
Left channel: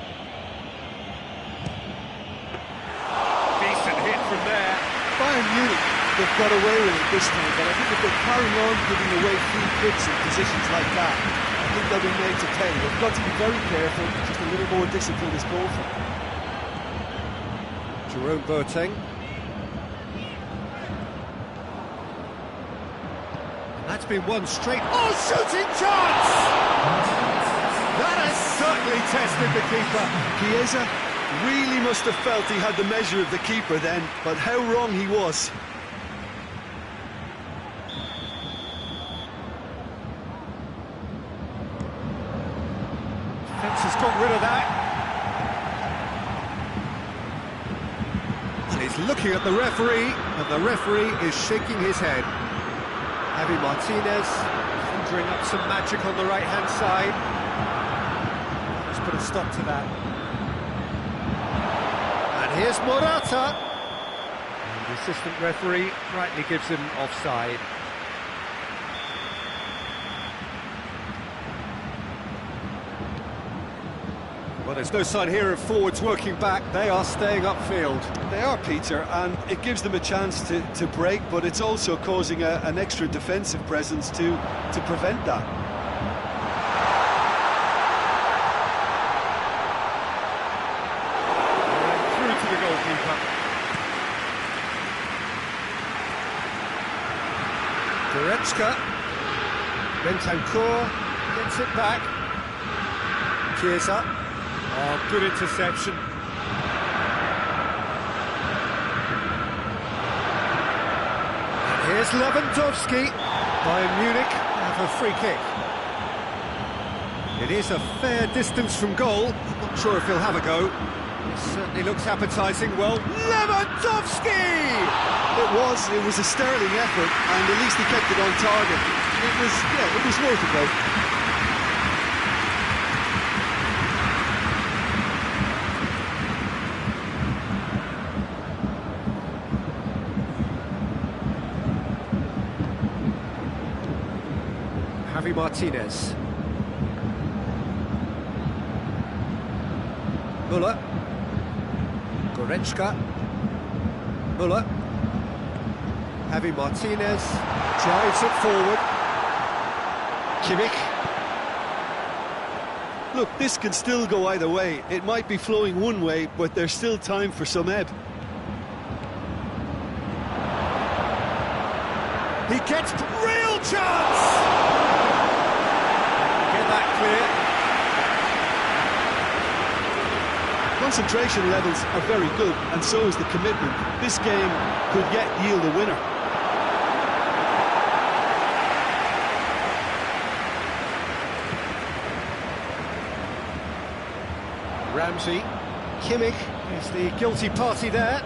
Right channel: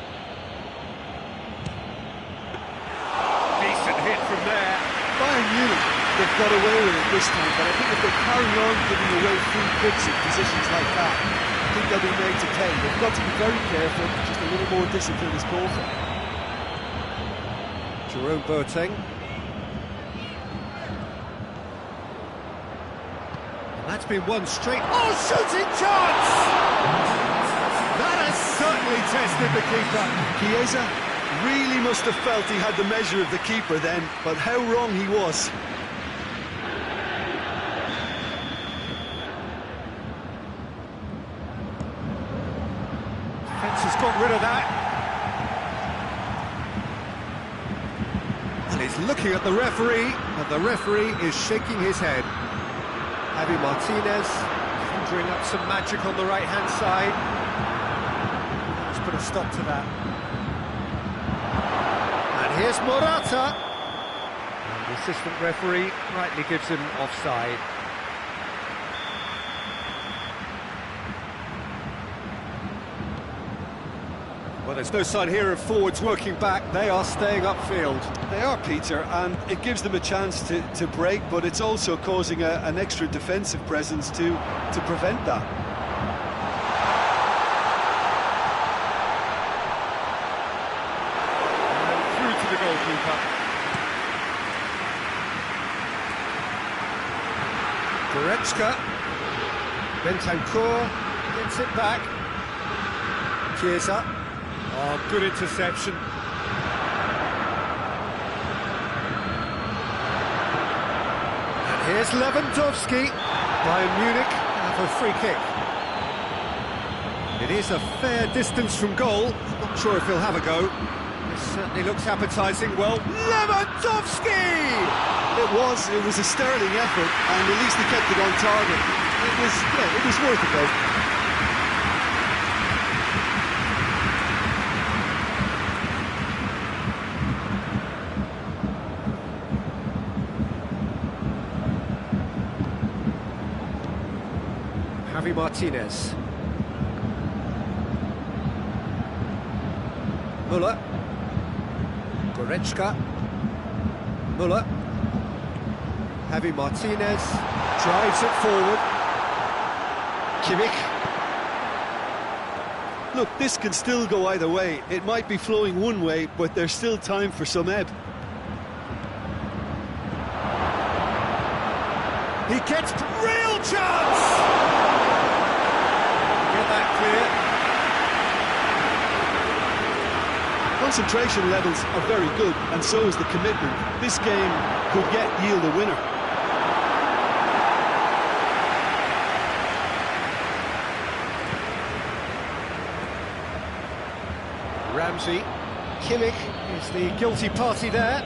Decent hit from there. Bayern Munich, they've got away with it this time, but I think if they carry on giving away free kicks in positions like that, I think they'll be made to pay. They've got to be very careful, just a little more discipline is called for. Jerome Boateng. And that's been one straight. Oh, shooting chance! That has certainly tested the keeper. Chiesa really must have felt he had the measure of the keeper then, but how wrong he was. Defence has got rid of that. And he's looking at the referee, and the referee is shaking his head. Javi Martinez conjuring up some magic on the right-hand side. Let's put a stop to that. And here's Morata. And the assistant referee rightly gives him offside. Well, there's no sign here of forwards working back. They are staying upfield. They are, Peter, and it gives them a chance to break, but it's also causing an extra defensive presence to prevent that. And through to the goalkeeper. Goretzka. Bentancur gets it back. Chiesa. Oh, good interception. And here's Lewandowski. Bayern Munich have a free kick. It is a fair distance from goal. I'm not sure if he'll have a go. This certainly looks appetising. Well, Lewandowski! It was a sterling effort, and at least he kept it on target. It was worth a go. Javi Martinez. Müller. Goretzka. Müller. Javi Martinez drives it forward. Kimmich. Look, this can still go either way. It might be flowing one way, but there's still time for some ebb. He gets real chance! Get that clear. Concentration levels are very good, and so is the commitment. This game could yet yield a winner. Ramsey. Kimmich is the guilty party there.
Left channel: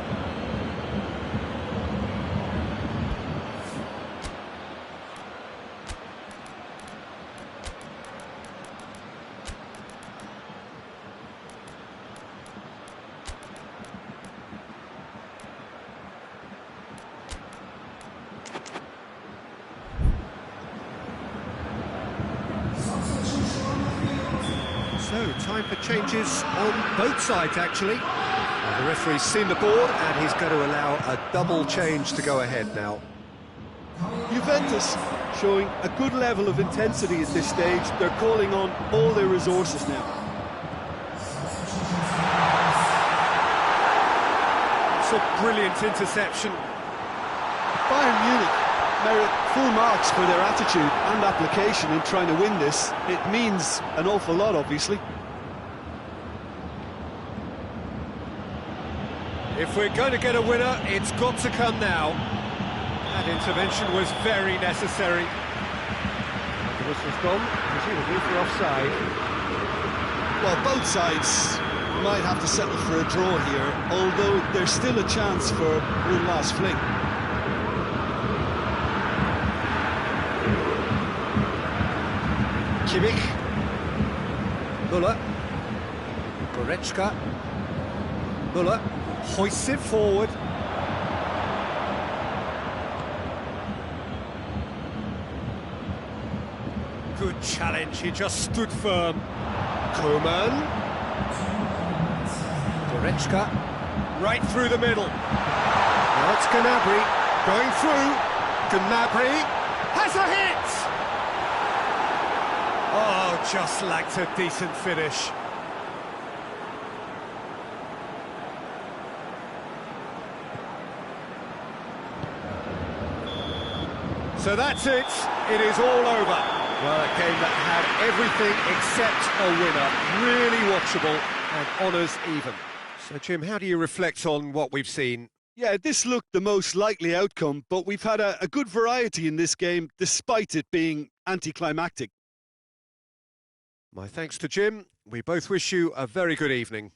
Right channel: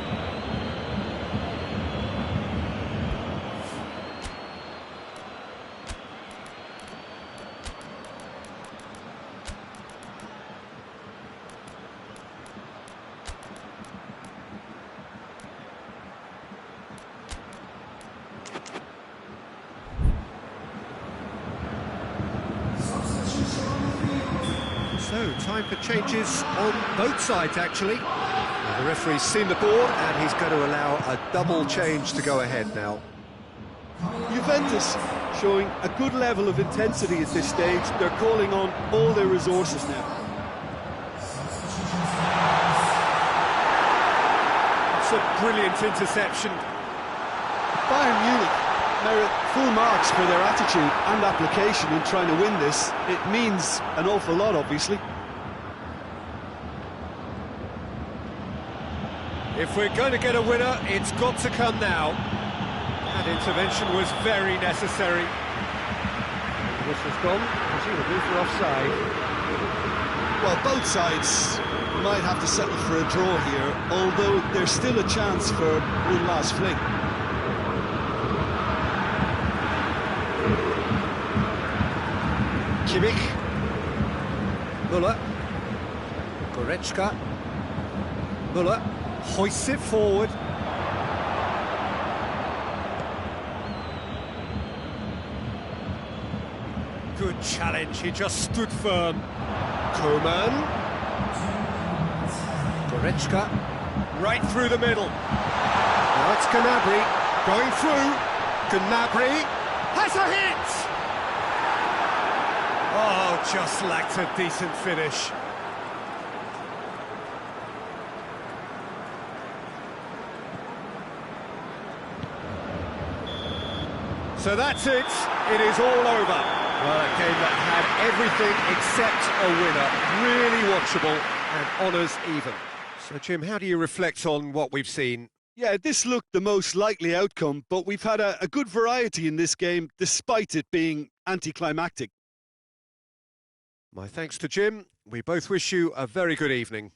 So, time for changes on both sides, actually. Well, the referee's seen the board, and he's going to allow a double change to go ahead now. Juventus showing a good level of intensity at this stage. They're calling on all their resources now. It's a brilliant interception. Bayern Munich merit full marks for their attitude and application in trying to win this. It means an awful lot, obviously. If we're going to get a winner, it's got to come now. That intervention was very necessary. And the whistle's gone, presumably for offside. Well, both sides might have to settle for a draw here, although there's still a chance for one last fling. Kimmich. Müller. Goretzka. Müller hoists it forward. Good challenge, he just stood firm. Koeman. Goretzka. Right through the middle. Now it's Gnabry going through. Gnabry has a hit! Oh, just lacked a decent finish. So that's it. It is all over. Well, a game that had everything except a winner. Really watchable and honours even. So, Jim, how do you reflect on what we've seen? Yeah, this looked the most likely outcome, but we've had a good variety in this game, despite it being anticlimactic. My thanks to Jim. We both wish you a very good evening.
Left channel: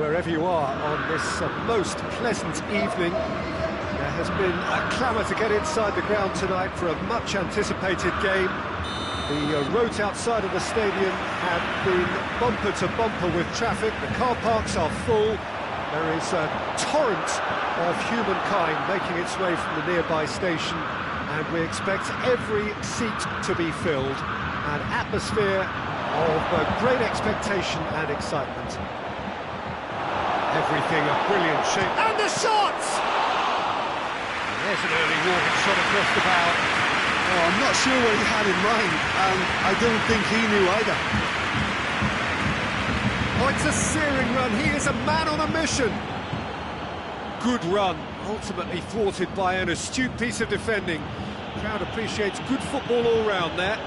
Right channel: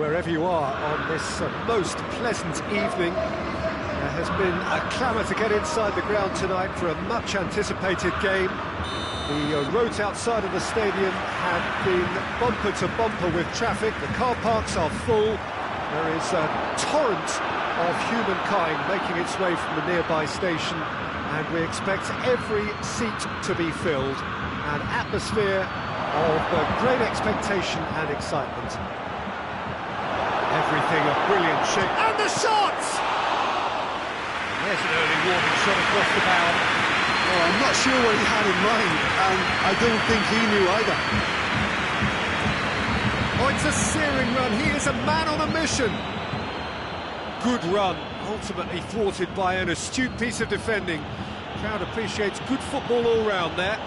wherever you are on this most pleasant evening. There has been a clamour to get inside the ground tonight for a much-anticipated game. The roads outside of the stadium have been bumper to bumper with traffic. The car parks are full. There is a torrent of humankind making its way from the nearby station, and we expect every seat to be filled. An atmosphere of great expectation and excitement. Everything a brilliant shape. And the shot! And there's an early warning shot across the bow. Oh, I'm not sure what he had in mind, and I don't think he knew either. Oh, it's a searing run. He is a man on a mission. Good run, ultimately thwarted by an astute piece of defending. Crowd appreciates good football all round there.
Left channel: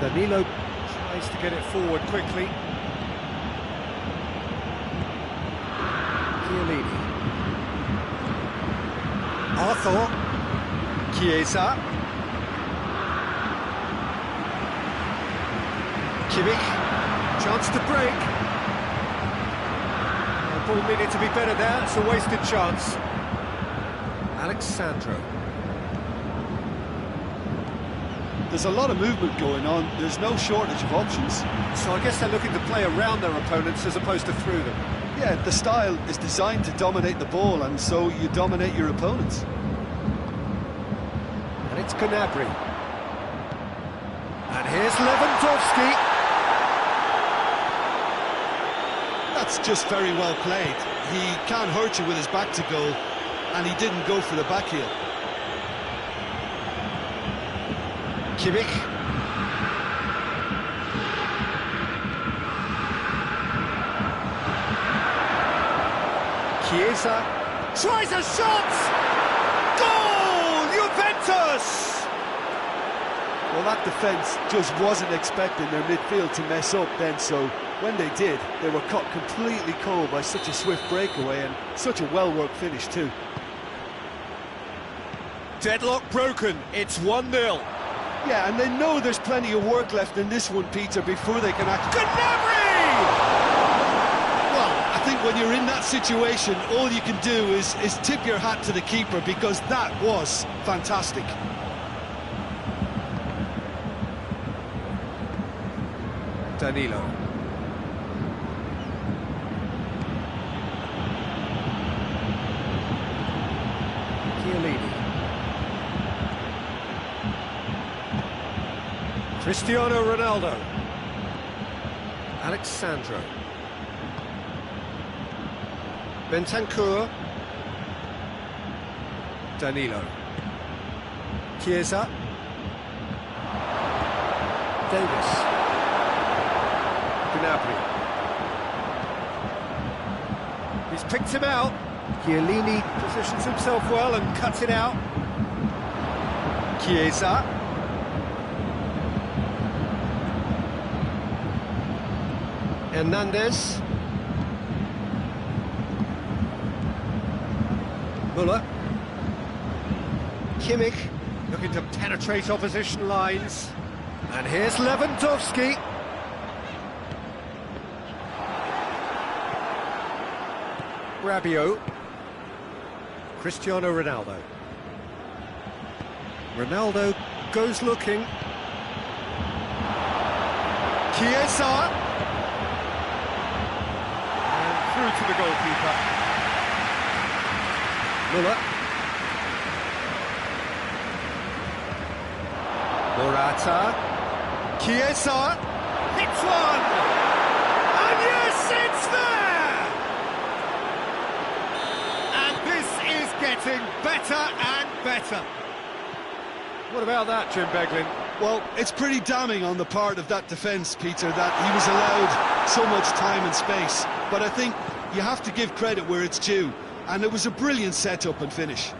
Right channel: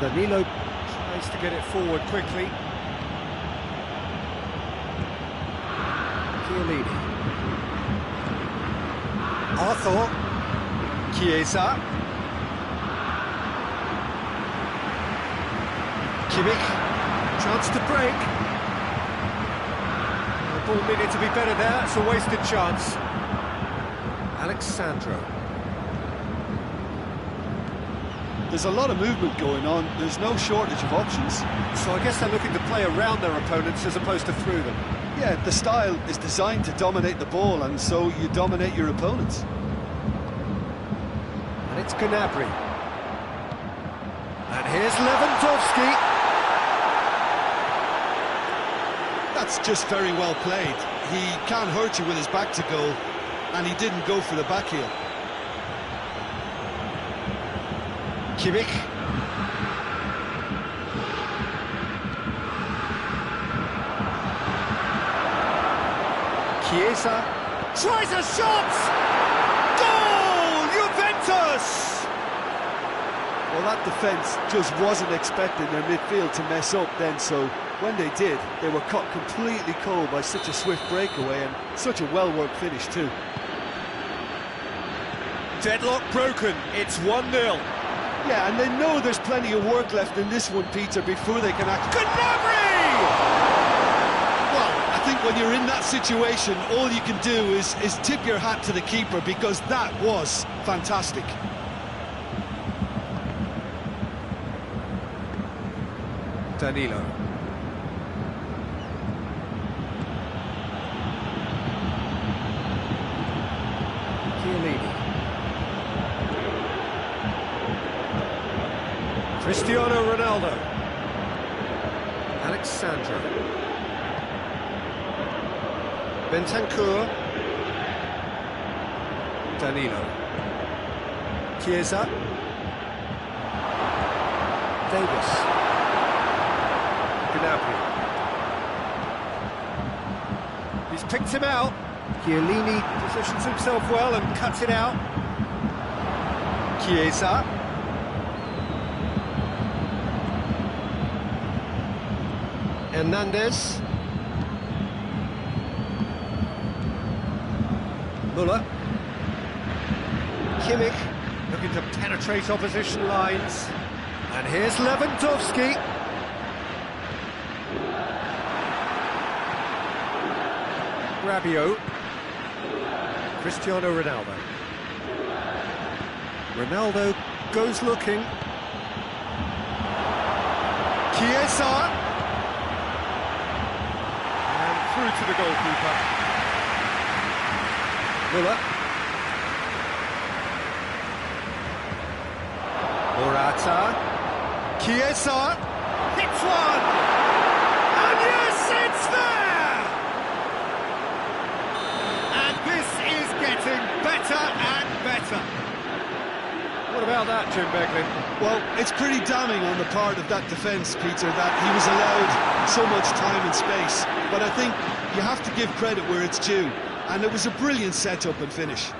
Danilo tries to get it forward quickly. Chiellini. Arthur. Chiesa. Kimmich. Chance to break. The ball needed to be better there. It's a wasted chance. Alex Sandro. There's a lot of movement going on. There's no shortage of options. So I guess they're looking to play around their opponents as opposed to through them. Yeah, the style is designed to dominate the ball, and so you dominate your opponents. And it's Gnabry. And here's Lewandowski. That's just very well played. He can't hurt you with his back to goal, and he didn't go for the back heel. Kimmich. Chiesa tries a shot! Goal! Juventus! Well, that defence just wasn't expecting their midfield to mess up then, so when they did, they were caught completely cold by such a swift breakaway and such a well-worked finish too. Deadlock broken, it's 1-0. Yeah, and they know there's plenty of work left in this one, Peter, before they can act. Gnabry! Well, I think when you're in that situation, all you can do is tip your hat to the keeper, because that was fantastic. Danilo. Chiellini. Cristiano Ronaldo. Alex Sandro. Bentancur. Danilo. Chiesa. Davis. Gnabry. He's picked him out. Chiellini positions himself well and cuts it out. Chiesa. Hernandez. Müller. Kimmich looking to penetrate opposition lines. And here's Lewandowski. Rabiot. Cristiano Ronaldo. Ronaldo goes looking. Chiesa. And through to the goalkeeper. Müller. Morata. Chiesa. Hits one! And yes, it's there! And this is getting better and better. What about that, Jim Beglin? Well, it's pretty damning on the part of that defence, Peter, that he was allowed so much time and space. But I think you have to give credit where it's due, and it was a brilliant setup and finish.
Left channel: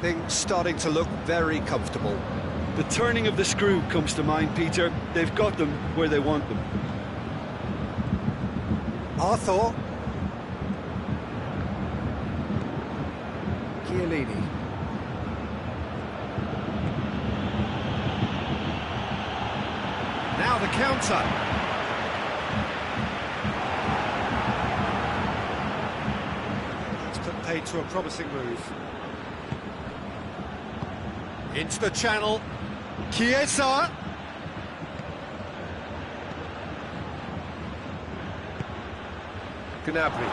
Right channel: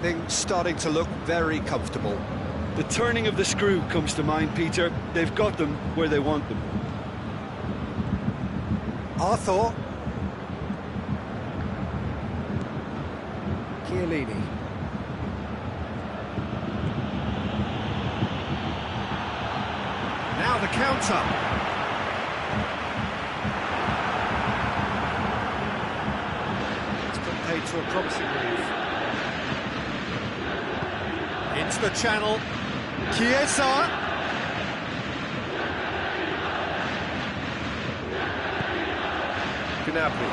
Things starting to look very comfortable. The turning of the screw comes to mind, Peter. They've got them where they want them. Arthur. Chiellini. Now the counter. made to a promising move. Into the channel. Chiesa. Gnabry.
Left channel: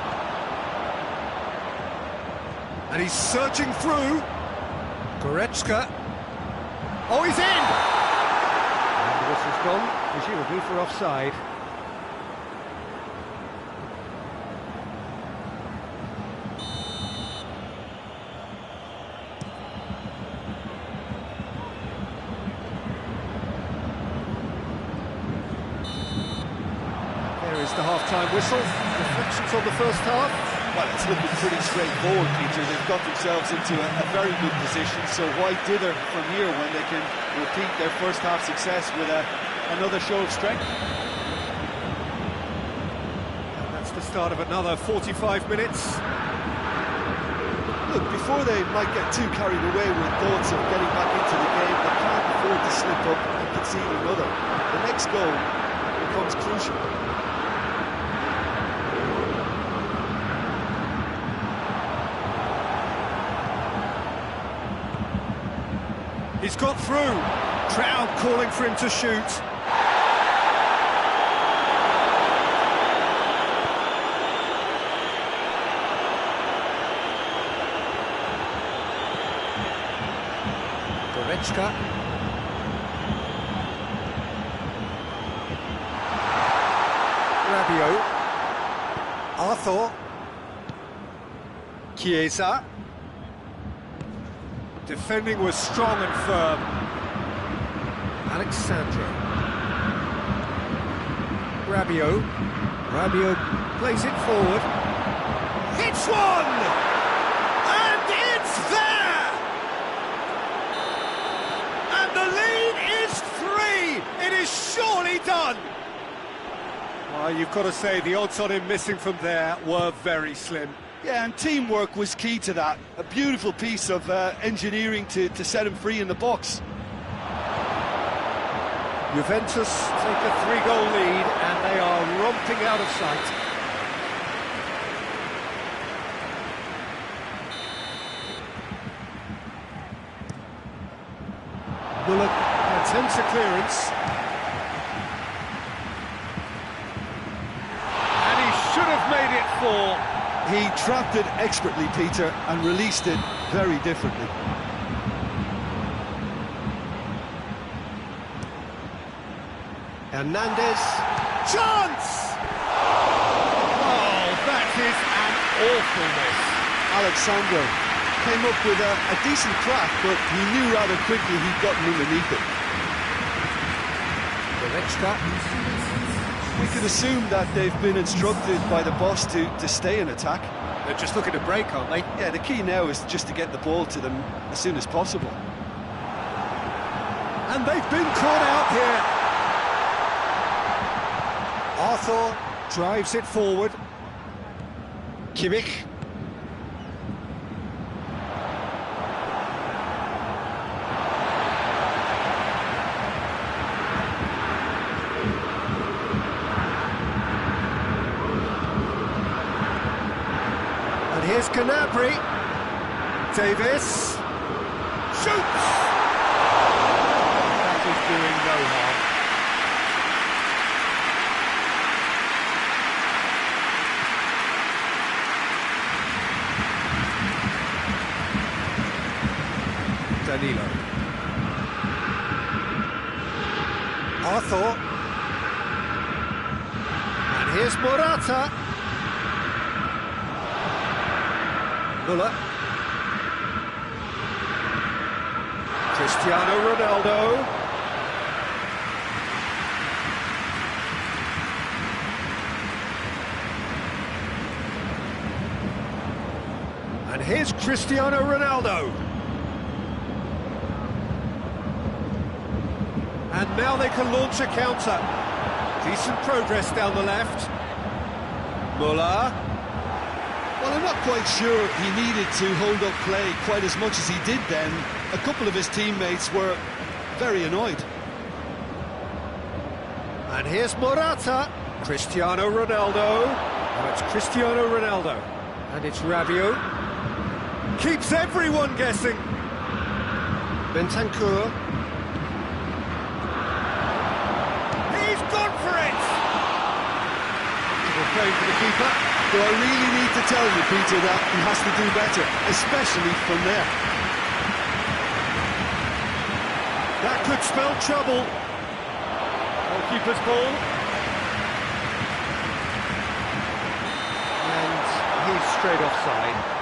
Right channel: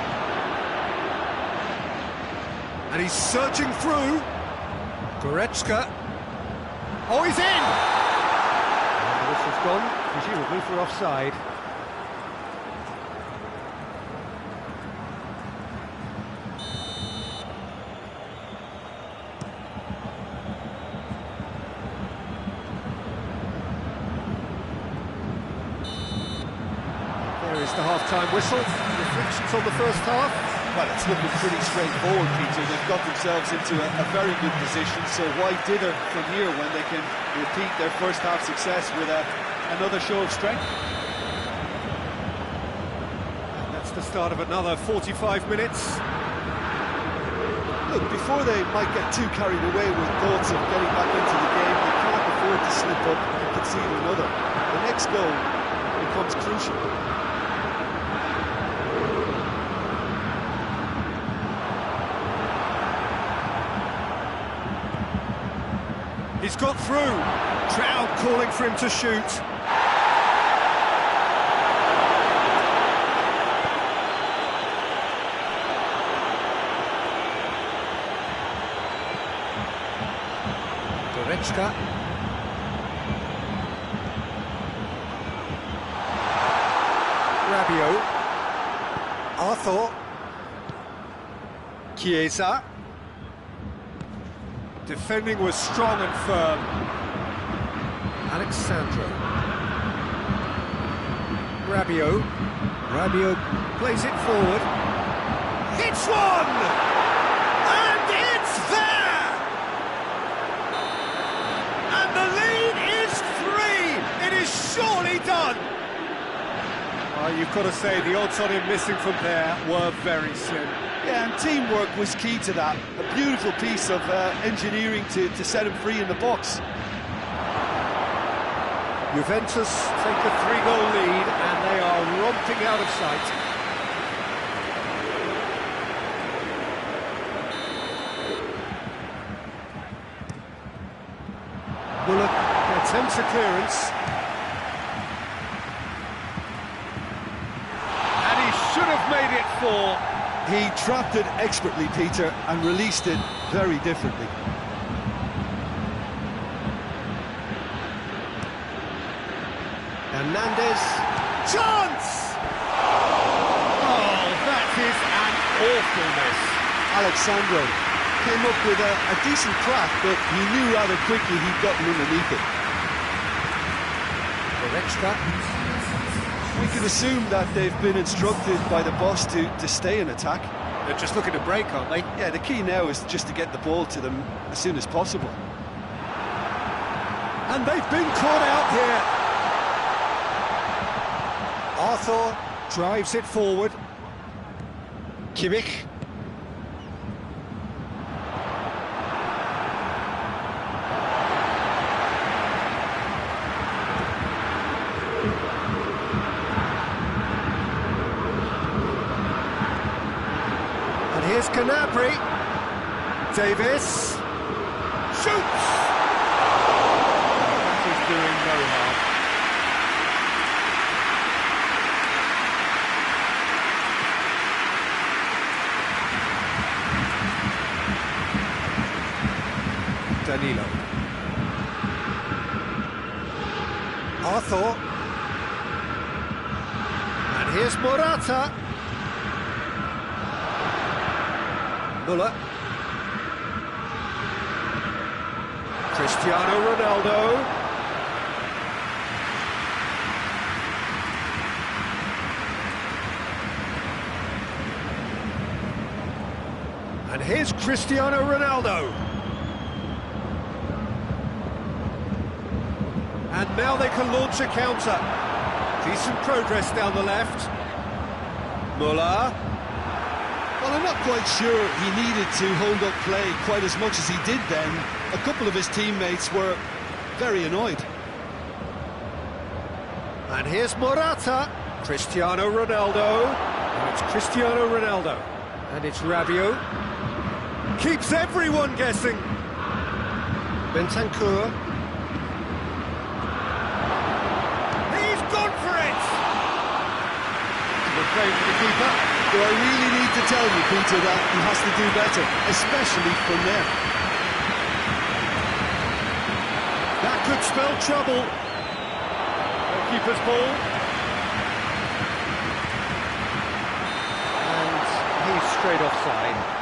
And he's searching through. Goretzka. Oh, he's in! And the whistle's gone, presumably for offside. There is the half-time whistle. Reflections on the first half? Well, it's looking pretty straightforward, Peter. They've got themselves into a very good position, so why dither from here when they can repeat their first half success with another show of strength? And that's the start of another 45 minutes. Look, before they might get too carried away with thoughts of getting back into the game, they can't afford to slip up and concede another. The next goal becomes crucial. He's got through. Crowd calling for him to shoot. Goretzka. Rabiot. Arthur. Chiesa. Defending was strong and firm. Alexandro. Rabiot. Rabiot plays it forward. Hits one! And it's there! And the lead is 3! It is surely done! Well, you've got to say the odds on him missing from there were very slim. Yeah, and teamwork was key to that. A beautiful piece of engineering to set him free in the box. Juventus take a 3-goal lead and they are romping out of sight. Muller attempts a clearance. And he should have made it 4. He trapped it expertly, Peter, and released it very differently. Hernandez. Chance! Oh, that is an awful miss. Alexandro came up with a decent crack, but he knew rather quickly he'd gotten underneath it. Goretzka. We can assume that they've been instructed by the boss to stay in attack. They're just looking to break, aren't they? Yeah, the key now is just to get the ball to them as soon as possible. And they've been caught out here. Arthur drives it forward. Kimmich. And here's Gnabry. Davis. Shoots! That is doing no harm. Danilo. Arthur. And here's Morata. Muller. Cristiano Ronaldo. And here's Cristiano Ronaldo. And now they can launch a counter. Decent progress down the left. Muller. Well, I'm not quite sure he needed to hold up play quite as much as he did then. A couple of his teammates were very annoyed. And here's Morata. Cristiano Ronaldo. Now it's Cristiano Ronaldo. And it's Rabiot. Keeps everyone guessing. Bentancur. He's gone for it! Comfortable play for the keeper. Do I really need to tell you, Peter, that he has to do better, especially from there? That could spell trouble. Goalkeeper's ball. And he's straight offside.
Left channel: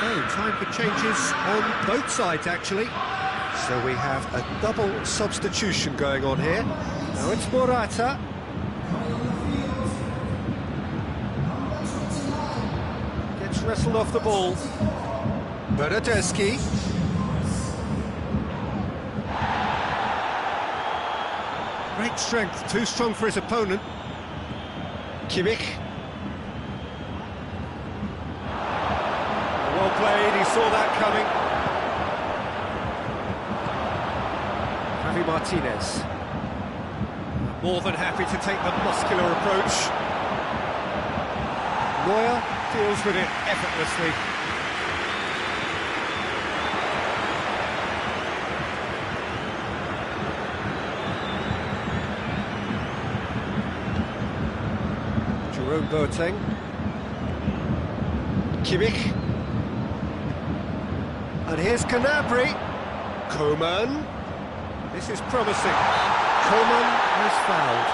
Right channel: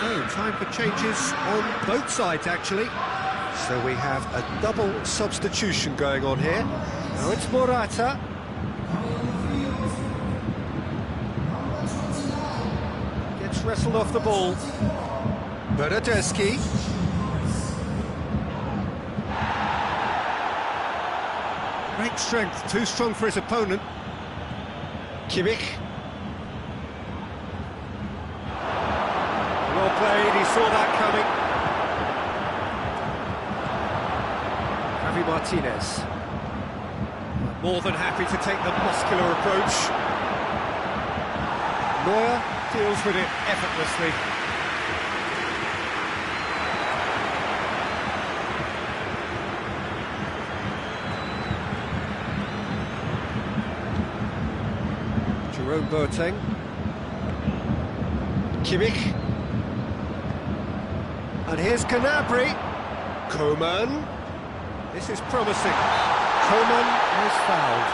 So, time for changes on both sides, actually. So we have a double substitution going on here. Now it's Morata. Gets wrestled off the ball. Bernardeschi. Great strength, too strong for his opponent. Kimmich. Well played, he saw that coming. Javi Martinez. More than happy to take the muscular approach. Neuer deals with it effortlessly. Jerome Boateng. Kimmich. And here's Gnabry. Coman. This is promising. Coman is fouled.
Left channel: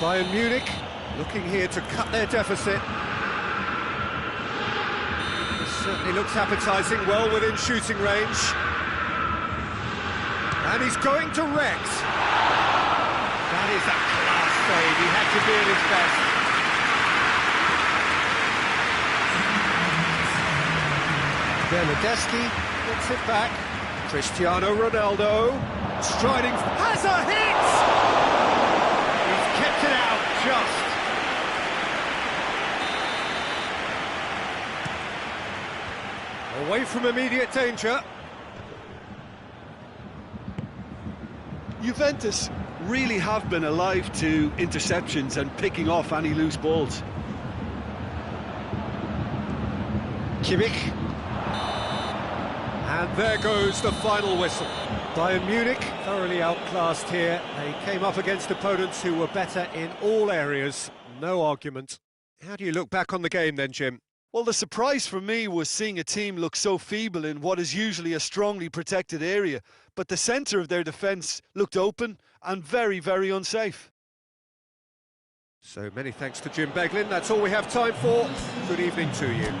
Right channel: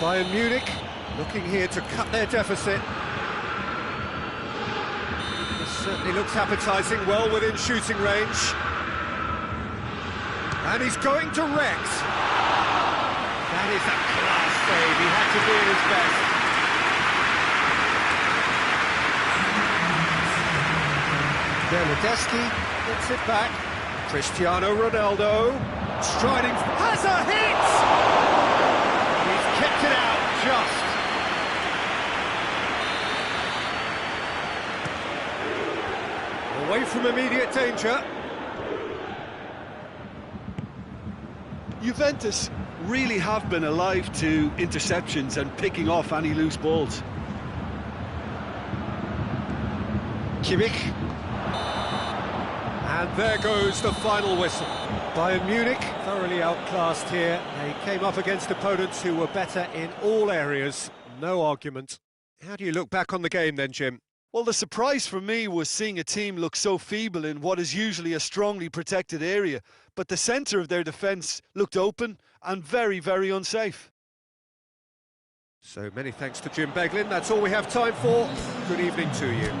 Bayern Munich looking here to cut their deficit. This certainly looks appetising, well within shooting range. And he's going direct. That is a class save. He had to be at his best. Bernardeschi gets it back. Cristiano Ronaldo striding, has a hit! He's kept it out just. Away from immediate danger. Juventus really have been alive to interceptions and picking off any loose balls. Kimmich. And there goes the final whistle. Bayern Munich thoroughly outclassed here. They came up against opponents who were better in all areas. No argument. How do you look back on the game then, Jim? Well, the surprise for me was seeing a team look so feeble in what is usually a strongly protected area. But the centre of their defence looked open and very, very unsafe. So many thanks to Jim Beglin. That's all we have time for. Good evening to you.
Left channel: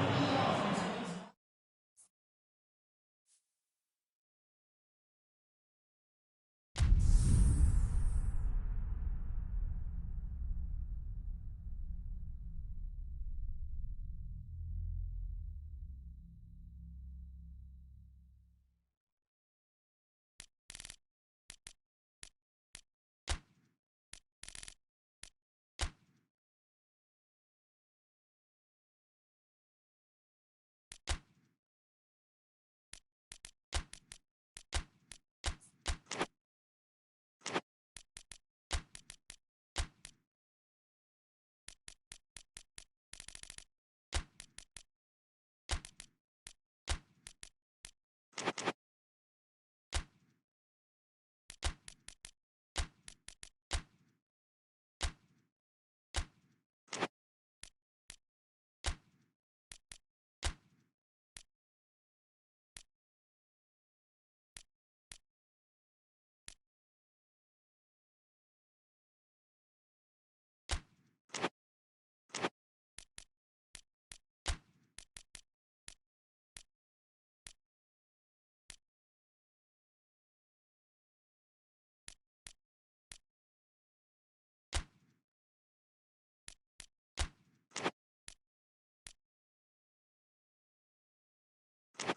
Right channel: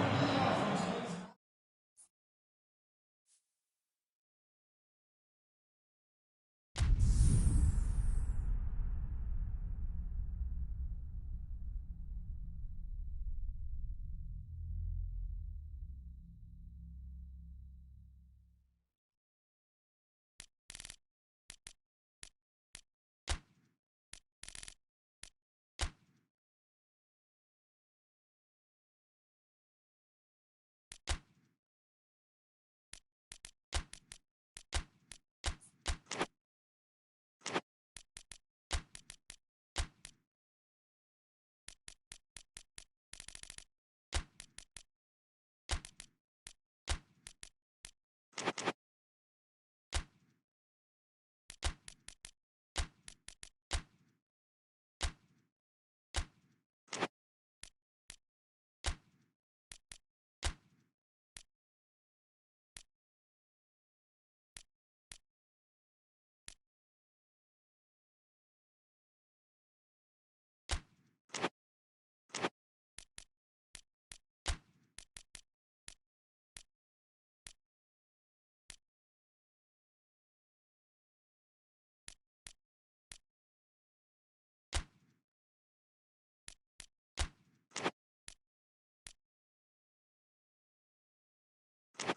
Good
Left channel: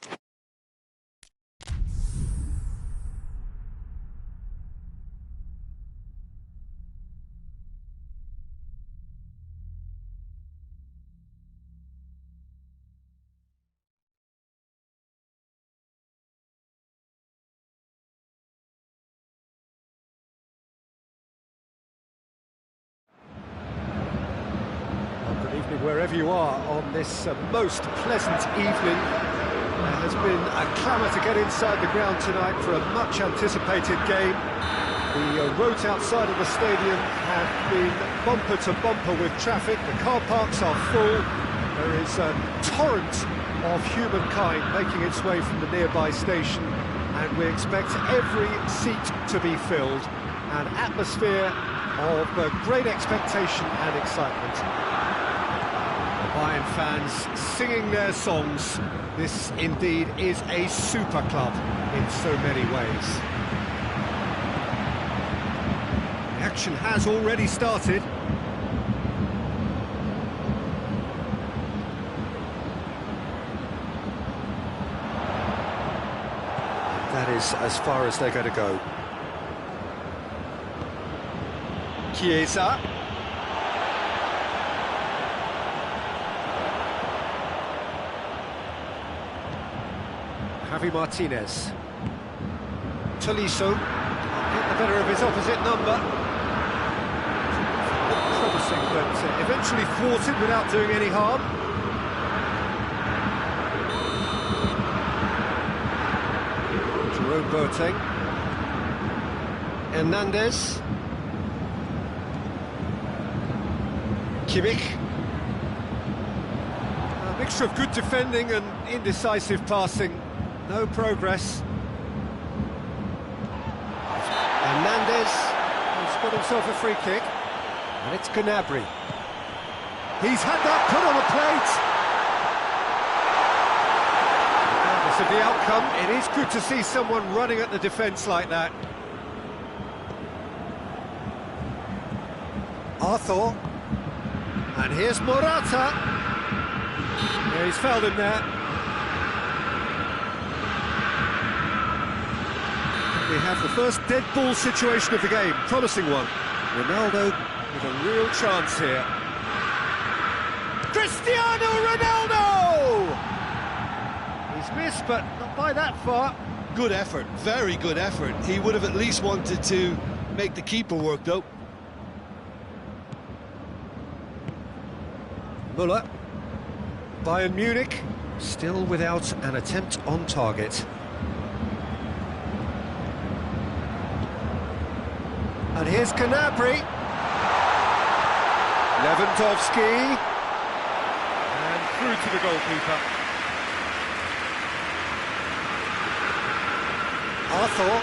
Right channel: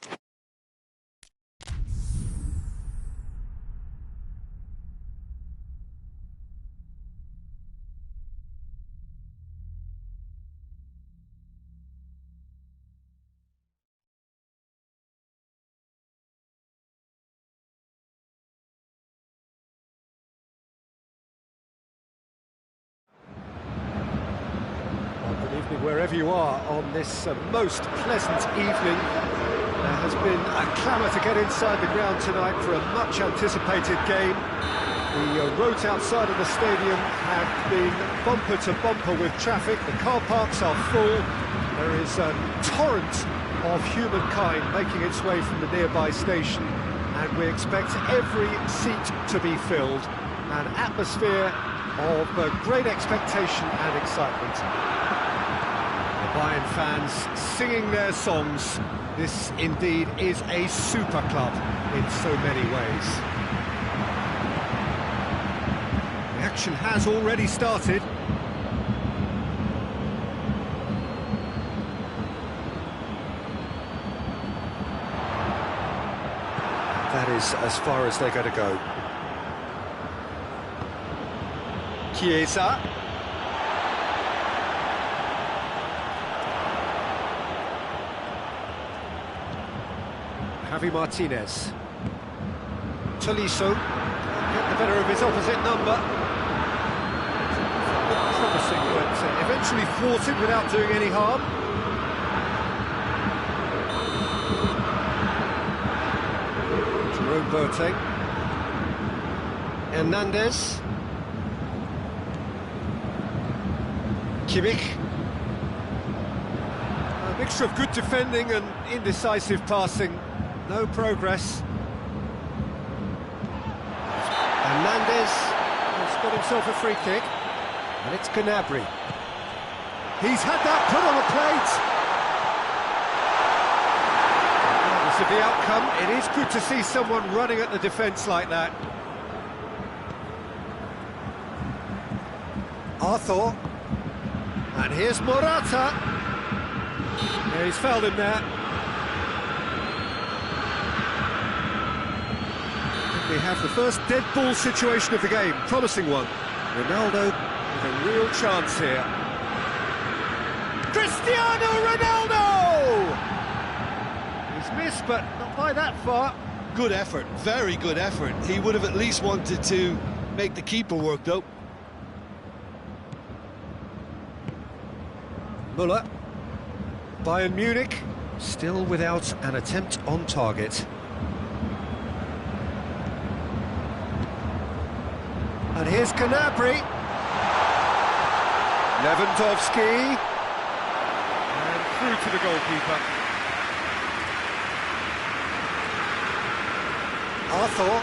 evening wherever you are on this most pleasant evening. There has been a clamour to get inside the ground tonight for a much anticipated game. The roads outside of the stadium have been bumper to bumper with traffic. The car parks are full. There is a torrent of humankind making its way from the nearby station, and we expect every seat to be filled. An atmosphere of great expectation and excitement. The Bayern fans singing their songs. This indeed is a super club in so many ways. The action has already started. And that is as far as they're going to go. Chiesa. Javi Martinez. Tolisso can't get the better of his opposite number. Looked promising, but eventually thwarted without doing any harm. Jerome Boateng. Hernandez. Kimmich. A mixture of good defending and indecisive passing. No progress. Hernandez has got himself a free kick, and it's Gnabry. He's had that put on a plate. Regardless of the outcome, it is good to see someone running at the defence like that. Arthur. And here's Morata. Yeah, he's fouled him there. We have the first dead ball situation of the game, promising one. Ronaldo with a real chance here. Cristiano Ronaldo! He's missed, but not by that far. Good effort, very good effort. He would have at least wanted to make the keeper work, though. Müller. Bayern Munich still without an attempt on target. And here's Gnabry. Lewandowski. And through to the goalkeeper. Arthur.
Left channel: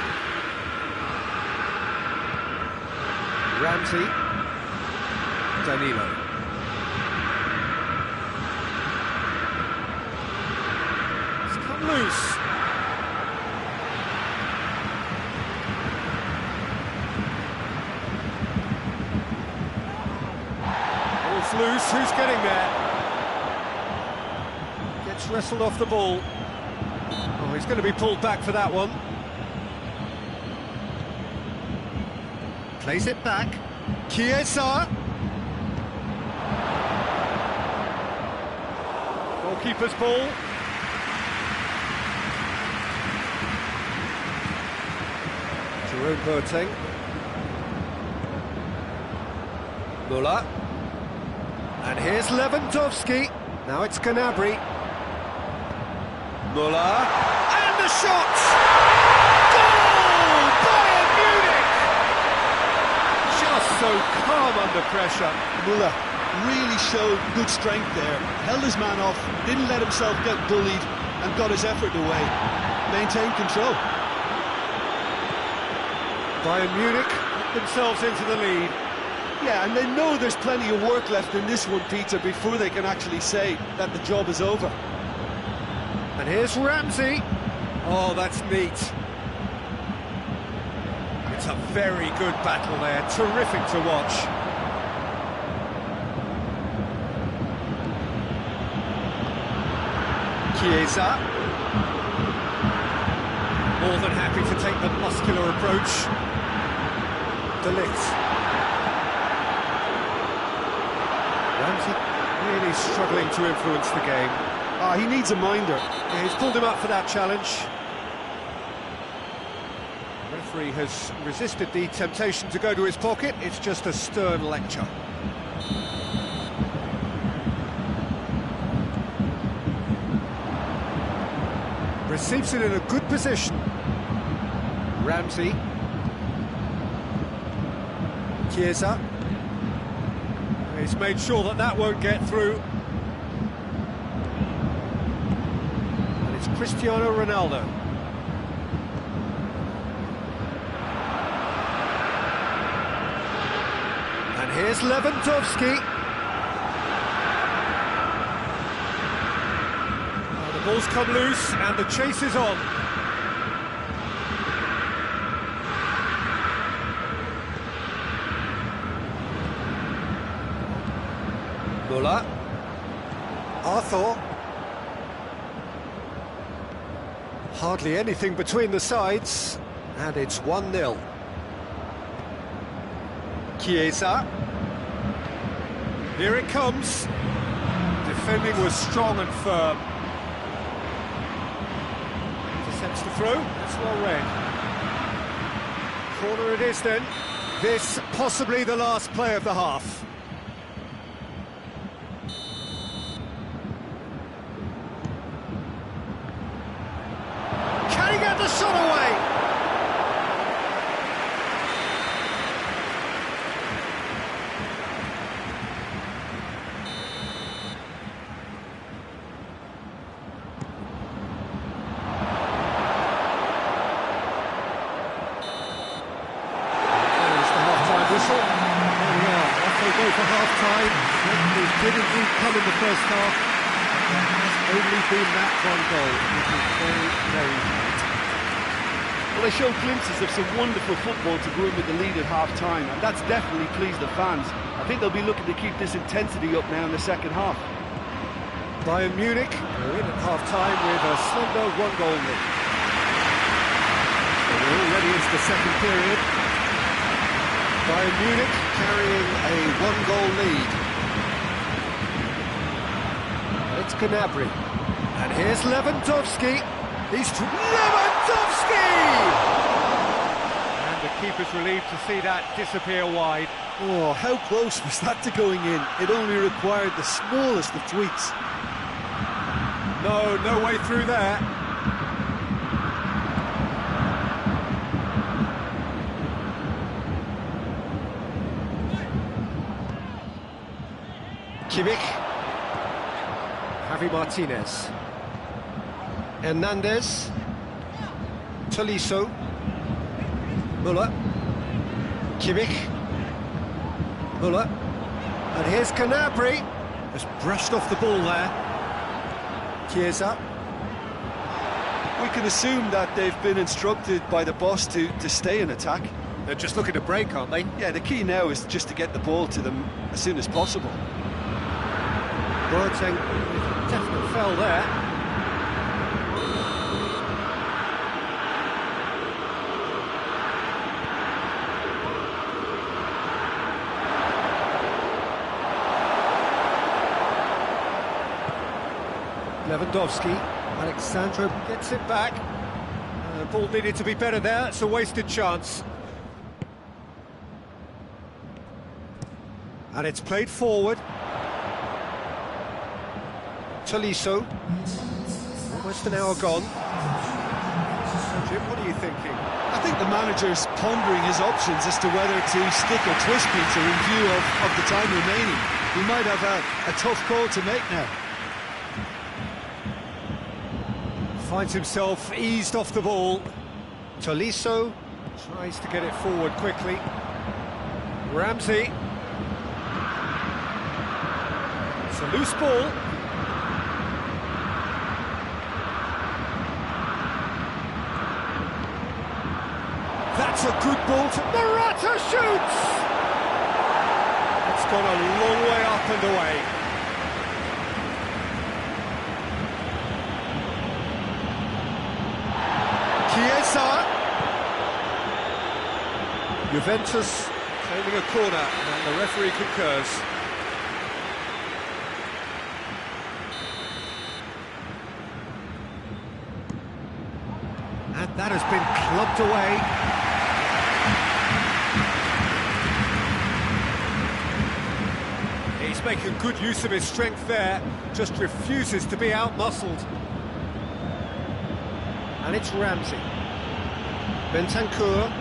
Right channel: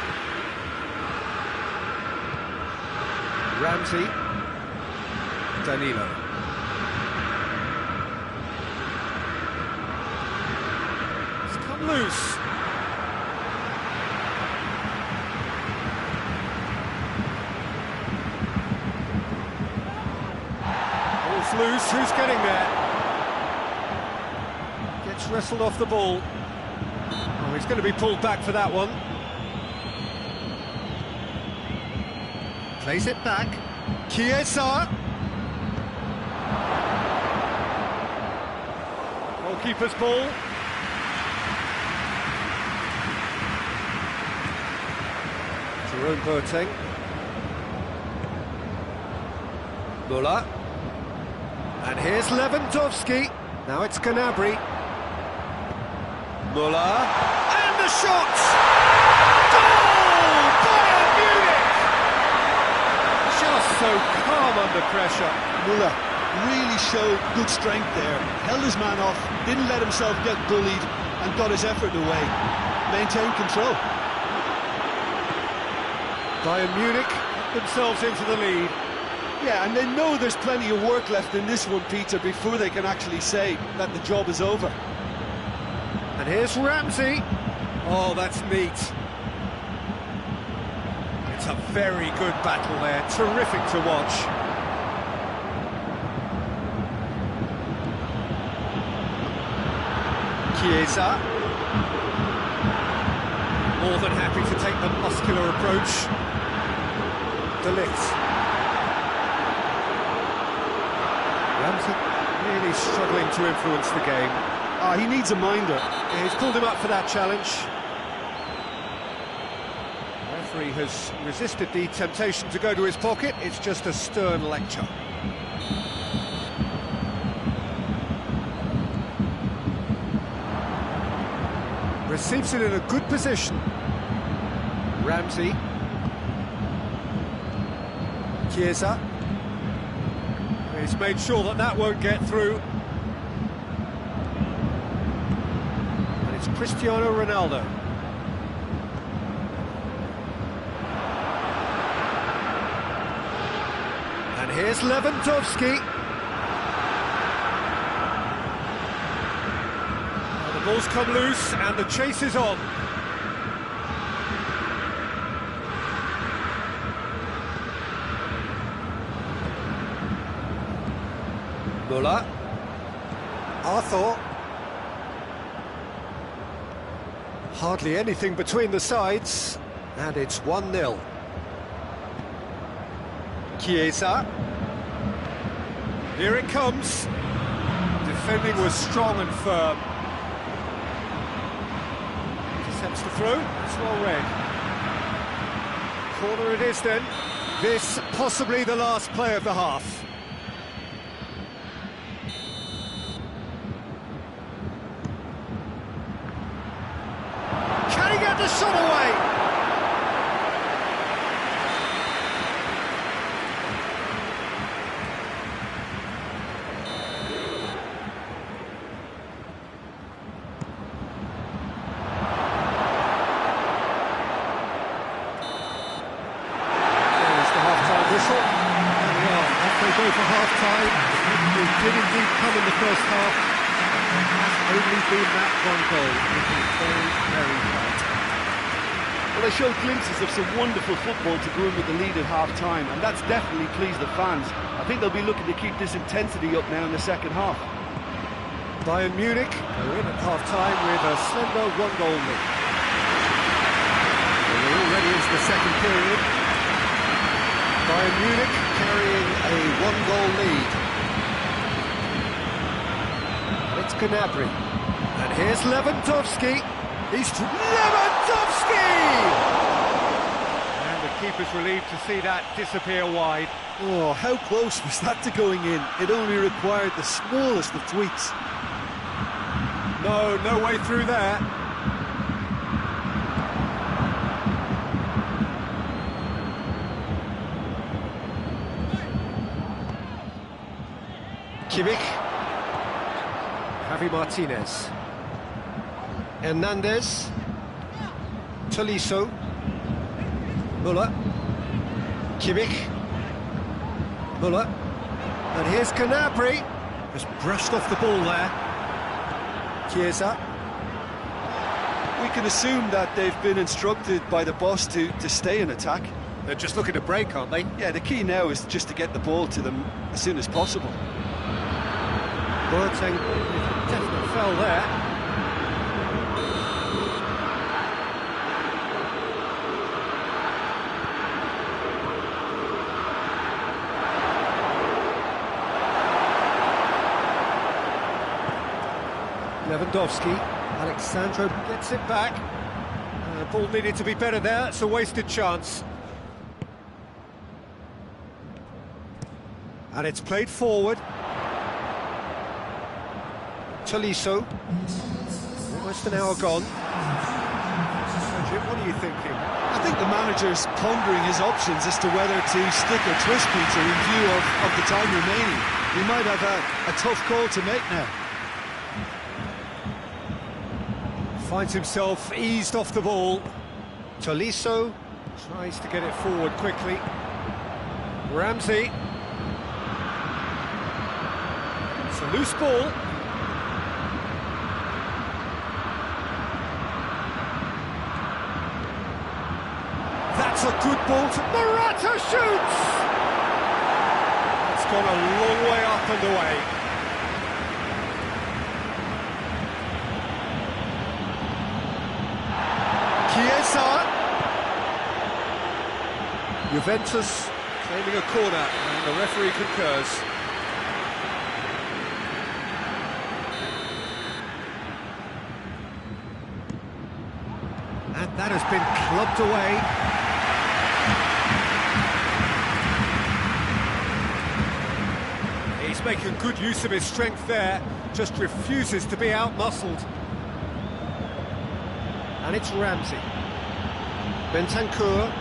Ramsey. Danilo. It's come loose. Loose, who's getting there? Gets wrestled off the ball. Oh, he's going to be pulled back for that one. Plays it back. Chiesa. Goalkeeper's ball. Jerome Boateng. Müller. And here's Lewandowski. Now it's Gnabry. Müller. And the shot! Goal! Bayern Munich! Just so calm under pressure. Müller really showed good strength there. Held his man off, didn't let himself get bullied, and got his effort away. Maintained control. Bayern Munich put themselves into the lead. Yeah, and they know there's plenty of work left in this one, Peter, before they can actually say that the job is over. And here's Ramsey. Oh, that's neat. It's a very good battle there. Terrific to watch. Chiesa. More than happy to take the muscular approach. De Ligt. Ramsey really struggling to influence the game. He needs a minder. Yeah, he's pulled him up for that challenge. The referee has resisted the temptation to go to his pocket. It's just a stern lecture. Receives it in a good position. Ramsey. Chiesa. He's made sure that that won't get through. And it's Cristiano Ronaldo. And here's Lewandowski. The ball's come loose and the chase is on. Müller. Arthur. Hardly anything between the sides, and it's 1-0. Chiesa. Here it comes. Defending was strong and firm. Intercepts the throw, that's well read. Corner it is then. This possibly the last play of the half. Can he get the shot away? There's the half-time whistle. There we are, off they go for half-time. The breakthrough did indeed come in the first half, but there has only been that one goal. It is very, very tight. Well, they showed glimpses of some wonderful football to go in with the lead at half-time, and that's definitely pleased the fans. I think they'll be looking to keep this intensity up now in the second half. Bayern Munich go in at half-time with a slender one-goal lead. So we're already into the second period. Bayern Munich carrying a one-goal lead. And it's Gnabry. And here's Lewandowski. He's Lewandowski! And the keeper's relieved to see that disappear wide. Oh, how close was that to going in? It only required the smallest of tweaks. No way through there. Kimmich. Javi Martinez. Hernandez. Tolisso. Müller. Kimmich. Müller. And here's Gnabry. Just brushed off the ball there. Chiesa. We can assume that they've been instructed by the boss to stay in attack. They're just looking to break, aren't they? Yeah, the key now is just to get the ball to them as soon as possible. Boateng, definite fell there. Lewandowski, Alexandro gets it back. Ball needed to be better there, it's a wasted chance. And it's played forward. Tolisso, almost an hour gone. So Jim, what are you thinking? I think the manager's pondering his options as to whether to stick or twist Peter in view of the time remaining. He might have a tough call to make now. Finds himself eased off the ball. Tolisso tries to get it forward quickly. Ramsey. It's a loose ball. That's a good ball to Morata shoots! It's gone a long way up and away. Chiesa. Juventus claiming a corner, and the referee concurs. And that has been clubbed away. He's making good use of his strength there, just refuses to be out-muscled. And it's Ramsey. Bentancur.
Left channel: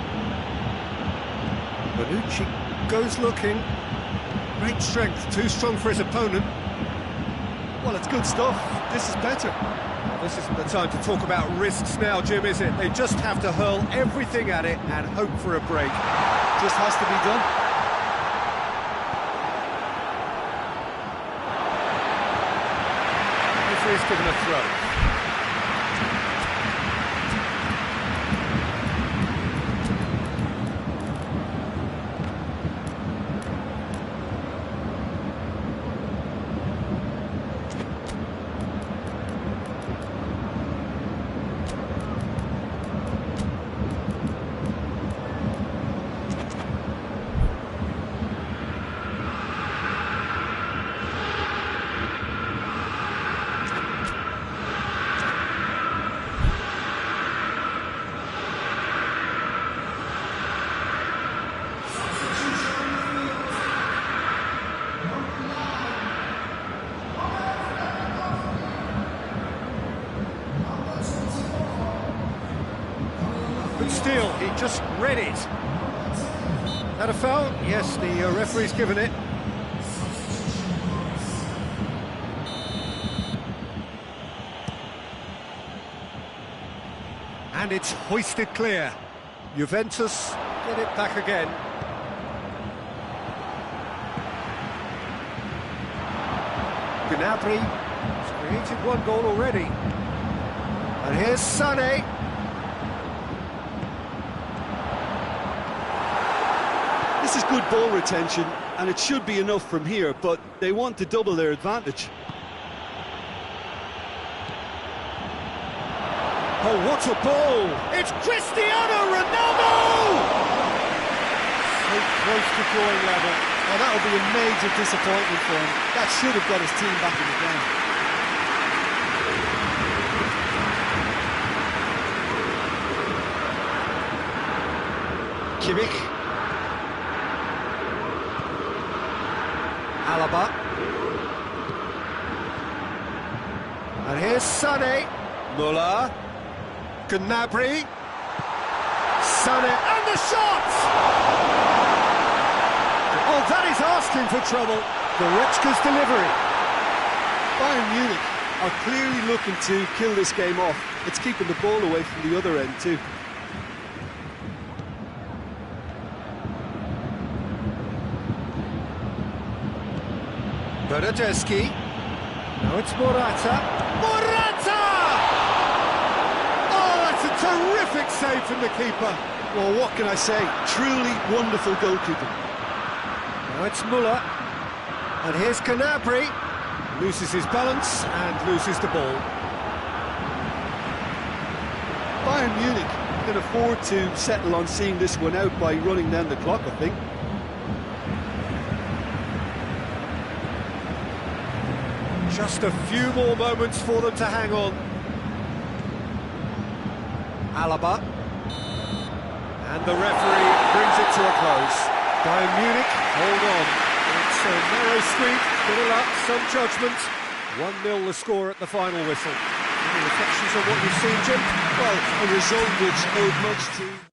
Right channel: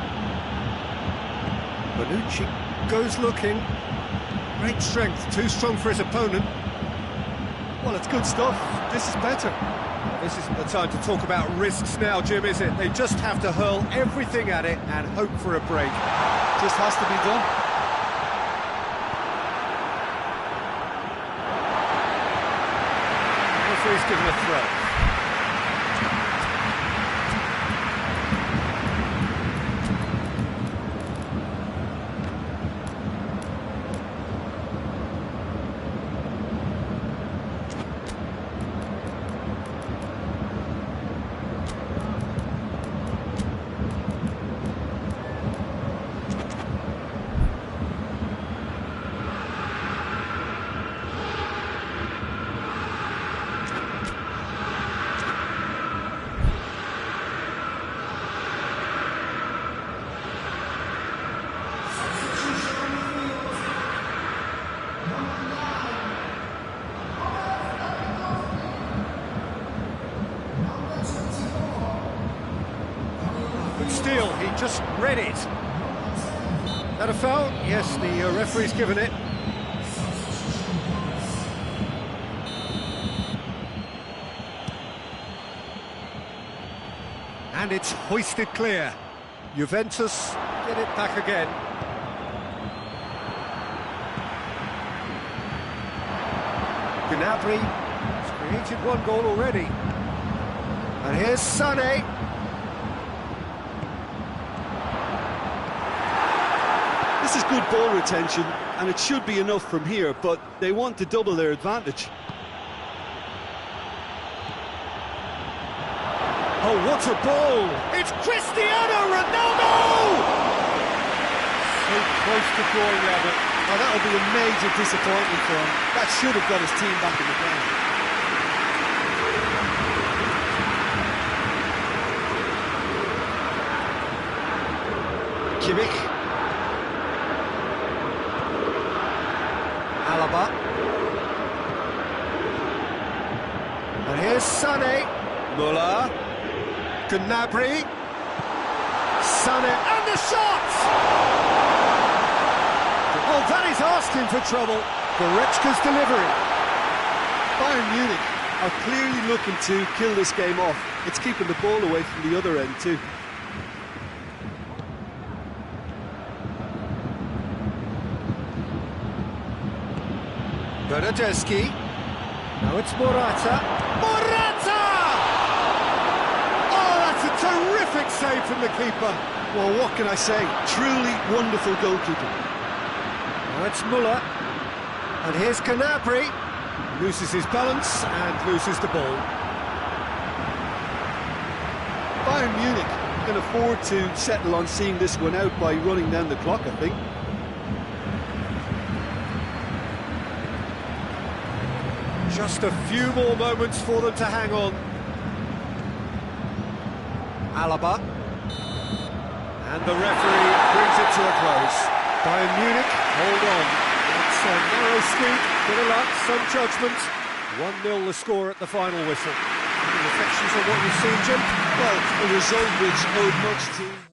Bonucci goes looking. Great strength, too strong for his opponent. Well, it's good stuff. This is better. Well, this isn't the time to talk about risks now, Jim, is it? They just have to hurl everything at it and hope for a break. Just has to be done. Referee's given a throw. Good steal, he just read it. That a foul? Yes, the referee's given it. And it's hoisted clear. Juventus get it back again. Gnabry has created one goal already. And here's Sané. This is good ball retention, and it should be enough from here, but they want to double their advantage. Oh, what a ball! It's Cristiano Ronaldo! So close to drawing level. Oh, that'll be a major disappointment for him. That should have got his team back in the game. Kimmich. Alaba. And here's Sané. Müller. Gnabry. Sané. And the shot! Oh, that is asking for trouble. Goretzka's delivery. Bayern Munich are clearly looking to kill this game off. It's keeping the ball away from the other end too. Bernardeschi. Now it's Morata. Morata! Oh, that's a terrific save from the keeper. Well, what can I say? Truly wonderful goalkeeping. Now it's Müller. And here's Gnabry. Loses his balance and loses the ball. Bayern Munich can afford to settle on seeing this one out by running down the clock, I think. Just a few more moments for them to hang on. Alaba. And the referee brings it to a close. Bayern Munich, hold on. It's a narrow squeak, bit of luck, some judgment. 1-0 the score at the final whistle. Any reflections on what you've seen, Jim? Well, a result which owed much to...